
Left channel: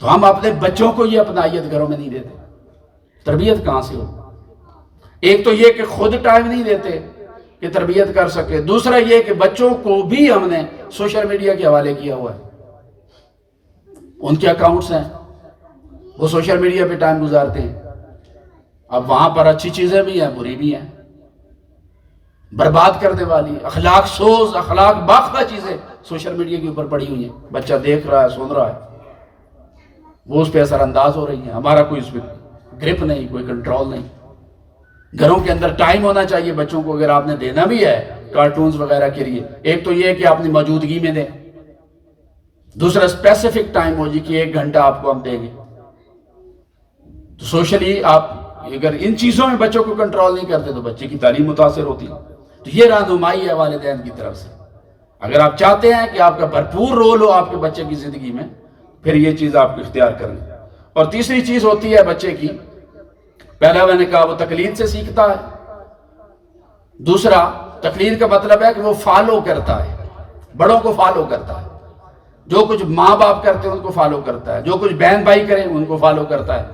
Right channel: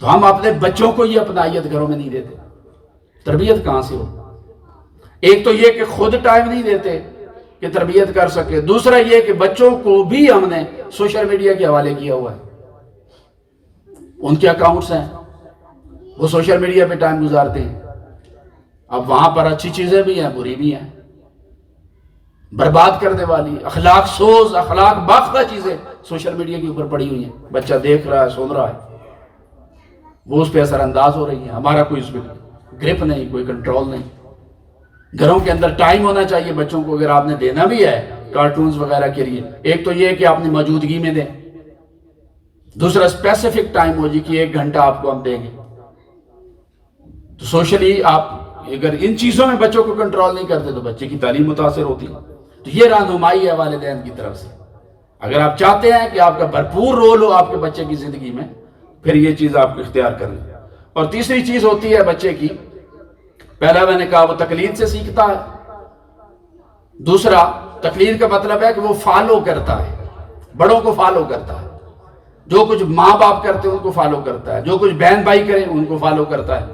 تو ہم اپنے بچوں کو یہ اپنائیت گھروں میں نہیں دیتے، تربیت کہاں سے ہو؟ ایک تو یہ کہ خود ٹائم نہیں دیتے کہ تربیت کر سکے، دوسرا یہ کہ بچوں کو بھی ہم نے سوشل میڈیا کے حوالے کیا ہوا ہے، ان کے اکاؤنٹس ہیں، وہ سوشل میڈیا پہ ٹائم گزارتے ہیں۔ اب وہاں پر اچھی چیزیں بھی ہیں، بری بھی ہیں، برباد کرنے والی، اخلاق سوز، اخلاق باختہ چیزیں سوشل میڈیا کے اوپر پڑی ہوئی ہیں، بچہ دیکھ رہا ہے، سن رہا ہے، وہ اس پہ اثر انداز ہو رہی ہے، ہمارا کوئی اس پہ گرپ نہیں، کوئی کنٹرول نہیں۔ گھروں کے اندر ٹائم ہونا چاہیے بچوں کو، اگر آپ نے دینا بھی ہے کارٹونز وغیرہ کے لیے، ایک تو یہ کہ اپنی موجودگی میں دیں، دوسرا اسپیسیفک ٹائم ہو جی کہ 1 گھنٹہ آپ کو ہم دیں گے۔ تو سوشلی آپ اگر ان چیزوں میں بچوں کو کنٹرول نہیں کرتے تو بچے کی تعلیم متاثر ہوتی ہے۔ تو یہ رہنمائی ہے والدین کی طرف سے۔ اگر آپ چاہتے ہیں کہ آپ کا بھرپور رول ہو آپ کے بچے کی زندگی میں، پھر یہ چیز آپ کو اختیار کریں۔ اور تیسری چیز ہوتی ہے بچے کی، پہلا میں نے کہا وہ تقلید سے سیکھتا ہے، دوسرا تقلید کا مطلب ہے کہ وہ فالو کرتا ہے، بڑوں کو فالو کرتا ہے، جو کچھ ماں باپ کرتے ہیں ان کو فالو کرتا ہے، جو کچھ بہن بھائی کریں ان کو فالو کرتا ہے،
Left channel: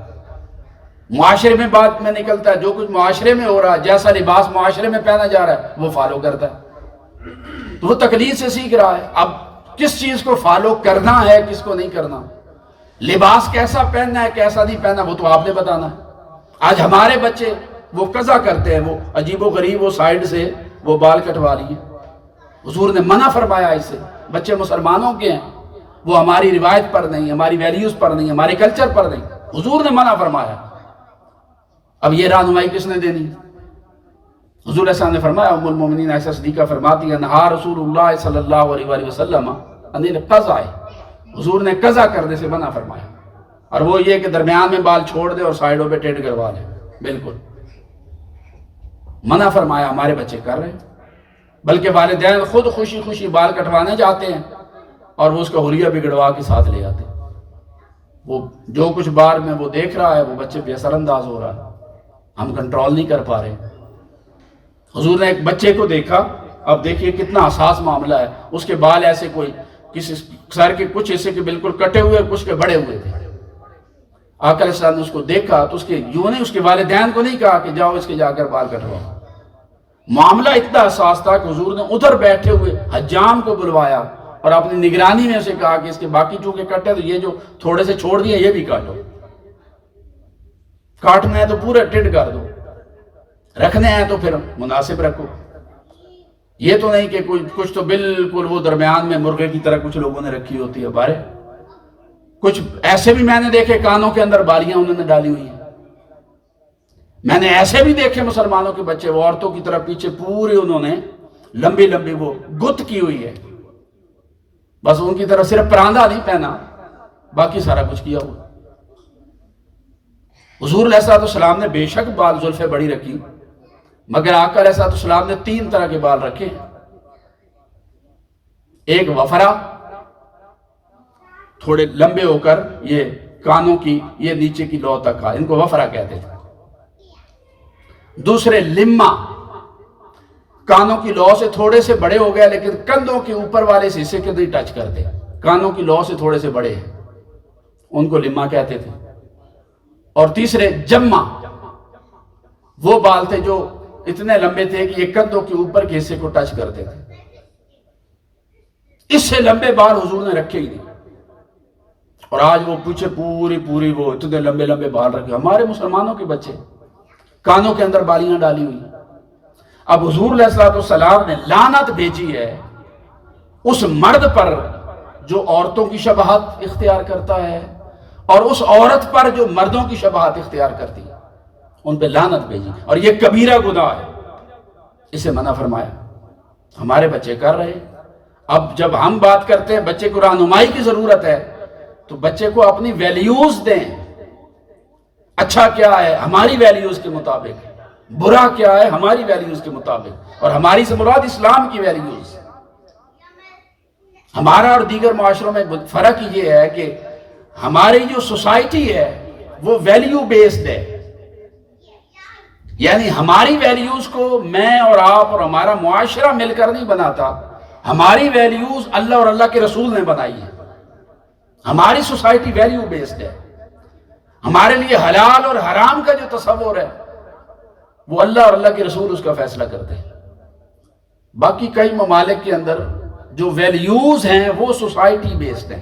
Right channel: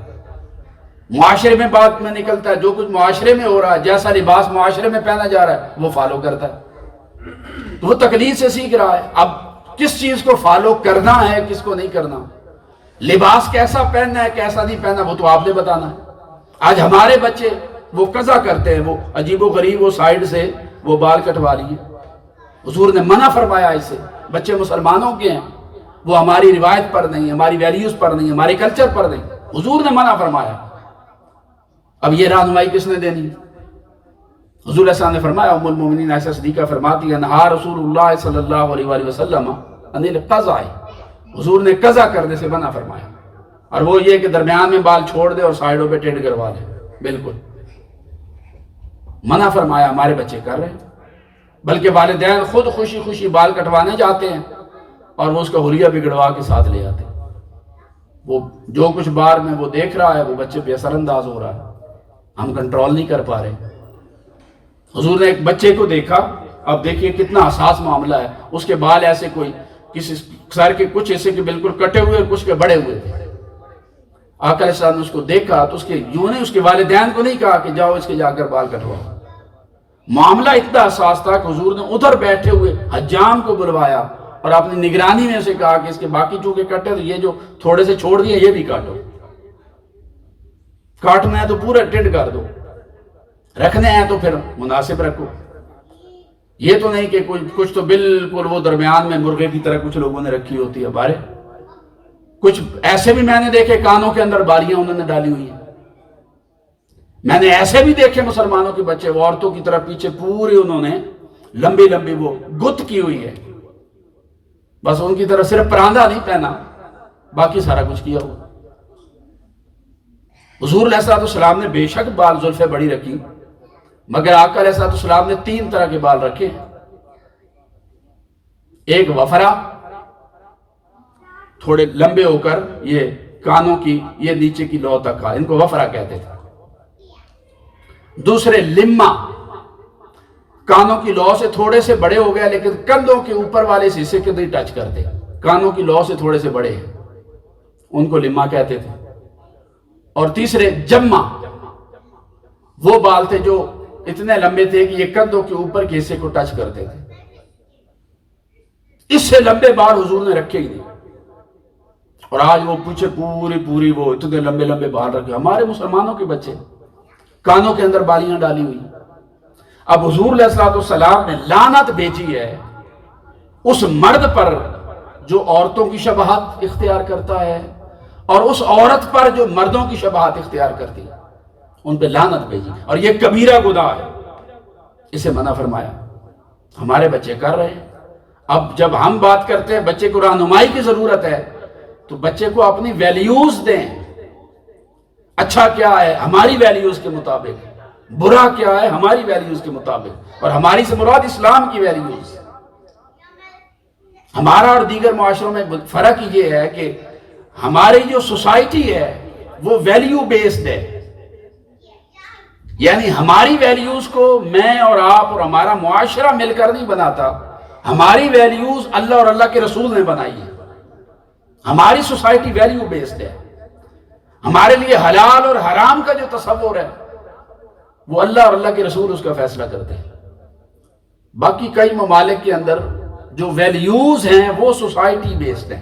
معاشرے میں بات میں نکلتا ہے، جو کچھ معاشرے میں ہو رہا ہے، جیسا لباس معاشرے میں پہنا جا رہا ہے وہ فالو کرتا ہے۔ تو وہ تقلید سے سیکھ رہا ہے۔ اب کس چیز کو فالو کرنا ہے، کس کو نہیں کرنا، لباس کیسا پہننا ہے کیسا نہیں پہننا، وہ تو آپ نے بتانا ہے۔ آج ہمارے بچے وہ قضا کرتے ہیں، وہ عجیب و غریب، وہ سائیڈ سے وہ بال کٹوا لیے، حضور نے منع فرمایا اس سے۔ بچے مسلمانوں کے ہیں، وہ ہماری روایت پر نہیں، ہماری ویلیوز پر نہیں، ہمارے کلچر پر نہیں، حضور نے منع فرمایا۔ اب یہ رہنمائی کس نے دینی؟ حضور علیہ السلام نے فرمایا، ام المومنین عائشہ صدیقہ فرماتی ہے، نہا رسول اللہ صلی اللہ علیہ وآلہ وسلم عن القضاء، حضور نے قضا کرنے سے منع فرمایا، اور وہ یہ کہ درمیان میں بال چھوڑ دے اور سائیڈوں پہ ٹیڑھ کروا لے، بالکل منع فرمایا۔ ہمارے بچے کر رہے ہیں، بلکہ والدین خود خوشی خوشی بال کٹوانے جاتے ہیں اور وہ اس کا حلیہ بگڑوا کے ساتھ لے آتے ہیں۔ وہ جو کچھ بار میں وہ دیکھ رہا ہے وہ بچے پہ اثر انداز ہو رہا ہے، ہم کنٹرول نہیں کر پا رہے۔ حضور نے ایک بچے کو دیکھا، اب دیکھیے کتنا حساس معاملہ ہے، اس کے بال ایسے کوئی کسی سر کے کچھ ایسے کہ بالکل کٹے ہوئے، کچھ کے بڑے ہوئے تھے۔ آقا علیہ السلام نے اس کو دیکھا تو اس کے یوں نہیں، اس کے والدین کو نہیں کہا کہ جاؤ اس کے جا کر بال کٹواؤ۔ معاملہ اتنا حساس تھا کہ حضور نے ادھر بیٹھے ہوئے حجام کو بلوایا اور اپنی نگرانی میں اسے کہا کہ اس کے باقی چونکہ کٹے تو یہ جو تھوڑے سے چھوڑ دیے یہ بھی کاٹو، کاٹنا ہے تو پورے ٹیڑھ کر دو، رکھنے ہیں تو پھر مناسب رکھو۔ یہ تو نہیں کہ کچھ تو بالکل وہ درمیان میں مرغے کی طرح کچھ لوگوں نے رکھی ہوتی ہے بارے، کچھ ایسے بھی میں نے دیکھے کانوں کے اندر بالیاں انہوں نے ڈالی ہوئی ہیں۔ میں نے ایسے بھی دیکھے مسلمانوں کے بچے، وہ عورتوں کی طرح پیچھے پوری انہوں نے لمبی لمبی وہ گت کی ہوئی ہے، بس ان کی طرح صرف پراندہ نہیں پہنا، باقی سارا کچھ کیا ہوا۔ حضور علیہ السلام نے بے شک بال زلفیں بڑی رکھی، مگر آقا علیہ السلام نے 3 طرح کے بال رکھے۔ ایک وفرا، تھوڑے لمبے ہو کر یہ کانوں کی یہ نیچے کی لو تک ان کو وفرا کہتے تھے۔ دوسرے لما، کانوں کی لو سے تھوڑے سے بڑے ہو گئے لیکن کندھوں کے اوپر والے حصے کے نہیں ٹچ کرتے، کانوں کی لو سے تھوڑے سے بڑے ہیں، ان کو لما کہتے تھے۔ اور تیسرے جمع، وہ بال تھے جو اتنے لمبے تھے کہ یہ کندھوں کے اوپر کے حصے کو ٹچ کرتے تھے۔ اس سے لمبے بال حضور نے رکھے ہی نہیں، اور آج وہ پیچھے پوری وہ اتنے لمبے لمبے بال رکھے۔ ہمارے مسلمانوں کے بچے کانوں کے اندر بالیاں ڈالی ہوئی۔ اب حضور علیہ السلام نے لعنت بھیجی ہے اس مرد پر جو عورتوں کی شبہات اختیار کرتا ہے اور اس عورت پر جو مردوں کی شبہات اختیار کرتی ہے، ان پہ لعنت بھیجی، اور یہ کبیرہ گناہ ہے، اسے منع فرمایا۔ ہمارے بچے کر رہے ہیں۔ اب جب ہم بات کرتے ہیں بچے کو رہنمائی کی ضرورت ہے، تو بچے کو اپنی ویلیوز دیں۔ اچھا کیا ہے ہماری ویلیوز کے مطابق، برا کیا ہے ہماری ویلیوز کے مطابق، اور ہماری سے مراد اسلام کی ویلیوز۔ ہمارا اور دیگر معاشروں میں فرق یہ ہے کہ ہماری جو سوسائٹی ہے وہ ویلیو بیسڈ ہے، یعنی ہماری ویلیوز کو میں اور آپ اور ہمارا معاشرہ مل کر نہیں بناتا، ہماری ویلیوز اللہ اور اللہ کے رسول نے بنائی ہے۔ ہماری سوسائٹی ویلیو بیسڈ ہے۔ ہمارے لیے حلال اور حرام کا جو تصور ہے وہ اللہ اور اللہ کے رسول اس کا فیصلہ کرتے ہیں۔ باقی کئی ممالک کے اندر جو ویلیوز ہیں وہ سوسائٹی بیسڈ ہیں،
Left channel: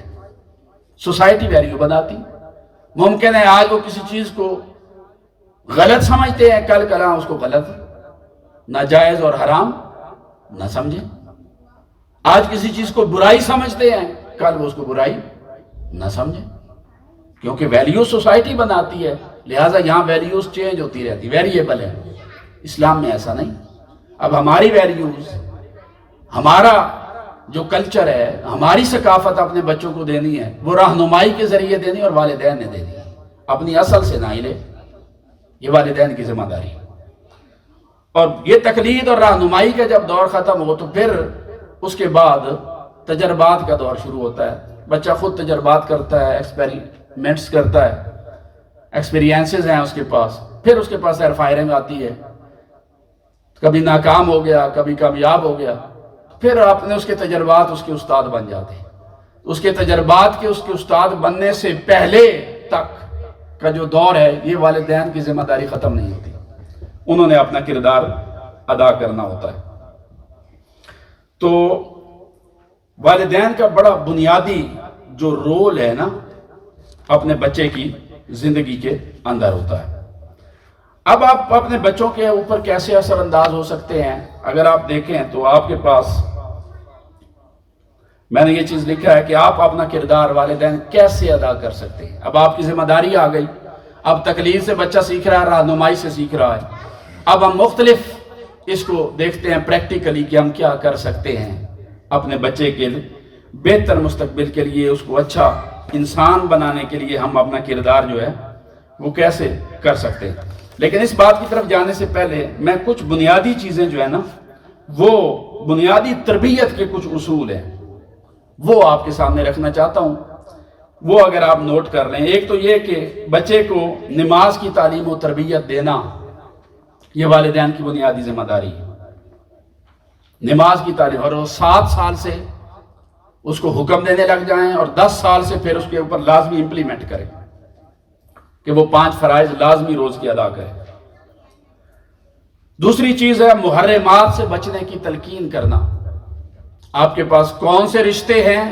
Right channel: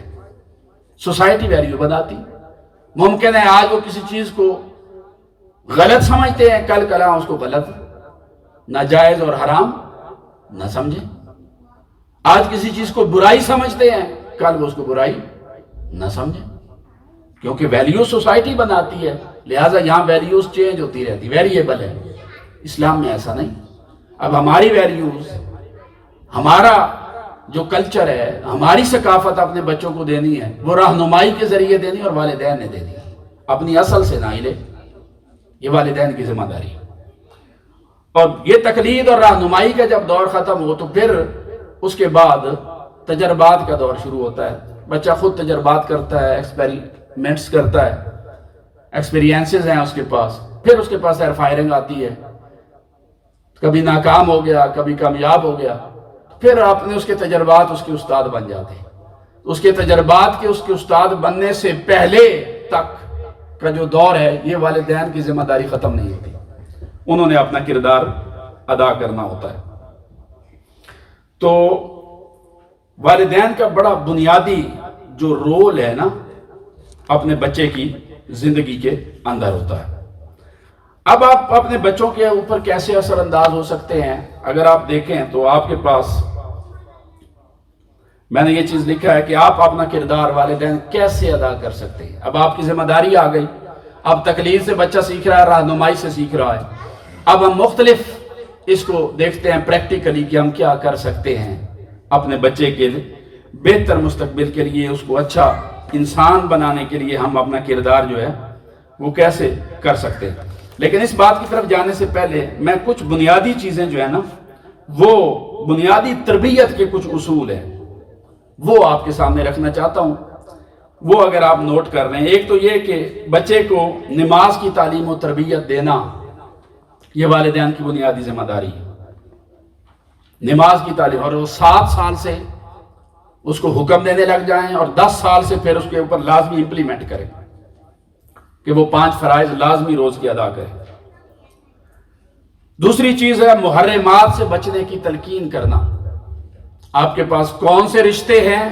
سوسائٹی ویلیو بناتی۔ ممکن ہے آج وہ کسی چیز کو غلط سمجھتے ہیں، کل کلاں اس کو غلط، ناجائز اور حرام نہ سمجھیں۔ آج کسی چیز کو برائی سمجھتے ہیں، کل وہ اس کو برائی نہ سمجھیں، کیونکہ ویلیوز سوسائٹی بناتی ہے، لہٰذا یہاں ویلیوز چینج ہوتی رہتی، ویریبل ہے۔ اسلام میں ایسا نہیں۔ اب ہماری ویلیوز، ہمارا جو کلچر ہے، ہماری ثقافت اپنے بچوں کو دینی ہے، وہ رہنمائی کے ذریعے دینی اور والدین نے دینی ہے، اپنی اصل سے نہ ہلے، یہ والدین کی ذمہ داری ہے۔ اور یہ تقلید اور رہنمائی کا جب دور ختم ہو تو پھر اس کے بعد تجربات کا دور شروع ہوتا ہے۔ بچہ خود تجربات کرتا ہے، ایکسپیریمنٹس کرتا ہے، ایکسپیرینسز ہیں اس کے پاس، پھر اس کے پاس ایئر فائرنگ آتی ہے، کبھی ناکام ہو گیا، کبھی کامیاب ہو گیا، پھر اپنے اس کے تجربات اس کے استاد بن جاتے ہیں۔ اس کے تجربات کے اس کے استاد بننے سے پہلے تک کا جو دور ہے، یہ والدین کی ذمہ داری ختم نہیں ہوتی، انہوں نے اپنا کردار ادا کرنا ہوتا ہے۔ تو والدین کا بڑا بنیادی جو رول ہے نا اپنے بچے کی زندگی کے اندر ہوتا ہے۔ اب آپ اپنے بچوں کے اوپر کیسے اثر انداز ہو سکتے ہیں؟ اگر آپ دیکھیں تو آپ کے پاس میں نے یہ چیز لکھا ہے کہ آپ اپنا کردار والدین کیسے ادا کر سکتے ہیں۔ اب آپ کی ذمہ داری آ گئی، اب تقلید سے بچہ سیکھ رہا ہے، رہنمائی سے سیکھ رہا ہے۔ اب ہم مختلف اس کو دیکھتے ہیں پریکٹیکلی کہ ہم کیا کر سکتے ہیں اپنے بچے کے بہتر مستقبل کے لیے، اس کو اچھا انسان بنانے کے لیے ہم اپنا کردار جو ہے وہ کیسے کر سکتے ہیں۔ لیکن اس بات کی طرف جانے سے پہلے میں کچھ بنیادی چیزیں جو ہے نا، وہ بنیادی تربیت کے کچھ اصول ہیں، وہ آپ کے سامنے رکھنا چاہتا ہوں۔ وہ اگر آپ نوٹ کر لیں، ایک تو یہ کہ بچے کو نماز کی تعلیم و تربیت دینا، یہ والدین کی بنیادی ذمہ داری ہے۔ نماز کی تعلیم، اور وہ 7 سال سے اس کو حکم دینے لگ جائیں اور 10 سال سے پھر اس کے اوپر لازمی امپلیمنٹ کریں کہ وہ 5 فرائض لازمی روز کی ادا کریں۔ دوسری چیز ہے محرمات سے بچنے کی تلقین کرنا۔ آپ کے پاس کون سے رشتے ہیں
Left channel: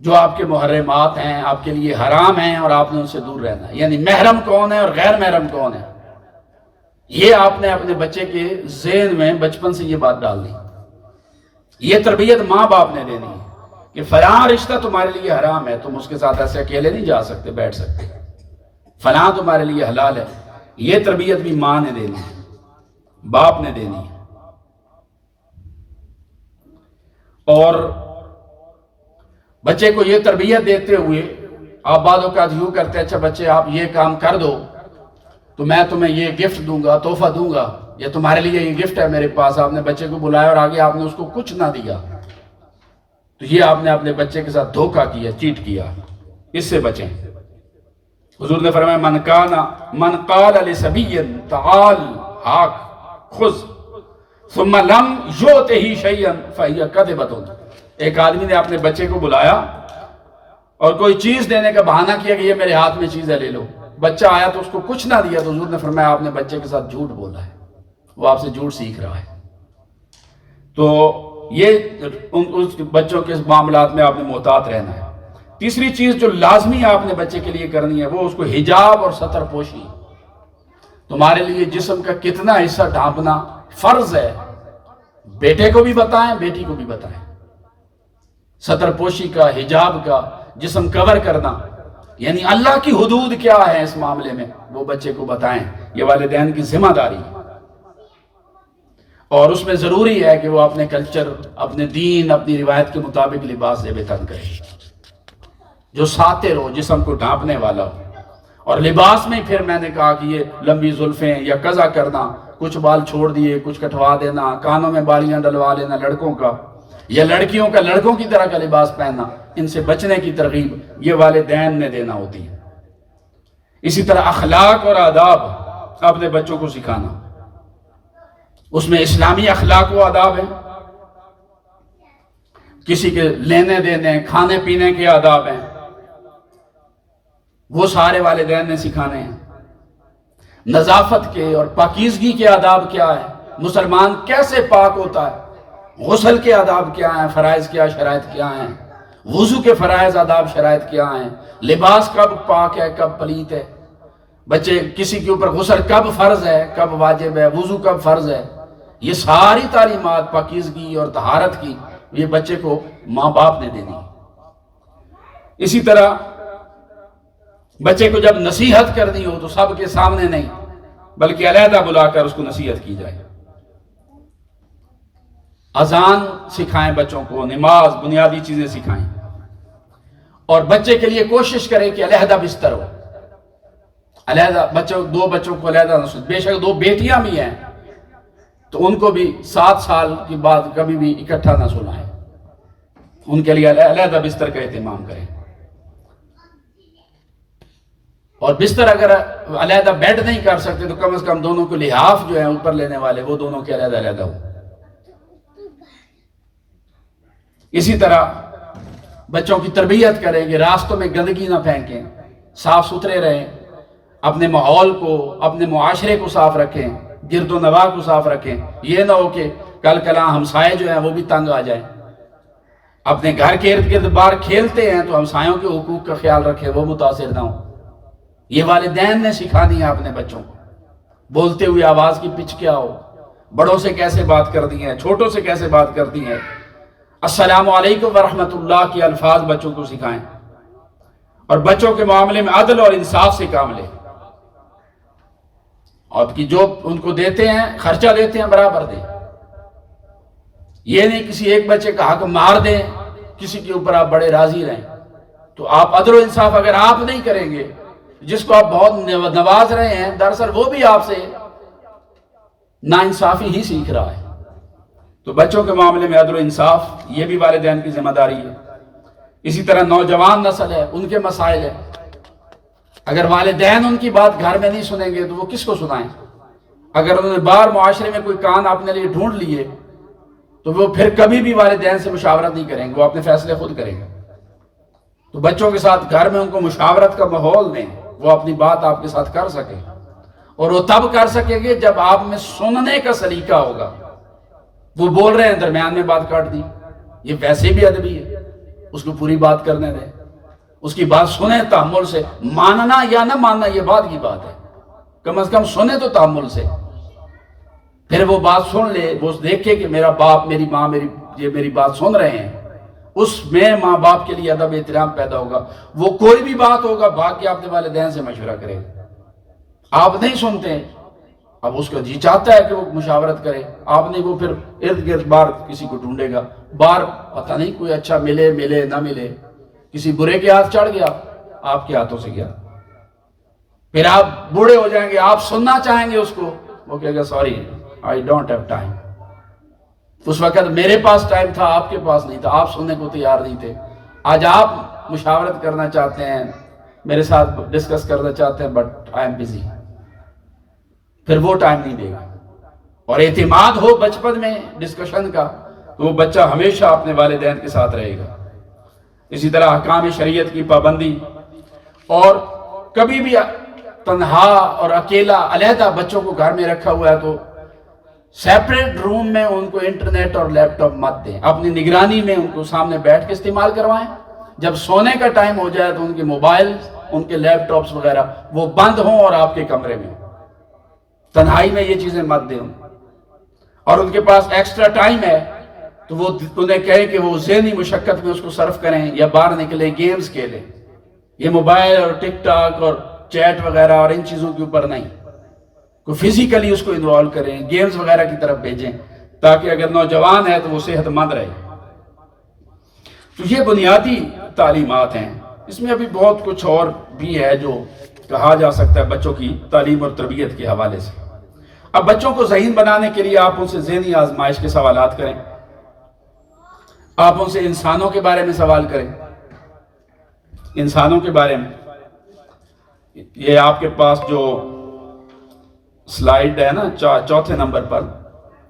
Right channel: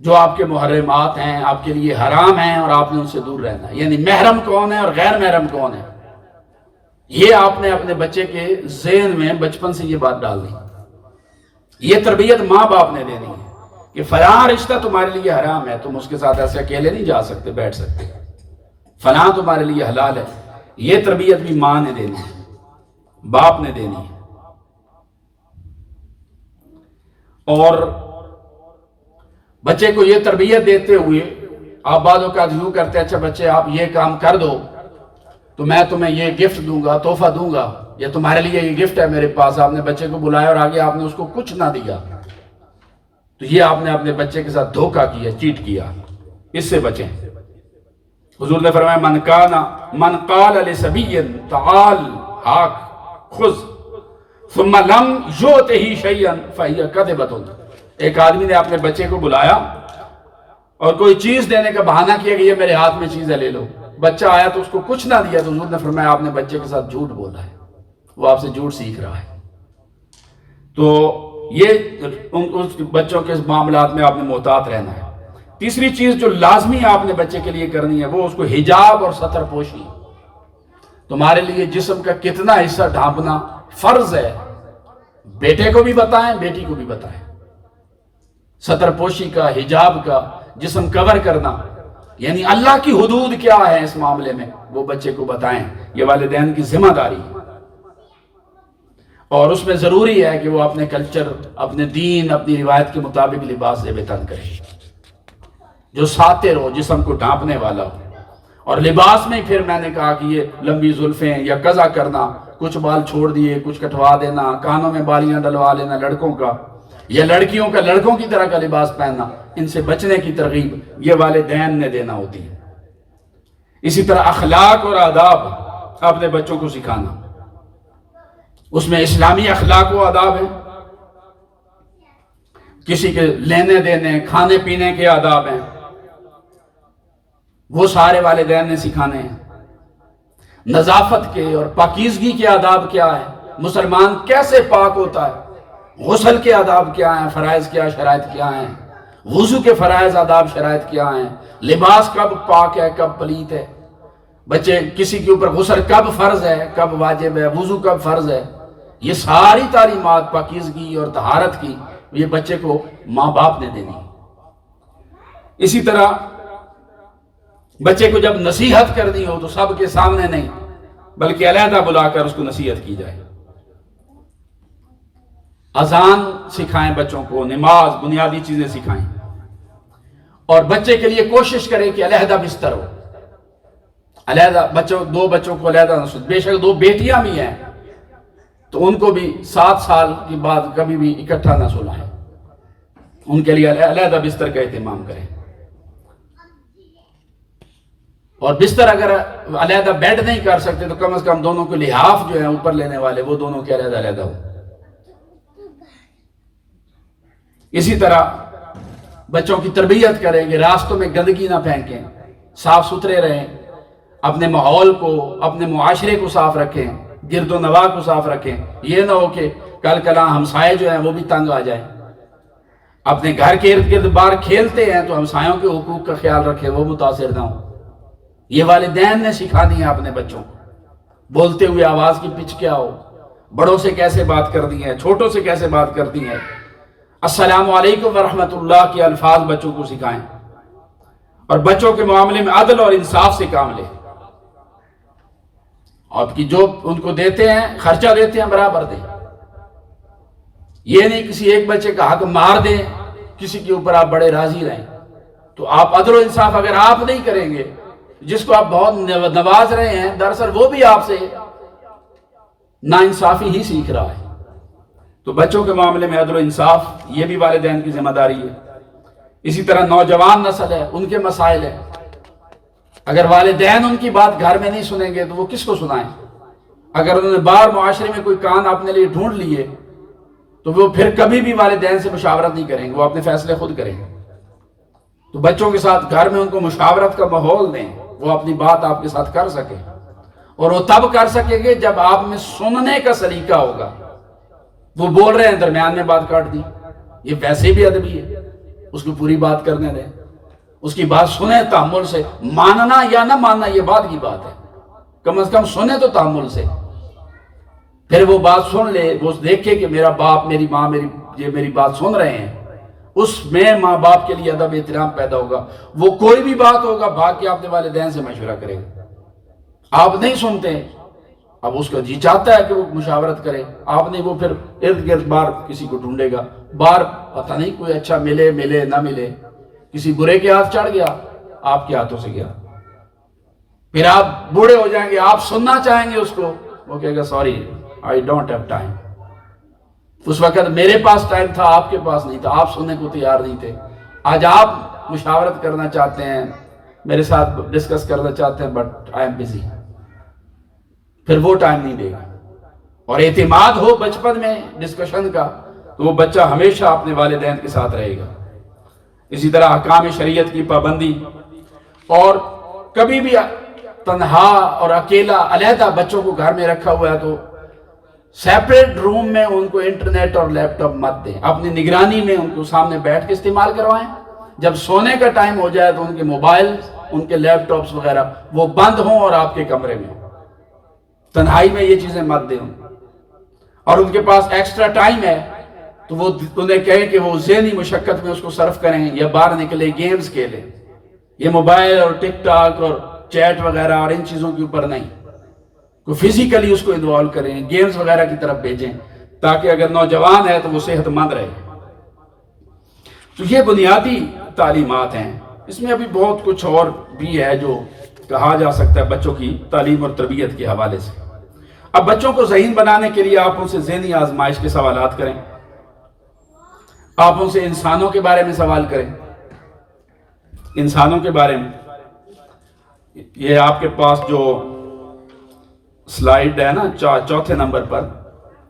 جو آپ کے محرمات ہیں، آپ کے لیے حرام ہیں، اور آپ نے ان سے دور رہنا ہے، یعنی محرم کون ہے اور غیر محرم کون ہے، یہ آپ نے اپنے بچے کے ذہن میں بچپن سے یہ بات ڈال دی۔ یہ تربیت ماں باپ نے دینی ہے کہ فلاں رشتہ تمہارے لیے حرام ہے، تم اس کے ساتھ ایسے اکیلے نہیں جا سکتے، بیٹھ سکتے، فلاں تمہارے لیے حلال ہے۔ یہ تربیت بھی ماں نے دینی ہے، باپ نے دینی ہے۔ اور بچے کو یہ تربیت دیتے ہوئے آپ بعض اوقات یوں کرتے ہیں، اچھا بچے آپ یہ کام کر دو تو میں تمہیں یہ گفٹ دوں گا، تحفہ دوں گا، یا تمہارے لیے یہ گفٹ ہے میرے پاس۔ آپ نے بچے کو بلایا اور آگے آپ نے اس کو کچھ نہ دیا، تو یہ آپ نے اپنے بچے کے ساتھ دھوکہ کیا، چیٹ کیا۔ اس سے بچیں۔ حضور نے فرمایا من قال لصبی تعال ہاک خذ ثم لم یؤتہ شیئا فہی کذبۃ۔ ایک آدمی نے اپنے بچے کو بلایا اور کوئی چیز دینے کا بہانہ کیا کہ یہ میرے ہاتھ میں چیز ہے، لے لو۔ بچہ آیا تو اس کو کچھ نہ دیا، تو حضور نے فرمایا آپ نے بچے کے ساتھ جھوٹ بولا ہے، وہ آپ سے جھوٹ سیکھ رہا ہے۔ تو یہ اس بچوں کے معاملات میں آپ نے محتاط رہنا ہے۔ تیسری چیز جو لازمی آپ نے بچے کے لیے کرنی ہے، وہ اس کو حجاب اور ستر پوشی۔ تمہارے لیے جسم کا کتنا حصہ ڈھانپنا فرض ہے، بیٹے کو بھی بتائیں، بیٹی کو بھی بتائیں۔ سطر پوشی کا، حجاب کا، جسم کور کرنا، یعنی اللہ کی حدود کیا ہے اس معاملے میں وہ بچے کو بتائیں. یہ والدین کی ذمہ داری ہے، اور اس میں ضروری ہے کہ وہ اپنے کلچر، اپنے دین، اپنی روایت کے مطابق لباس زیب تن کرے جو ساتر ہو، جسم کو ڈھانپنے والا ہو. اور لباس میں پھر میں نے کہا کہ یہ لمبی زلفیں یا قضا کرنا، کچھ بال چھوڑ دیے، کچھ کٹوا دینا، کانوں میں بالیاں ڈلوا لینا لڑکوں کا، یا لڑکیوں کا لڑکوں کی طرح کا لباس پہننا، ان سے بچنے کی ترغیب یہ والدین نے دینا ہوتی ہے. اسی طرح اخلاق اور آداب اپنے بچوں کو سکھانا، اس میں اسلامی اخلاق و آداب ہیں، کسی کے لینے دینے، کھانے پینے کے آداب ہیں، وہ سارے والدین نے سکھانے ہیں. نظافت کے اور پاکیزگی کے آداب کیا ہے، مسلمان کیسے پاک ہوتا ہے، غسل کے آداب کیا ہیں، فرائض کیا، شرائط کیا ہیں، وضو کے فرائض آداب شرائط کیا ہیں، لباس کب پاک ہے کب پلیت ہے، بچے کسی کے اوپر غسل کب فرض ہے کب واجب ہے، وضو کب فرض ہے، یہ ساری تعلیمات پاکیزگی اور طہارت کی یہ بچے کو ماں باپ نے دینی. اسی طرح بچے کو جب نصیحت کرنی ہو تو سب کے سامنے نہیں بلکہ علیحدہ بلا کر اس کو نصیحت کی جائے. اذان سکھائیں بچوں کو، نماز، بنیادی چیزیں سکھائیں، اور بچے کے لیے کوشش کریں کہ علیحدہ بستر ہو، علیحدہ دو بچوں کو علیحدہ نہ سوئیں. بے شک دو بیٹیاں بھی ہیں تو ان کو بھی 7 سال کے بعد کبھی بھی اکٹھا نہ سلائیں، ان کے لیے علیحدہ بستر کا اہتمام کریں. اور بستر اگر علیحدہ بیڈ نہیں کر سکتے تو کم از کم دونوں کے لحاف جو ہیں اوپر لینے والے وہ دونوں کے علیحدہ علیحدہ ہو. اسی طرح بچوں کی تربیت کریں کہ راستوں میں گندگی نہ پھینکیں، صاف ستھرے رہیں، اپنے ماحول کو، اپنے معاشرے کو صاف رکھیں، گرد و نواح کو صاف رکھیں. یہ نہ ہو کہ کل کلاں ہمسائے جو ہیں وہ بھی تنگ آ جائیں. اپنے گھر کے ارد گرد باہر کھیلتے ہیں تو ہمسایوں کے حقوق کا خیال رکھیں، وہ متاثر نہ ہوں. یہ والدین نے سکھانی ہے اپنے بچوں کو. بولتے ہوئے آواز کی پچ کیا ہو، بڑوں سے کیسے بات کرتی ہیں، چھوٹوں سے کیسے بات کرتی ہیں. السلام علیکم ورحمۃ اللہ کے الفاظ بچوں کو سکھائیں، اور بچوں کے معاملے میں عدل اور انصاف سے کام لیں، اور کہ جو ان کو دیتے ہیں، خرچہ دیتے ہیں، برابر دیں. یہ نہیں کسی ایک بچے کا حق مار دیں، کسی کے اوپر آپ بڑے راضی رہیں. تو آپ عدل و انصاف اگر آپ نہیں کریں گے، جس کو آپ بہت نواز رہے ہیں دراصل وہ بھی آپ سے ناانصافی ہی سیکھ رہا ہے. تو بچوں کے معاملے میں عدل و انصاف یہ بھی والدین کی ذمہ داری ہے. اسی طرح نوجوان نسل ہے، ان کے مسائل ہیں. اگر والدین ان کی بات گھر میں نہیں سنیں گے تو وہ کس کو سنائیں؟ اگر انہوں نے باہر معاشرے میں کوئی کان اپنے لیے ڈھونڈ لیے تو وہ پھر کبھی بھی والدین سے مشاورت نہیں کریں گے، وہ اپنے فیصلے خود کریں گے. تو بچوں کے ساتھ گھر میں ان کو مشاورت کا ماحول دیں، وہ اپنی بات آپ کے ساتھ کر سکیں، اور وہ تب کر سکیں گے جب آپ میں سننے کا سلیقہ ہوگا. وہ بول رہے ہیں درمیان میں بات کاٹ دی، یہ ویسے بھی ادبی ہے، اس کو پوری بات کرنے دیں، اس کی بات سنیں تحمل سے. ماننا یا نہ ماننا یہ بات کی بات ہے، کم از کم سنیں تو تحمل سے. پھر وہ بات سن لے، وہ دیکھے کہ میرا باپ، میری ماں میری بات سن رہے ہیں، اس میں ماں باپ کے لیے ادب احترام پیدا ہوگا. وہ کوئی بھی بات ہوگا بھاگ کے اپنے والدین سے مشورہ کرے گا. آپ نہیں سنتے، اب اس کا جی چاہتا ہے کہ وہ مشاورت کرے، آپ نہیں، وہ پھر ارد گرد باہر کسی کو ڈھونڈے گا. باہر پتہ نہیں کوئی اچھا ملے نہ ملے، کسی برے کے ہاتھ چڑھ گیا، آپ کے ہاتھوں سے گیا. پھر آپ بوڑھے ہو جائیں گے، آپ سننا چاہیں گے اس کو، وہ کہے گا sorry I don't have time. اس وقت میرے پاس ٹائم تھا، آپ کے پاس نہیں تھا، آپ سننے کو تیار نہیں تھے. آج آپ مشاورت کرنا چاہتے ہیں، میرے ساتھ ڈسکس کرنا چاہتے ہیں، بٹ آئی ایم بزی. پھر وہ ٹائم نہیں دے گا. اور اعتماد ہو بچپن میں ڈسکشن کا تو وہ بچہ ہمیشہ اپنے والدین کے ساتھ رہے گا. اسی طرح احکام شریعت کی پابندی، اور کبھی بھی تنہا اور اکیلا علیحدہ بچوں کو گھر میں رکھا ہوا ہے تو سیپریٹ روم میں ان کو انٹرنیٹ اور لیپ ٹاپ مت دیں، اپنی نگرانی میں ان کو سامنے بیٹھ کے استعمال کروائیں. جب سونے کا ٹائم ہو جائے تو ان کے موبائل، ان کے لیپ ٹاپس وغیرہ وہ بند ہوں اور آپ کے کمرے میں. تنہائی میں یہ چیزیں مت دیں. اور ان کے پاس ایکسٹرا ٹائم ہے تو وہ انہیں کہے کہ وہ ذہنی مشقت میں اس کو صرف کریں یا باہر نکلے گیمز کھیلیں. یہ موبائل اور ٹک ٹاک اور چیٹ وغیرہ اور ان چیزوں کے اوپر نہیں, کوئی فزیکلی اس کو انوالو کریں, گیمز وغیرہ کی طرف بھیجیں, تاکہ اگر نوجوان ہے تو وہ صحت مند رہے. تو یہ بنیادی تعلیمات ہیں. اس میں ابھی بہت کچھ اور بھی ہے جو کہا جا سکتا ہے بچوں کی تعلیم اور تربیت کے حوالے سے. اب بچوں کو ذہین بنانے کے لیے آپ ان سے ذہنی آزمائش کے سوالات کریں, آپ ان سے انسانوں کے بارے میں سوال کریں. انسانوں کے بارے میں یہ آپ کے پاس جو سلائیڈ ہے نا چوتھے نمبر پر,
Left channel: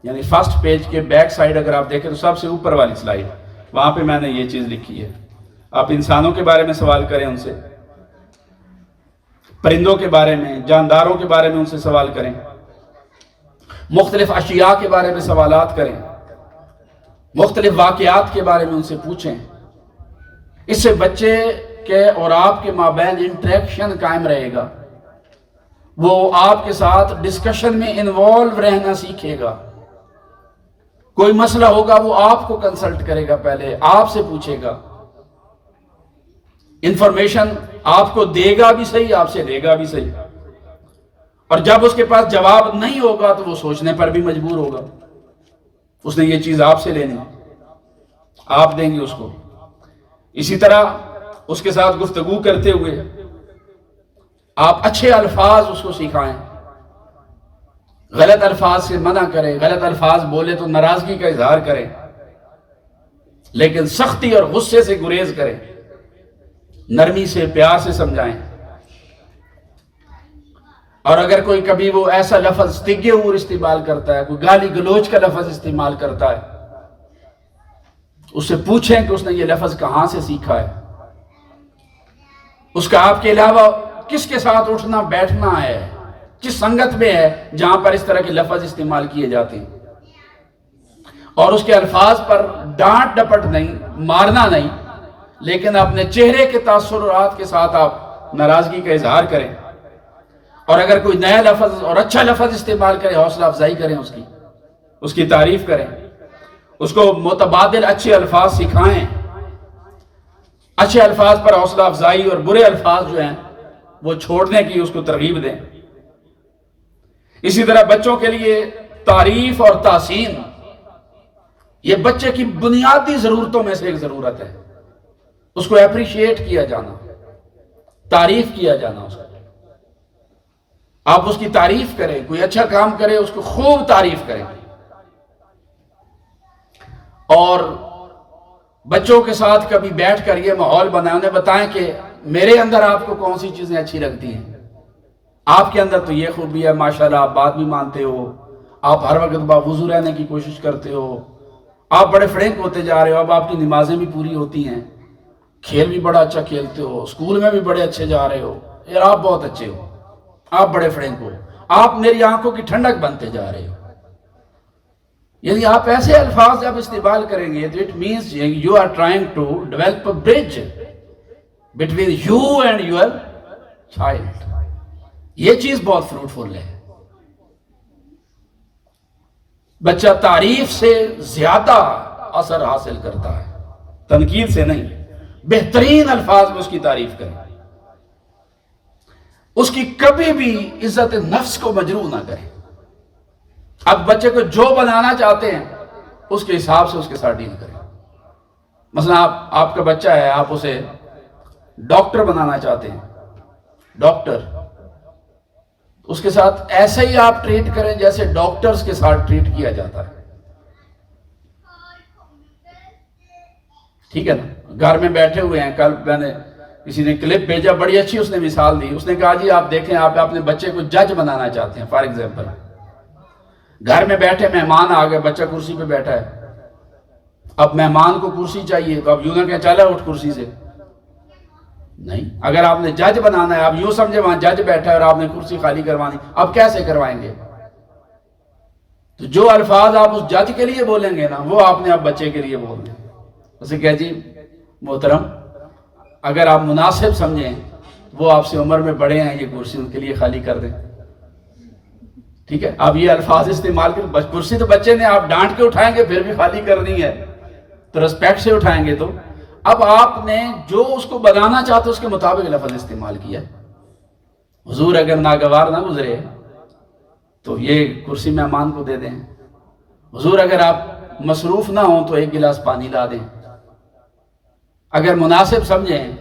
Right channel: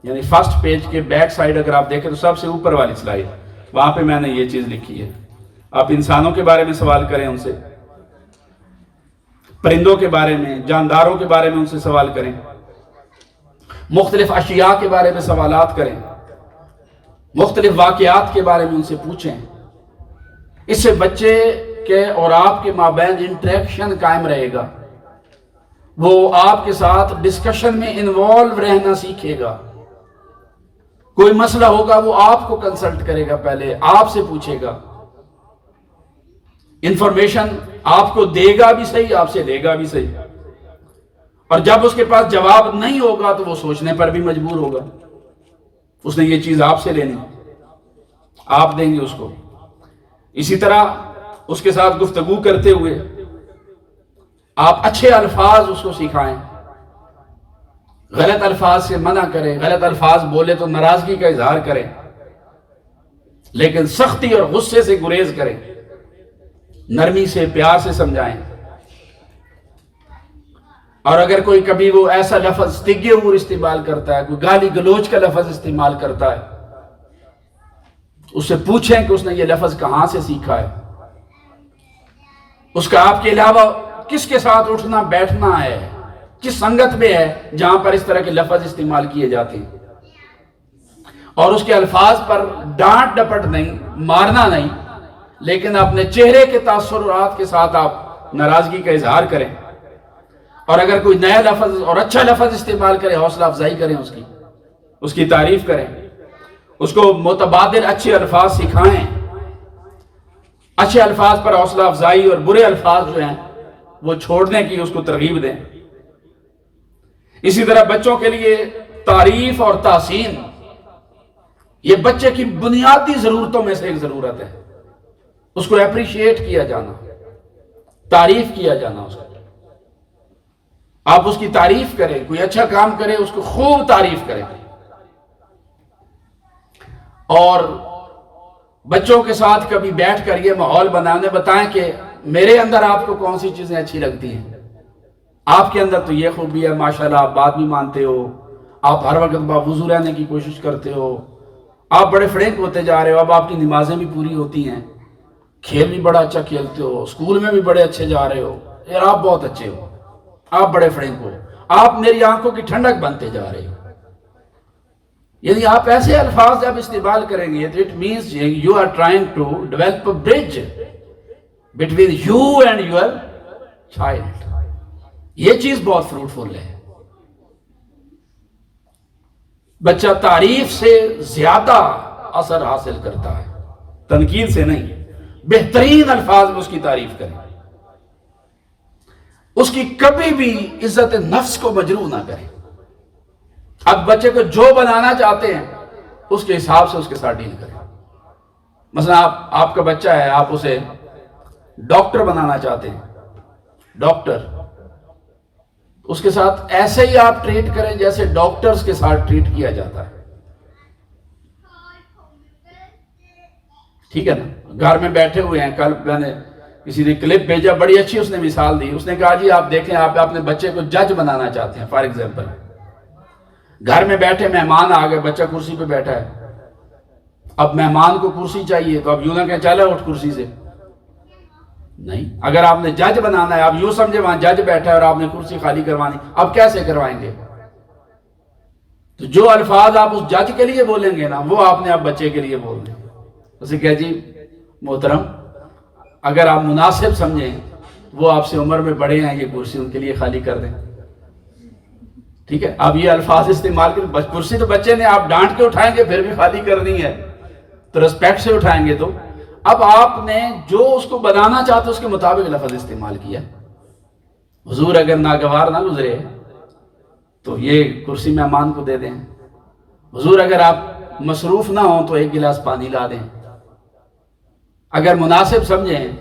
یعنی فرسٹ پیج کے بیک سائیڈ اگر آپ دیکھیں تو سب سے اوپر والی سلائیڈ, وہاں پہ میں نے یہ چیز لکھی ہے. آپ انسانوں کے بارے میں سوال کریں ان سے, پرندوں کے بارے میں, جانداروں کے بارے میں ان سے سوال کریں, مختلف اشیاء کے بارے میں سوالات کریں, مختلف واقعات کے بارے میں ان سے پوچھیں. اس سے بچے کے اور آپ کے مابین انٹریکشن قائم رہے گا. وہ آپ کے ساتھ ڈسکشن میں انوالو رہنا سیکھے گا. کوئی مسئلہ ہوگا وہ آپ کو کنسلٹ کرے گا, پہلے آپ سے پوچھے گا. انفارمیشن آپ کو دے گا بھی صحیح, آپ سے لے گا بھی صحیح. اور جب اس کے پاس جواب نہیں ہوگا تو وہ سوچنے پر بھی مجبور ہوگا. اس نے یہ چیز آپ سے لینی, آپ دیں گے اس کو. اسی طرح اس کے ساتھ گفتگو کرتے ہوئے آپ اچھے الفاظ اس کو سکھائیں, غلط الفاظ سے منع کریں. غلط الفاظ بولے تو ناراضگی کا اظہار کریں, لیکن سختی اور غصے سے گریز کریں, نرمی سے پیار سے سمجھائیں. اور اگر کوئی کبھی وہ ایسا لفظ تگیور استعمال کرتا ہے, کوئی گالی گلوچ کا لفظ استعمال کرتا ہے, اس سے پوچھیں کہ اس نے یہ لفظ کہاں سے سیکھا ہے, اس کا آپ کے علاوہ کس کے ساتھ اٹھنا بیٹھنا ہے, کس سنگت میں ہے جہاں پر اس طرح کے لفظ استعمال کیے جاتے ہیں. اور اس کے الفاظ پر ڈانٹ ڈپٹ نہیں, مارنا نہیں, لیکن اپنے چہرے کے تاثرات کے ساتھ آپ ناراضگی کا اظہار کریں. اور اگر کوئی نیا لفظ اور اچھا لفظ استعمال کرے, حوصلہ افزائی کریں, اس کی تعریف کریں, اس کو متبادل اچھے الفاظ سکھائیں. اچھے الفاظ پر حوصلہ افزائی اور برے الفاظ جو ہیں وہ چھوڑنے کی اس کو ترغیب دیں. اسی طرح بچوں کے لیے تعریف اور تحسین یہ بچے کی بنیادی ضرورتوں میں سے ایک ضرورت ہے. اس کو اپریشیٹ کیا جانا, تعریف کیا جانا. اس کو آپ اس کی تعریف کریں, کوئی اچھا کام کرے اس کو خوب تعریف کریں. اور بچوں کے ساتھ کبھی بیٹھ کر یہ ماحول بنائیں, انہیں بتائیں کہ میرے اندر آپ کو کون سی چیزیں اچھی لگتی ہیں. آپ کے اندر تو یہ خوبی ہے, ماشاءاللہ آپ بات بھی مانتے ہو, آپ ہر وقت باوضو رہنے کی کوشش کرتے ہو, آپ بڑے فرینک ہوتے جا رہے ہو, اب آپ کی نمازیں بھی پوری ہوتی ہیں, کھیل بھی بڑا اچھا کھیلتے ہو, اسکول میں بھی بڑے اچھے جا رہے ہو, یار آپ بہت اچھے ہو, آپ بڑے فرینک ہو, آپ میری آنکھوں کی ٹھنڈک بنتے جا رہے ہو. یعنی آپ ایسے الفاظ جب استعمال کریں گے تو it means you are trying to develop a bridge between you and your child. یہ چیز بہت فروٹفل ہے. بچہ تعریف سے زیادہ اثر حاصل کرتا ہے, تنقید سے نہیں. بہترین الفاظ میں اس کی تعریف کریں, اس کی کبھی بھی عزت نفس کو مجروح نہ کریں. اب بچے کو جو بنانا چاہتے ہیں اس کے حساب سے اس کے ساتھ ڈیل کریں. مثلا آپ کا بچہ ہے, آپ اسے ڈاکٹر بنانا چاہتے ہیں, ڈاکٹر, اس کے ساتھ ایسے ہی آپ ٹریٹ کریں جیسے ڈاکٹرز کے ساتھ ٹریٹ کیا جاتا ہے. ٹھیک ہے نا. گھر میں بیٹھے ہوئے ہیں, کل میں نے کسی نے کلپ بھیجا, بڑی اچھی اس نے مثال دی. اس نے کہا جی آپ دیکھیں, آپ اپنے بچے کو جج بنانا چاہتے ہیں. فار ایگزامپل گھر میں بیٹھے مہمان آ گئے, بچہ کرسی پہ بیٹھا ہے. اب مہمان کو کرسی چاہیے تو اب یوں نہ کہ چلا اٹھ کرسی سے, نہیں. اگر آپ نے جج بنانا ہے, آپ یوں سمجھے وہاں جج بیٹھا ہے اور آپ نے کرسی خالی کروانی, اب کیسے کروائیں گے؟ تو جو الفاظ آپ اس جج کے لیے بولیں گے نا, وہ آپ نے اب بچے کے لیے بول دیں. اسے کہہ جی محترم, اگر آپ مناسب سمجھیں, وہ آپ سے عمر میں بڑے ہیں, یہ کرسی ان کے لیے خالی کر دیں. ٹھیک ہے. اب یہ الفاظ استعمال کریں. کرسی تو بچے نے آپ ڈانٹ کے اٹھائیں گے پھر بھی خالی کرنی ہے. تو ریسپیکٹ سے اٹھائیں گے. تو اب آپ نے جو اس کو بنانا چاہتے اس کے مطابق لفظ استعمال کیا. حضور اگر ناگوار نہ گزرے تو یہ کرسی مہمان کو دے دیں. حضور اگر آپ مصروف نہ ہوں تو ایک گلاس پانی لا دیں. اگر مناسب سمجھیں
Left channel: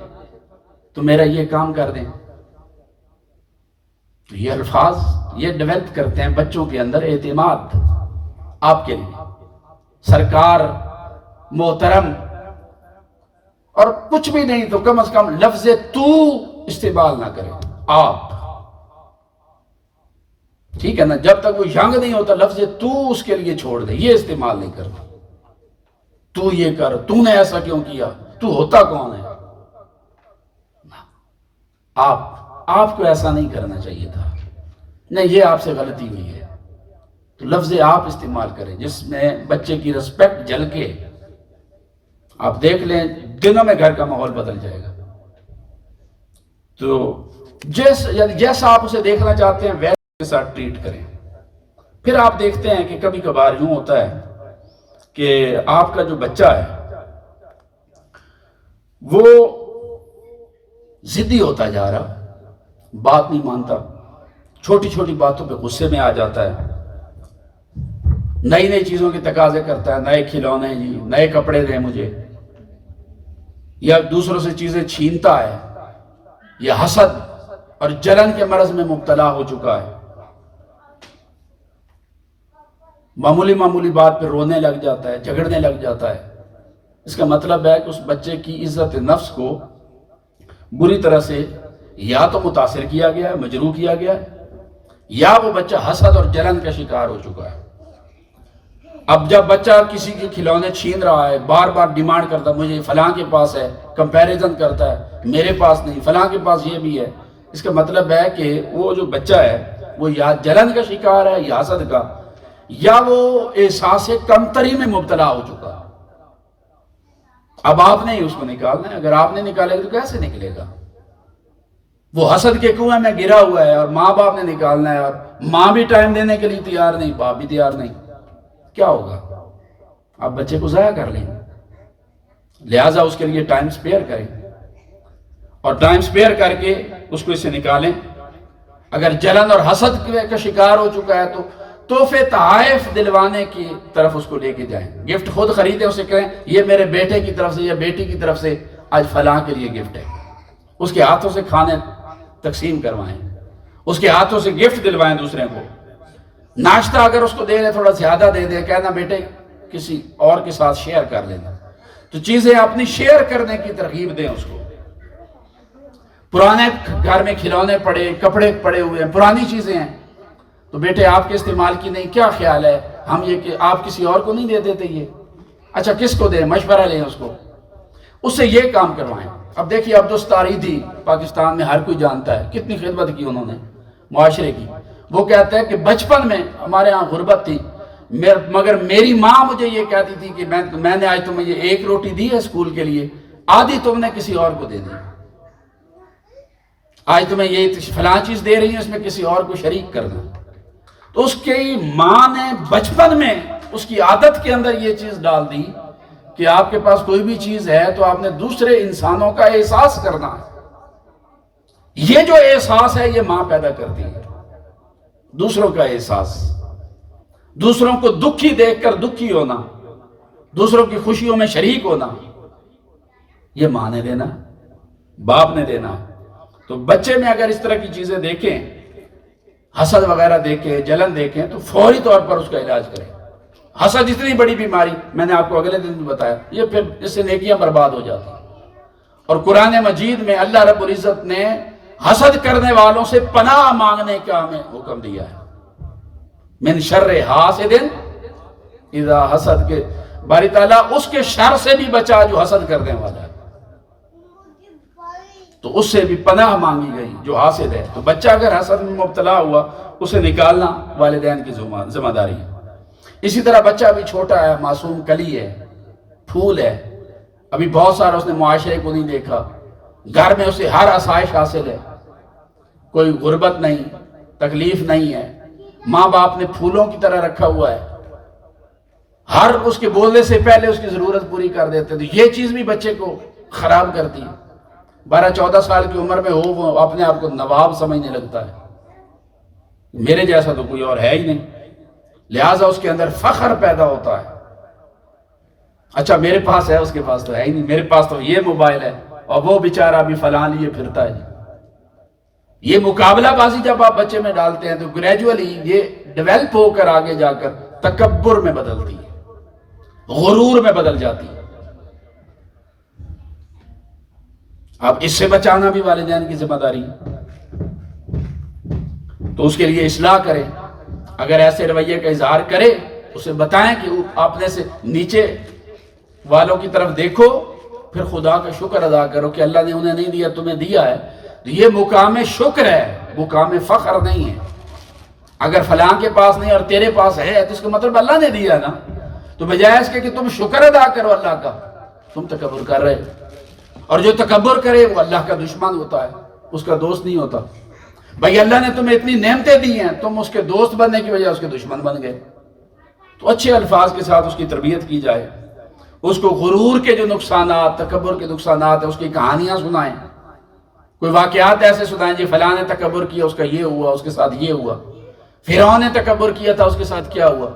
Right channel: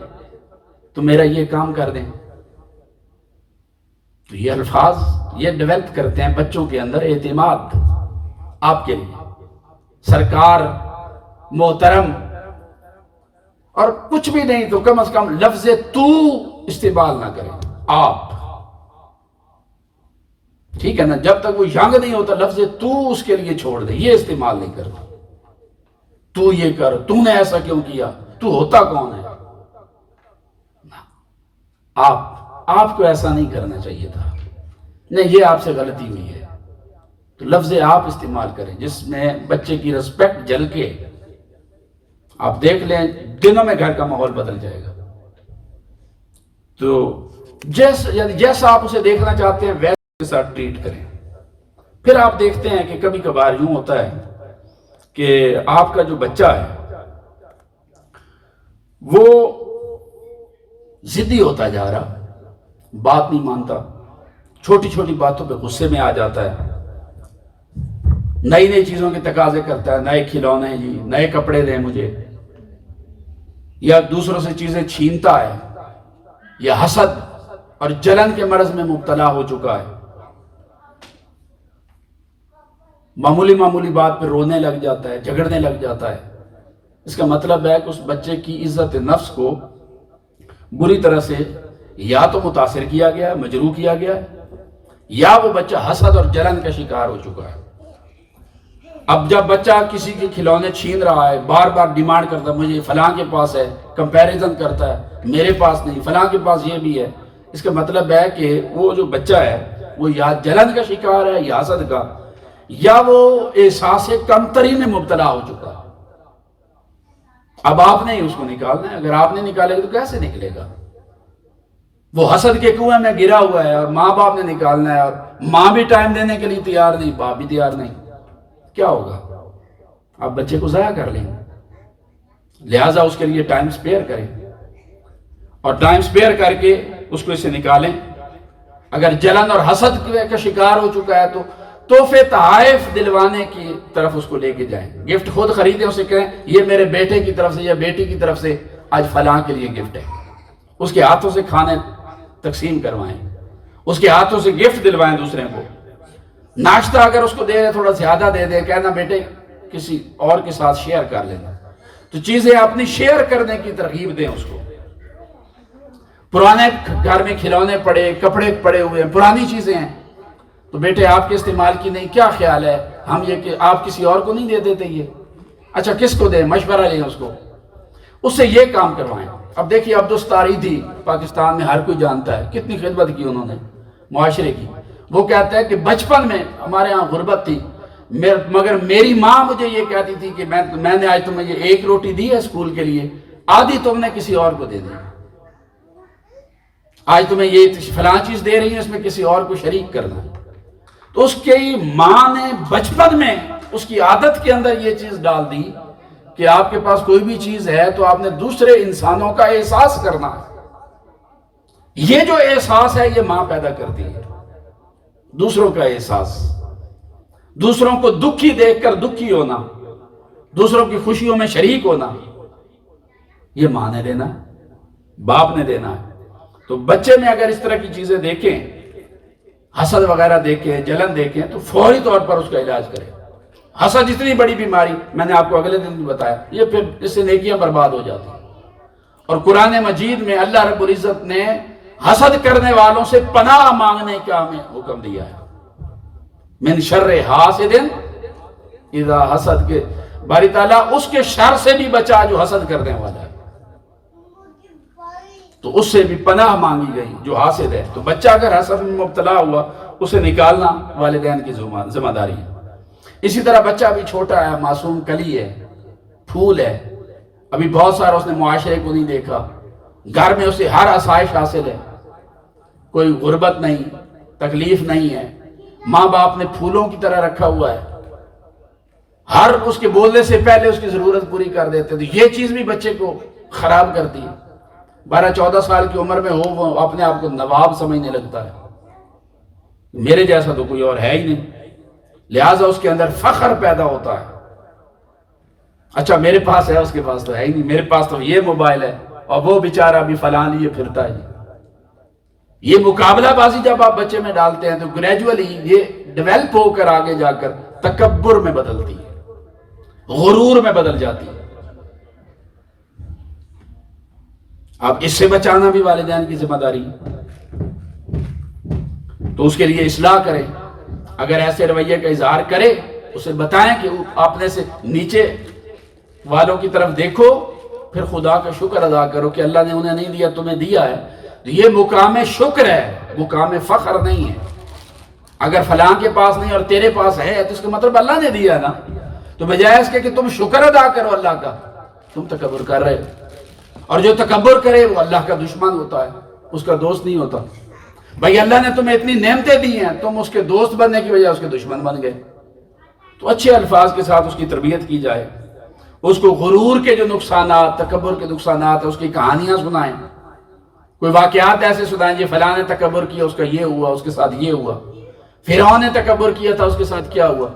تو میرا یہ کام کر دیں. تو یہ الفاظ یہ ڈیولپ کرتے ہیں بچوں کے اندر اعتماد آپ کے لیے. سرکار، محترم، اور کچھ بھی نہیں تو کم از کم لفظ تو استعمال نہ کریں. آپ ٹھیک ہے نا، جب تک وہ ینگ نہیں ہوتا لفظ تو اس کے لیے چھوڑ دے، یہ استعمال نہیں کرتا. تو یہ کر، تو نے ایسا کیوں کیا، تو ہوتا کون ہے. آپ کو ایسا نہیں کرنا چاہیے تھا. نہیں، یہ آپ سے غلطی ہوئی ہے. تو لفظ آپ استعمال کریں جس میں بچے کی رسپیکٹ جل کے. آپ دیکھ لیں دنوں میں گھر کا ماحول بدل جائے گا. تو جیسا آپ اسے دیکھنا چاہتے ہیں ویسے کے ساتھ ٹریٹ کریں. پھر آپ دیکھتے ہیں کہ کبھی کبھار یوں ہوتا ہے کہ آپ کا جو بچہ ہے وہ ضدی ہوتا جا رہا، بات نہیں مانتا، چھوٹی چھوٹی باتوں پہ غصے میں آ جاتا ہے، نئی نئی چیزوں کے تقاضے کرتا ہے، نئے کھلونے جی، نئے کپڑے دیں مجھے، یا دوسروں سے چیزیں چھینتا ہے، یا حسد اور جلن کے مرض میں مبتلا ہو چکا ہے. معمولی بات پہ رونے لگ جاتا ہے، جھگڑنے لگ جاتا ہے. اس کا مطلب ہے کہ اس بچے کی عزت نفس کو بری طرح سے یا تو متاثر کیا گیا ہے، مجروح کیا گیا ہے، یا وہ بچہ حسد اور جلن کا شکار ہو چکا ہے. اب جب بچہ کسی کے کھلونے چھین رہا ہے، بار بار ڈیمانڈ کرتا ہے مجھے فلاں کے پاس ہے، کمپیریزن کرتا ہے میرے پاس نہیں، فلاں کے پاس یہ بھی ہے، اس کا مطلب ہے کہ وہ جو بچہ ہے وہ یا جلن کا شکار ہے یا حسد کا، یا وہ احساس کمتری میں مبتلا ہو چکا. اب آپ نے ہی اس کو نکالنا ہے. اگر آپ نے نکالے گا تو کیسے نکلے گا؟ وہ حسد کے کنویں میں گرا ہوا ہے اور ماں باپ نے نکالنا ہے، اور ماں بھی ٹائم دینے کے لیے تیار نہیں، باپ بھی تیار نہیں. کیا ہوگا؟ آپ بچے کو ضائع کر لیں. لہٰذا اس کے لیے ٹائم سپیئر کریں، اور ٹائم سپیئر کر کے اس کو اسے نکالیں. اگر جلن اور حسد کا شکار ہو چکا ہے تو تحفے تحائف دلوانے کی طرف اس کو لے کے جائیں. گفٹ خود خریدیں، اسے کہیں یہ میرے بیٹے کی طرف سے یا بیٹی کی طرف سے آج فلاں کے لیے گفٹ ہے. اس کے ہاتھوں سے کھانے تقسیم کروائیں، اس کے ہاتھوں سے گفٹ دلوائیں دوسرے کو. ناشتہ اگر اس کو دے دے تھوڑا زیادہ دے دے، کہنا بیٹے کسی اور کے ساتھ شیئر کر لینا. تو چیزیں اپنی شیئر کرنے کی ترغیب دیں اس کو. پرانے گھر میں کھلونے پڑے، کپڑے پڑے ہوئے ہیں، پرانی چیزیں ہیں، تو بیٹے آپ کے استعمال کی نہیں، کیا خیال ہے ہم یہ کہ آپ کسی اور کو نہیں دے دیتے یہ؟ اچھا کس کو دیں؟ مشورہ لیں اس کو، اس سے یہ کام کروائیں. اب دیکھیے عبدالستاری تھی پاکستان میں، ہر کوئی جانتا ہے کتنی خدمت کی انہوں نے معاشرے کی. وہ کہتے ہیں کہ بچپن میں ہمارے ہاں غربت تھی، مگر میری ماں مجھے یہ کہتی تھی کہ میں نے آج تمہیں یہ ایک روٹی دی ہے اسکول کے لیے، آدھی تم نے کسی اور کو دے دی. آج تمہیں یہ فلاں چیز دے رہی ہے، اس میں کسی اور کو شریک کرنا. تو اس کی ماں نے بچپن میں اس کی عادت کے اندر یہ چیز ڈال دی کہ آپ کے پاس کوئی بھی چیز ہے تو آپ نے دوسرے انسانوں کا احساس کرنا ہے. یہ جو احساس ہے یہ ماں پیدا کرتی ہے، دوسروں کا احساس، دوسروں کو دکھی دیکھ کر دکھی ہونا، دوسروں کی خوشیوں میں شریک ہونا. یہ ماں نے دینا، باپ نے دینا ہے. تو بچے میں اگر اس طرح کی چیزیں دیکھیں، حسد وغیرہ دیکھیں، جلن دیکھیں، تو فوری طور پر اس کا علاج کریں. حسد اتنی بڑی بیماری، میں نے آپ کو اگلے دن بھی بتایا، یہ پھر اس سے نیکیاں برباد ہو جاتی ہیں. اور قرآن مجید میں اللہ رب العزت نے حسد کرنے والوں سے پناہ مانگنے کا ہمیں حکم دیا ہے. من شر حاسد اذا حسد، کے باری تعالیٰ اس کے شر سے بھی بچا جو حسد کرنے والا ہے. تو اس سے بھی پناہ مانگی گئی جو حاسد ہے. تو بچہ اگر حسد میں مبتلا ہوا اسے نکالنا والدین کی ذمہ داری ہے. اسی طرح بچہ بھی چھوٹا ہے، معصوم کلی ہے، پھول ہے، ابھی بہت سارا اس نے معاشرے کو نہیں دیکھا، گھر میں اسے ہر آسائش حاصل ہے، کوئی غربت نہیں، تکلیف نہیں ہے، ماں باپ نے پھولوں کی طرح رکھا ہوا ہے. ہر اس کے بولنے سے پہلے اس کی ضرورت پوری کر دیتے. تو یہ چیز بھی بچے کو خراب کرتی ہے. 12-14 سال کی عمر میں ہو وہ اپنے آپ کو نواب سمجھنے لگتا ہے, میرے جیسا تو کوئی اور ہے ہی نہیں, لہٰذا اس کے اندر فخر پیدا ہوتا ہے. اچھا میرے پاس ہے, اس کے پاس تو ہے ہی نہیں, میرے پاس تو یہ موبائل ہے اور وہ بیچارہ بھی فلاں لیے پھرتا ہے. یہ مقابلہ بازی جب آپ بچے میں ڈالتے ہیں تو گریجولی یہ ڈیولپ ہو کر آگے جا کر تکبر میں بدلتی ہے, غرور میں بدل جاتی ہے. اب اس سے بچانا بھی والدین کی ذمہ داری ہے, تو اس کے لیے اصلاح کریں. اگر ایسے رویے کا اظہار کرے اسے بتائیں کہ اپنے سے نیچے والوں کی طرف دیکھو, پھر خدا کا شکر ادا کرو کہ اللہ نے انہیں نہیں دیا تمہیں دیا ہے. یہ مقام شکر ہے, مقام فخر نہیں ہے. اگر فلاں کے پاس نہیں اور تیرے پاس ہے تو اس کا مطلب اللہ نے دیا نا, تو بجائے اس کے کہ تم شکر ادا کرو اللہ کا, تم تکبر کر رہے ہو. اور جو تکبر کرے وہ اللہ کا دشمن ہوتا ہے, اس کا دوست نہیں ہوتا. بھائی اللہ نے تمہیں اتنی نعمتیں دی ہیں, تم اس کے دوست بننے کی وجہ اس کے دشمن بن گئے. تو اچھے الفاظ کے ساتھ اس کی تربیت کی جائے, اس کو غرور کے جو نقصانات, تکبر کے نقصانات ہیں اس کی کہانیاں سنائیں, کوئی واقعات ایسے سنائیں جی فلاں نے تکبر کیا اس کا یہ ہوا, اس کے ساتھ یہ ہوا, فرعون نے تکبر کیا تھا اس کے ساتھ کیا ہوا,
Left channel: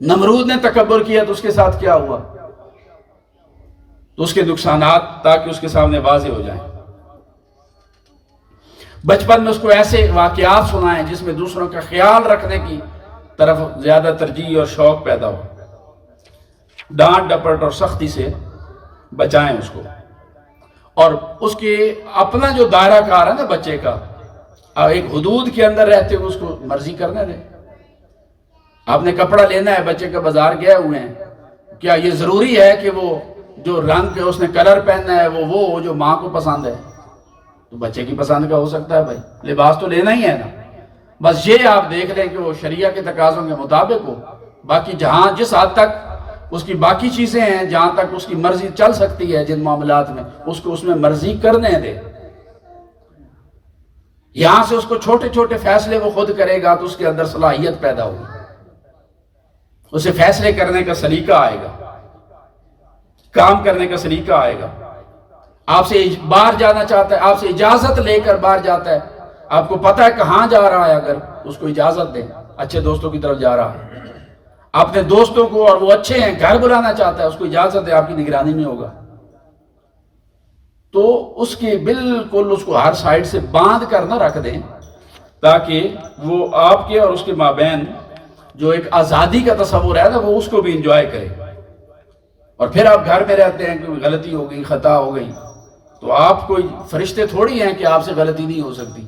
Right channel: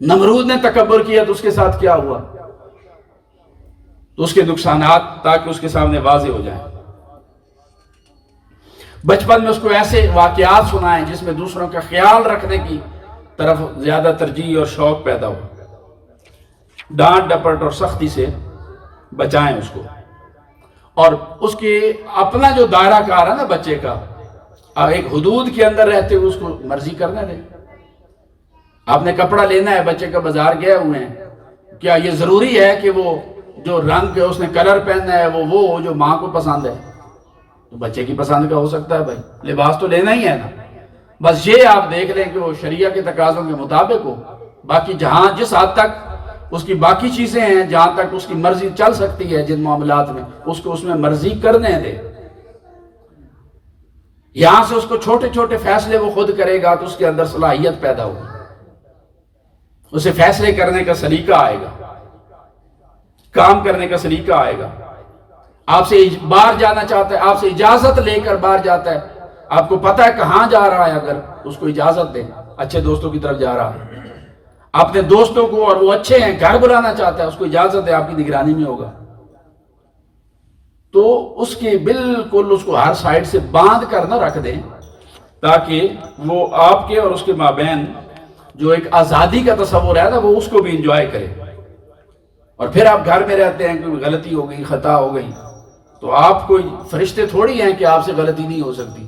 نمرود نے تکبر کیا تو اس کے ساتھ کیا ہوا. تو اس کے نقصانات تاکہ اس کے سامنے واضح ہو جائیں. بچپن میں اس کو ایسے واقعات سنائیں جس میں دوسروں کا خیال رکھنے کی طرف زیادہ ترجیح اور شوق پیدا ہو. ڈانٹ ڈپٹ اور سختی سے بچائیں اس کو, اور اس کے اپنا جو دائرہ کار ہے نا بچے کا, ایک حدود کے اندر رہتے ہوئے اس کو مرضی کرنے دیں. آپ نے کپڑا لینا ہے, بچے کا بازار گئے ہوئے ہیں, کیا یہ ضروری ہے کہ وہ جو رنگ اس نے کلر پہننا ہے وہ جو ماں کو پسند ہے؟ تو بچے کی پسند کا ہو سکتا ہے, بھائی لباس تو لینا ہی ہے نا. بس یہ آپ دیکھ لیں کہ وہ شریعہ کے تقاضوں کے مطابق ہو. باقی جہاں جس حد تک اس کی باقی چیزیں ہیں, جہاں تک اس کی مرضی چل سکتی ہے جن معاملات میں, اس کو اس میں مرضی کرنے دے. یہاں سے اس کو چھوٹے چھوٹے فیصلے وہ خود کرے گا تو اس کے اندر صلاحیت پیدا ہوگی, اسے فیصلے کرنے کا سلیقہ آئے گا, کام کرنے کا سلیقہ آئے گا. آپ سے باہر جانا چاہتا ہے, آپ سے اجازت لے کر باہر جاتا ہے, آپ کو پتا ہے کہاں جا رہا ہے, اگر اس کو اجازت دیں, اچھے دوستوں کی طرف جا رہا ہے, اپنے دوستوں کو اور وہ اچھے ہیں گھر بلانا چاہتا ہے, اس کو اجازت ہے, آپ کی نگرانی میں ہوگا. تو اس کی بالکل اس کو ہر سائڈ سے باندھ کر نہ رکھ دیں, تاکہ وہ آپ کے اور اس کے مابین جو ایک آزادی کا تصور ہے نا وہ اس کو بھی انجوائے کرے. اور پھر آپ گھر میں رہتے ہیں, کوئی غلطی ہو گئی, خطا ہو گئی, تو آپ کوئی فرشتے تھوڑی ہیں کہ آپ سے غلطی نہیں ہو سکتی.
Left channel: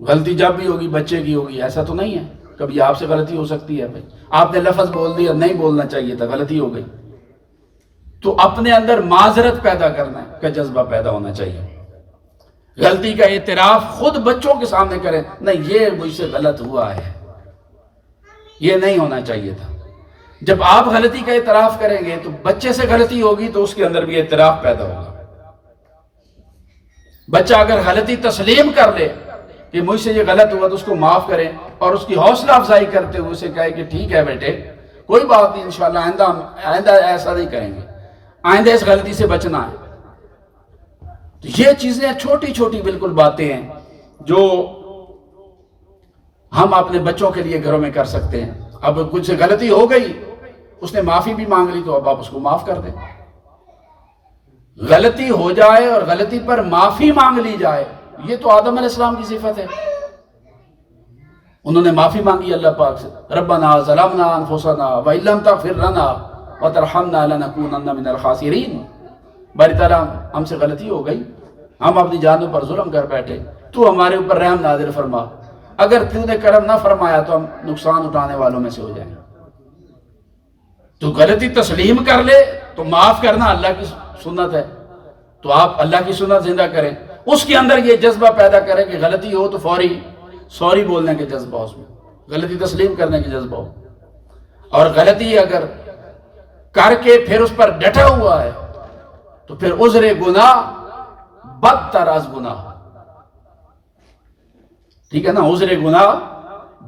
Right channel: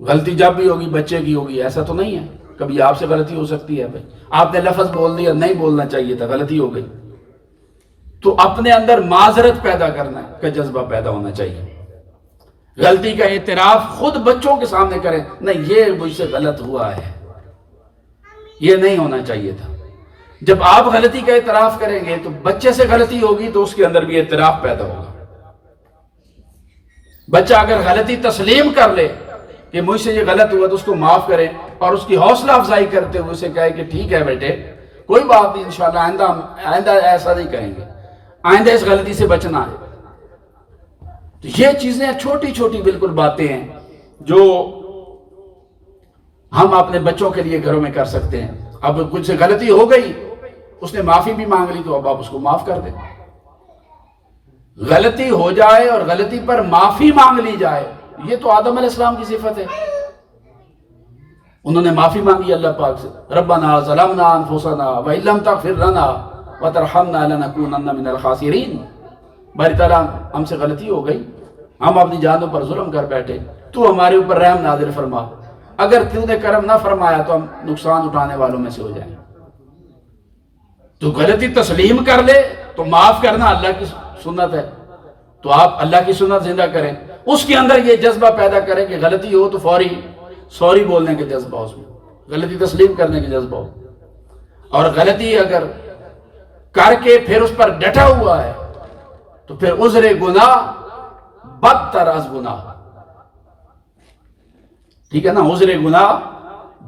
غلطی جب بھی ہوگی بچے کی ہوگی, ایسا تو نہیں ہے. کبھی آپ سے غلطی ہو سکتی ہے. بھائی آپ نے لفظ بول دیا, نہیں بولنا چاہیے تھا, غلطی ہو گئی, تو اپنے اندر معذرت پیدا کرنا کا جذبہ پیدا ہونا چاہیے. غلطی کا اعتراف خود بچوں کے سامنے کریں, نہیں یہ مجھ سے غلط ہوا ہے, یہ نہیں ہونا چاہیے تھا. جب آپ غلطی کا اعتراف کریں گے تو بچے سے غلطی ہوگی تو اس کے اندر بھی اعتراف پیدا ہوگا. بچہ اگر غلطی تسلیم کر لے کہ مجھ سے یہ غلط ہوا تو اس کو معاف کریں, اور اس کی حوصلہ افزائی کرتے ہوئے اسے کہے کہ ٹھیک ہے بیٹے کوئی بات نہیں, انشاءاللہ آئندہ ایسا نہیں کریں گے, آئندہ اس غلطی سے بچنا ہے. تو یہ چیزیں چھوٹی چھوٹی بالکل باتیں ہیں جو ہم اپنے بچوں کے لیے گھروں میں کر سکتے ہیں. اب کچھ سے غلطی ہو گئی, اس نے معافی بھی مانگ لی, تو اب آپ اس کو معاف کر دیں. غلطی ہو جائے اور غلطی پر معافی مانگ لی جائے, یہ تو آدم علیہ السلام کی صفت ہے. انہوں نے معافی مانگی اللہ پاک سے, ربنا ظلمنا انفسنا وان لم تغفر لنا وترحمنا لنکونن من الخاسرین. باری طرح ہم سے غلطی ہو گئی, ہم اپنی جانوں پر ظلم کر بیٹھے, تو ہمارے اوپر رحم نازل فرما, اگر تو نے کرم نہ فرمایا تو ہم نقصان اٹھانے والوں میں سے ہو جائیں. تو غلطی تسلیم کر لے تو معاف کرنا اللہ کی سنت ہے, تو آپ اللہ کی سنت زندہ کریں. اس کے اندر یہ جذبہ پیدا کریں کہ غلطی ہو تو فوری سوری بولنے کے جذبہ, اس میں غلطی تسلیم کرنے کے جذبہ ہو. اور غلطی اگر کر کے پھر اس پر ڈٹا ہوا ہے تو پھر عذر گناہ بدتر از گناہ. ٹھیک ہے نا, عذر گناہ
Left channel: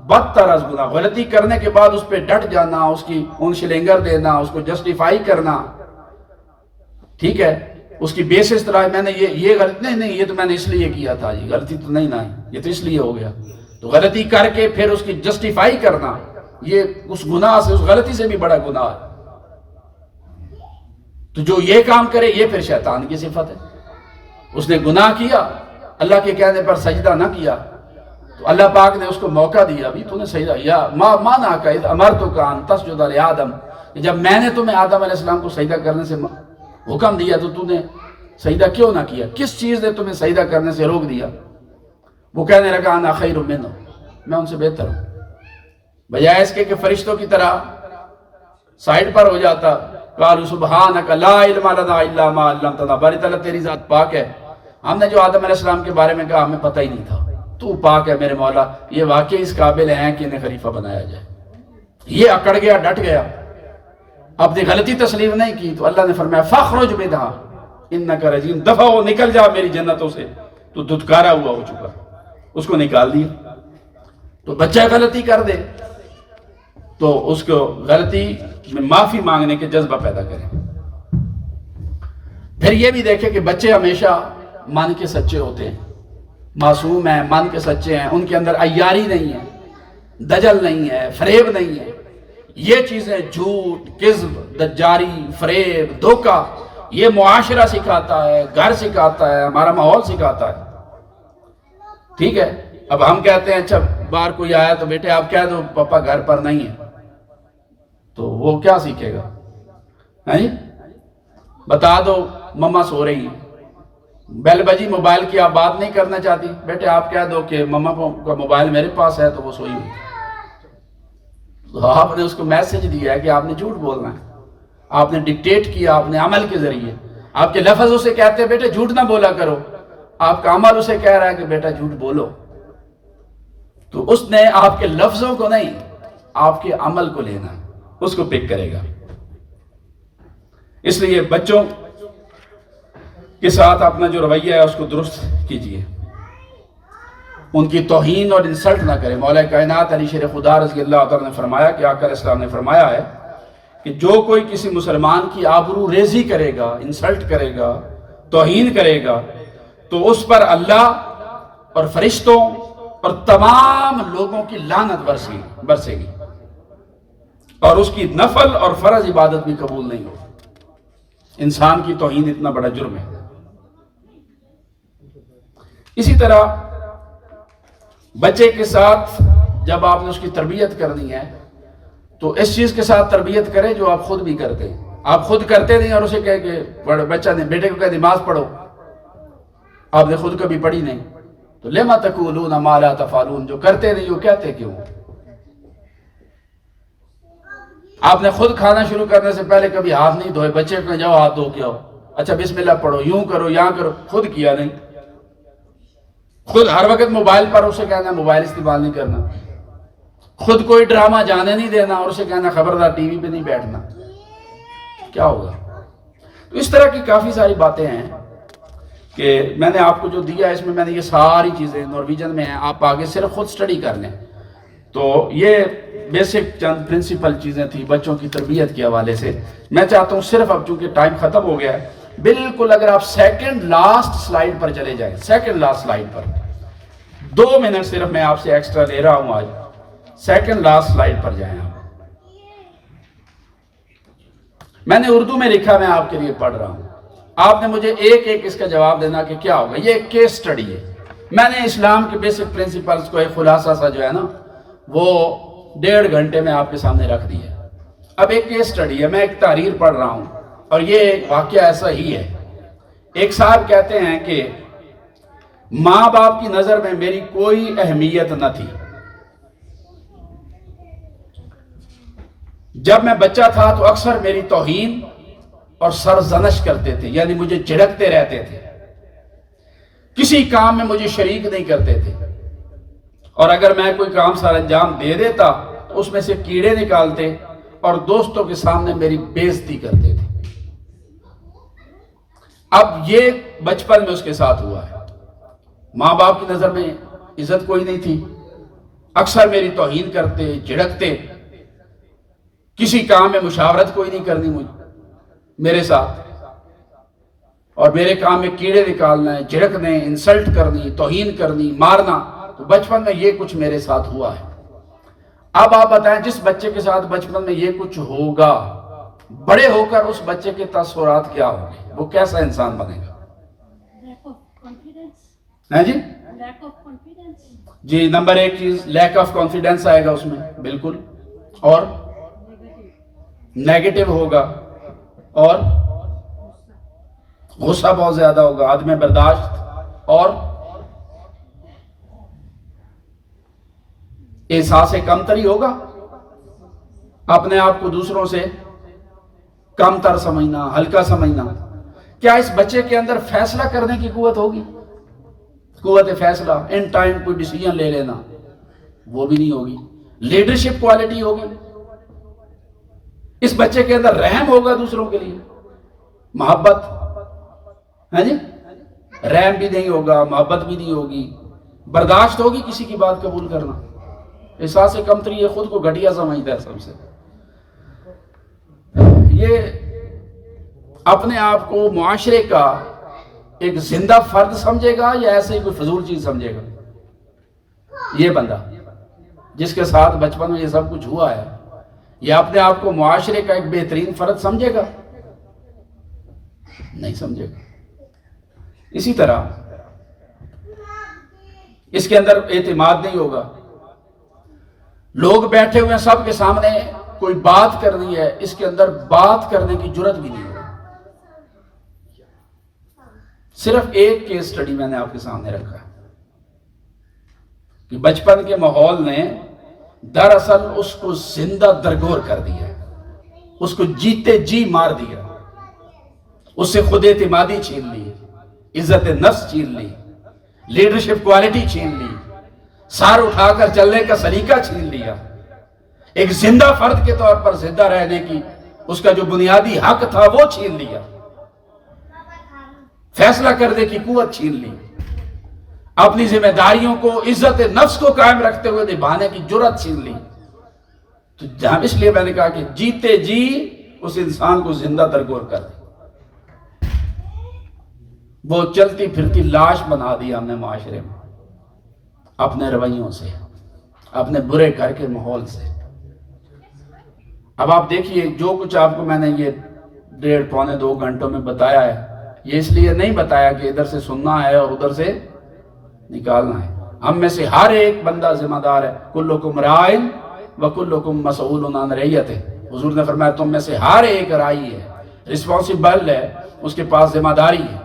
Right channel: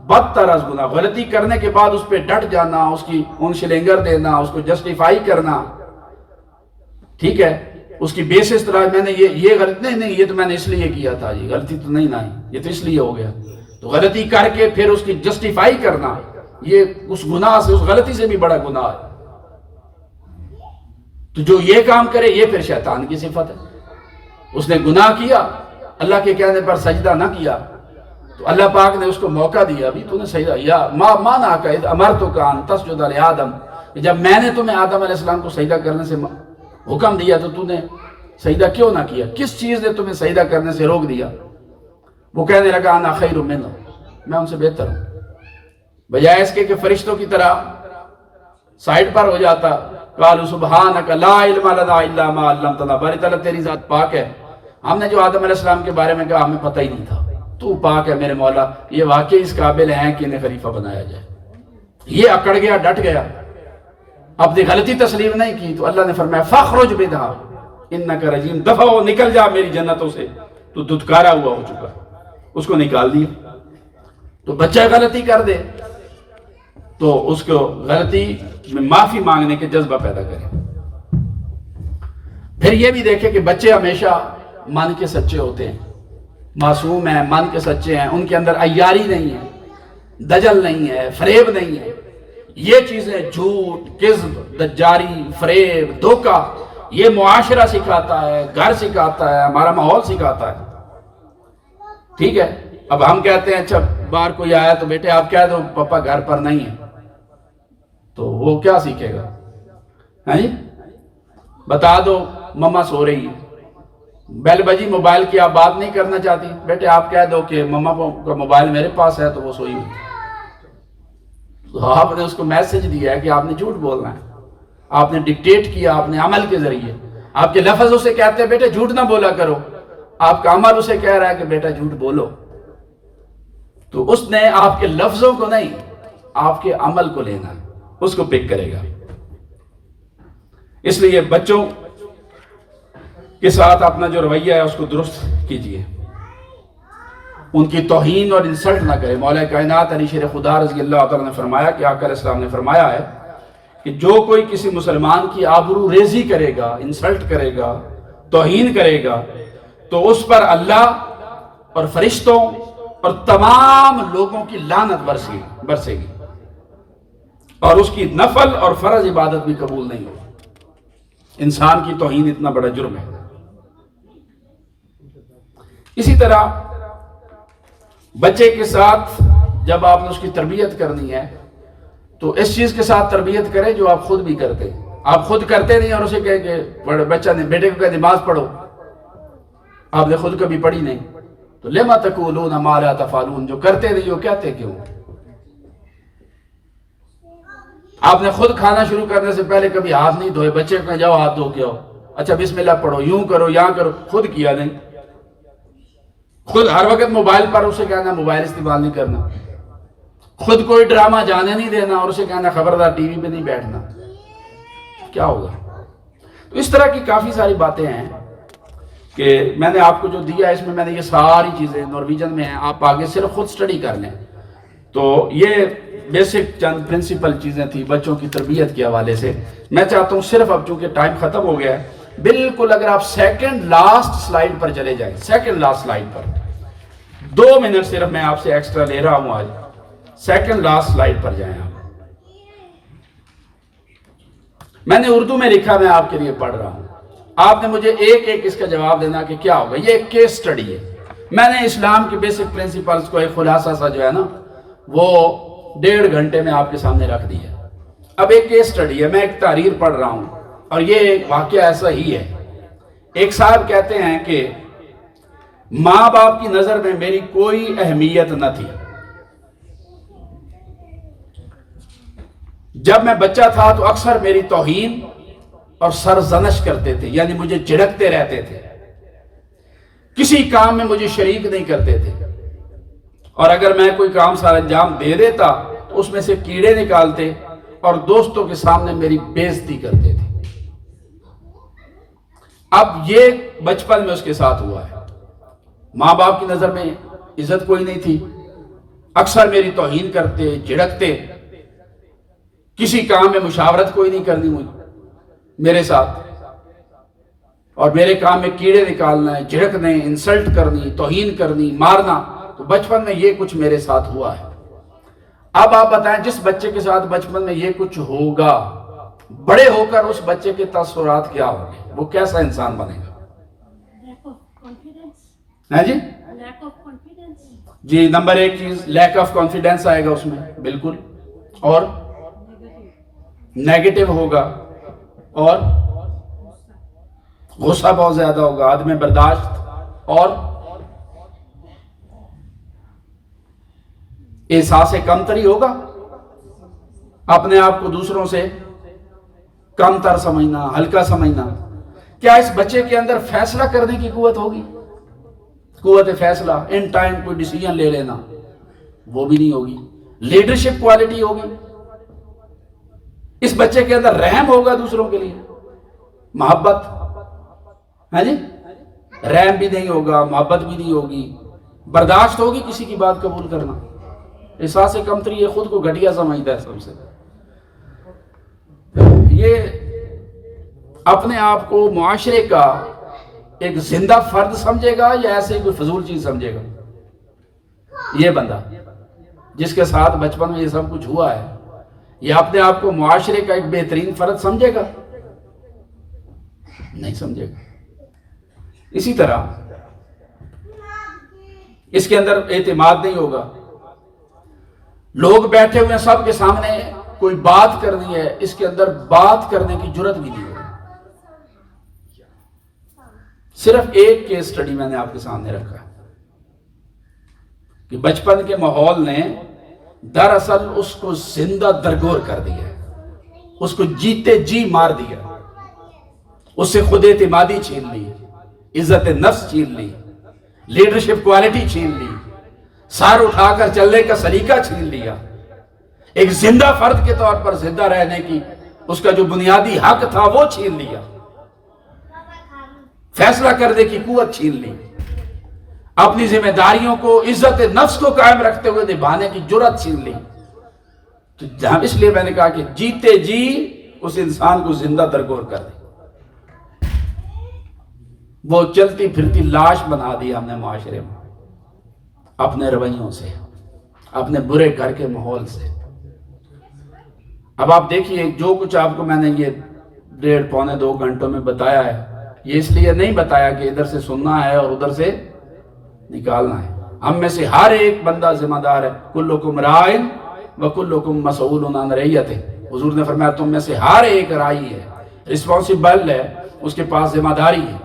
بدتر از گناہ، غلطی کرنے کے بعد اس پہ ڈٹ جانا، اس کی اون شلنگر دینا، اس کو جسٹیفائی کرنا، ٹھیک ہے، اس کی بیسس طرح میں نے یہ غلطی نہیں یہ تو میں نے اس لیے کیا تھا، یہ غلطی تو نہیں یہ تو اس لیے ہو گیا، تو غلطی کر کے پھر اس کی جسٹیفائی کرنا، یہ اس گناہ سے، اس غلطی سے بھی بڑا گناہ ہے۔ تو جو یہ کام کرے یہ پھر شیطان کی صفت ہے۔ اس نے گناہ کیا، اللہ کے کہنے پر سجدہ نہ کیا، تو اللہ پاک نے اس کو موقع دیا، بھی تو نے سجدہ یا ما مانا کا اذ امرتک ان تسجد لآدم، جب میں نے تمہیں آدم علیہ السلام کو سجدہ کرنے سے حکم دیا تو نے سجدہ کیوں نہ کیا؟ کس چیز نے تمہیں سجدہ کرنے سے روک دیا؟ وہ کہنے لگا انا خیر منہ، میں ان سے بہتر ہوں، بجائے اس کے کہ فرشتوں کی طرح سائڈ پر ہو جاتا، قالوا سبحانک لا علم لنا الا ما علمتنا، باری تعالیٰ تیری ذات پاک ہے، ہم نے جو آدم علیہ السلام کے بارے میں کہا ہمیں پتہ ہی نہیں تھا، تو پاک ہے میرے مولا، یہ واقعی اس قابل ہیں کہ انہیں خلیفہ بنایا جائے۔ یہ اکڑ گیا، ڈٹ گیا، اپنی غلطی تسلیم نہیں کی، تو اللہ نے فرمایا فاخرج منھا انک رجیم، دفع ہو، نکل جا میری جنتوں سے، تو دھتکارا ہوا ہو چکا، اس کو نکال دیا۔ تو بچہ غلطی کر دے تو اس کو غلطی میں معافی مانگنے کے جذبہ پیدا کرے۔ پھر یہ بھی دیکھے کہ بچے ہمیشہ من کے سچے ہوتے ہیں، معصوم ہیں، من کے سچے ہیں، ان کے اندر عیاری نہیں ہے، دجل نہیں ہے، فریب نہیں ہے۔ یہ چیزیں جھوٹ، کذب، دجاری، فریب، دھوکہ، یہ معاشرہ سکھاتا ہے، گھر سکھاتا ہے، ہمارا ماحول سکھاتا ہے، ٹھیک ہے۔ اب ہم کہتے ہیں اچھا باہر کوئی آیا تو بیٹے آپ کہہ دو پاپا گھر پر نہیں ہے، تو وہ کیا سیکھے گا؟ بتا دو مما سو رہی ہے، بیل بجی موبائل کی آپ بات نہیں کرنا چاہتی، بیٹے آپ کہہ دو کہ مما کا موبائل میرے پاس ہے تو وہ سوئی ہوئی، تو آپ نے اس کو میسج دیا ہے کہ آپ نے جھوٹ بولنا ہے، آپ نے ڈکٹیٹ کیا اپنے عمل کے ذریعے، آپ کے لفظ اسے کہتے ہیں بیٹے جھوٹ نہ بولا کرو، آپ کا عمل اسے کہہ رہا ہے کہ بیٹا جھوٹ بولو، تو اس نے آپ کے لفظوں کو نہیں آپ کے عمل کو لینا، اس کو پک کرے گا۔ اس لیے بچوں کے ساتھ اپنا جو رویہ ہے اس کو درست کیجئے، ان کی توہین اور انسلٹ نہ کرے۔ مولا کائنات علی شیر خدا رضی اللہ تعالیٰ نے فرمایا کہ آقا علیہ السلام نے فرمایا ہے کہ جو کوئی کسی مسلمان کی آبرو ریزی کرے گا، انسلٹ کرے گا، توہین کرے گا، تو اس پر اللہ اور فرشتوں اور تمام لوگوں کی لعنت برسے گی، اور اس کی نفل اور فرض عبادت بھی قبول نہیں ہوگی۔ انسان کی توہین اتنا بڑا جرم ہے۔ اسی طرح بچے کے ساتھ جب آپ نے اس کی تربیت کرنی ہے تو اس چیز کے ساتھ تربیت کریں جو آپ خود بھی کرتے ہیں۔ آپ خود کرتے نہیں اور اسے کہے کہ بچہ نے بیٹے کو کہے نماز پڑھو، آپ نے خود کبھی پڑھی نہیں، تو لما تقولون ما لا تفعلون، جو کرتے نہیں وہ کہتے کیوں؟ آپ نے خود کھانا شروع کرنے سے پہلے کبھی ہاتھ نہیں دھوئے، بچے کو جاؤ ہاتھ دھو کے آؤ، اچھا بسم اللہ پڑھو، یوں کرو یہاں کرو، خود کیا نہیں۔ خود ہر وقت موبائل پر اسے کہنا موبائل استعمال نہیں کرنا، خود کوئی ڈرامہ جانے نہیں دینا اور اسے کہنا خبردار ٹی وی پہ نہیں بیٹھنا، کیا ہوگا؟ تو اس طرح کی کافی ساری باتیں ہیں کہ میں نے آپ کو جو دیا ہے اس میں نے یہ ساری چیزیں نارویجن میں ہیں، آپ آگے صرف خود سٹڈی کر لیں۔ تو یہ بیسک چند پرنسپل چیزیں تھی بچوں کی تربیت کے حوالے سے۔ میں چاہتا ہوں صرف اب چونکہ ٹائم ختم ہو گیا ہے، بالکل اگر آپ سیکنڈ لاسٹ سلائیڈ پر چلے جائیں، سیکنڈ لاسٹ سلائیڈ پر 2 منٹ صرف میں آپ سے ایکسٹرا لے رہا ہوں آج، سیکنڈ لاسٹ سلائیڈ پر جائیں آپ۔ میں نے اردو میں لکھا، میں آپ کے لیے پڑھ رہا ہوں، آپ نے مجھے ایک ایک اس کا جواب دینا کہ کیا ہوگا۔ یہ ایک کیس سٹڈی ہے، میں نے اسلام کے بیسک پرنسپلز کو ایک خلاصہ سا جو ہے نا وہ 1.5 گھنٹے میں آپ کے سامنے رکھ دیا۔ اب ایک کیس سٹڈی ہے، میں ایک تحریر پڑھ رہا ہوں اور یہ واقعہ ایسا ہی ہے۔ ایک صاحب کہتے ہیں کہ ماں باپ کی نظر میں میری کوئی اہمیت نہ تھی، جب میں بچہ تھا تو اکثر میری توہین اور سرزنش کرتے تھے، یعنی مجھے جھڑکتے رہتے تھے، کسی کام میں مجھے شریک نہیں کرتے تھے، اور اگر میں کوئی کام سر انجام دے دیتا تو اس میں سے کیڑے نکالتے اور دوستوں کے سامنے میری بے عزتی کرتے تھے۔ اب یہ بچپن میں اس کے ساتھ ہوا ہے، ماں باپ کی نظر میں عزت کوئی نہیں تھی، اکثر میری توہین کرتے، جھڑکتے، کسی کام میں مشاورت کوئی نہیں کرنی مجھے میرے ساتھ، اور میرے کام میں کیڑے نکالنا ہے، جھڑکنے، انسلٹ کرنی، توہین کرنی، مارنا. تو بچپن میں یہ کچھ میرے ساتھ ہوا ہے. اب آپ بتائیں جس بچے کے ساتھ بچپن میں یہ کچھ ہوگا، بڑے ہو کر اس بچے کے تاثرات کیا ہوں گے؟ وہ کیسا انسان بنے گا؟ جی جی، نمبر ایک چیز لیک آف کانفیڈنس آئے گا اس میں، بالکل. اور نیگیٹو ہوگا، اور غصہ بہت زیادہ ہوگا، عدم برداشت، اور احساس کمتری ہوگا، اپنے آپ کو دوسروں سے کم تر سمجھنا، ہلکا سمجھنا. کیا اس بچے کے اندر فیصلہ کرنے کی قوت ہوگی؟ قوت فیصلہ، ان ٹائم کوئی ڈیسیجن لے لینا، وہ بھی نہیں ہوگی. لیڈرشپ کوالٹی ہوگی؟ اس بچے کے اندر رحم ہوگا دوسروں کے لیے، محبت، ہے جی، رحم بھی نہیں ہوگا، محبت بھی نہیں ہوگی، برداشت ہوگی کسی کی بات قبول کرنا. احساس کمتری، یہ خود کو گھٹیا سمجھتا ہے سب سے. یہ اپنے آپ کو معاشرے کا ایک زندہ فرد سمجھے گا یا ایسے ہی کوئی فضول چیز سمجھے گا؟ یہ بندہ جس کے ساتھ بچپن میں یہ سب کچھ ہوا ہے، یہ اپنے آپ کو معاشرے کا ایک بہترین فرد سمجھے گا؟ نہیں سمجھے گا. اسی طرح اس کے اندر اعتماد نہیں ہوگا. لوگ بیٹھے ہوئے ہیں سب کے سامنے، کوئی بات کرنی ہے، اس کے اندر بات کرنے کی جرت بھی نہیں ہوگی. صرف ایک کیس سٹڈی میں نے آپ کے سامنے رکھا ہے کہ بچپن کے ماحول نے دراصل اس کو زندہ درگور کر دیا، اس کو جیتے جی مار دیا، اس سے خود اعتمادی چھین لی، عزت نفس چھین لی، لیڈرشپ کوالٹی چھین لی، سار اٹھا کر چلنے کا سلیقہ چھین لیا. ایک زندہ فرد کے طور پر زندہ رہنے کی اس کا جو بنیادی حق تھا وہ چھین لیا. فیصلہ کرنے کی قوت چھین لی. اپنی ذمہ داریوں کو، عزت نفس کو قائم رکھتے ہوئے نبھانے کی جرت چھین لی. تو جہاں اس لیے میں نے کہا کہ جیتے جی اس انسان کو زندہ درگور کر دی. وہ چلتی پھرتی لاش بنا دی ہم نے معاشرے میں، اپنے رویوں سے، اپنے برے گھر کے ماحول سے. اب آپ دیکھیے جو کچھ آپ کو میں نے یہ 1.5 پونے 2 گھنٹوں میں بتایا ہے، یہ اس لیے نہیں بتایا کہ ادھر سے سننا ہے اور ادھر سے نکالنا ہے. ہم میں سے ہر ایک بندہ ذمہ دار ہے. کلکم رائن وکلکم مسئول عن رعیتہ. حضور نے فرمایا تم میں سے ہر ایک رائی ہے، رسپانسبل ہے، اس کے پاس ذمہ داری ہے.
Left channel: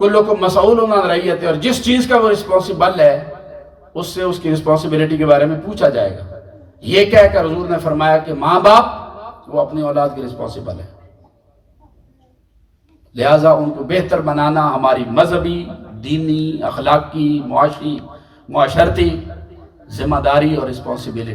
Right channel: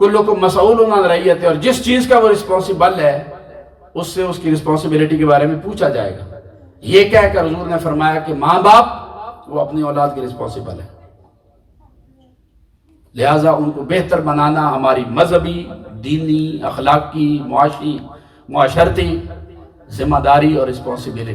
کلکم مسئول عن رعیتہ، اور جس چیز کا وہ رسپانسبل ہے اس سے اس کی رسپانسبلٹی کے بارے میں پوچھا جائے گا. یہ کہہ کر حضور نے فرمایا کہ ماں باپ وہ اپنی اولاد کے رسپانسبل ہے، لہٰذا ان کو بہتر بنانا ہماری مذہبی، دینی، اخلاقی، معاشی، معاشرتی ذمہ داری اور رسپانسبلٹی.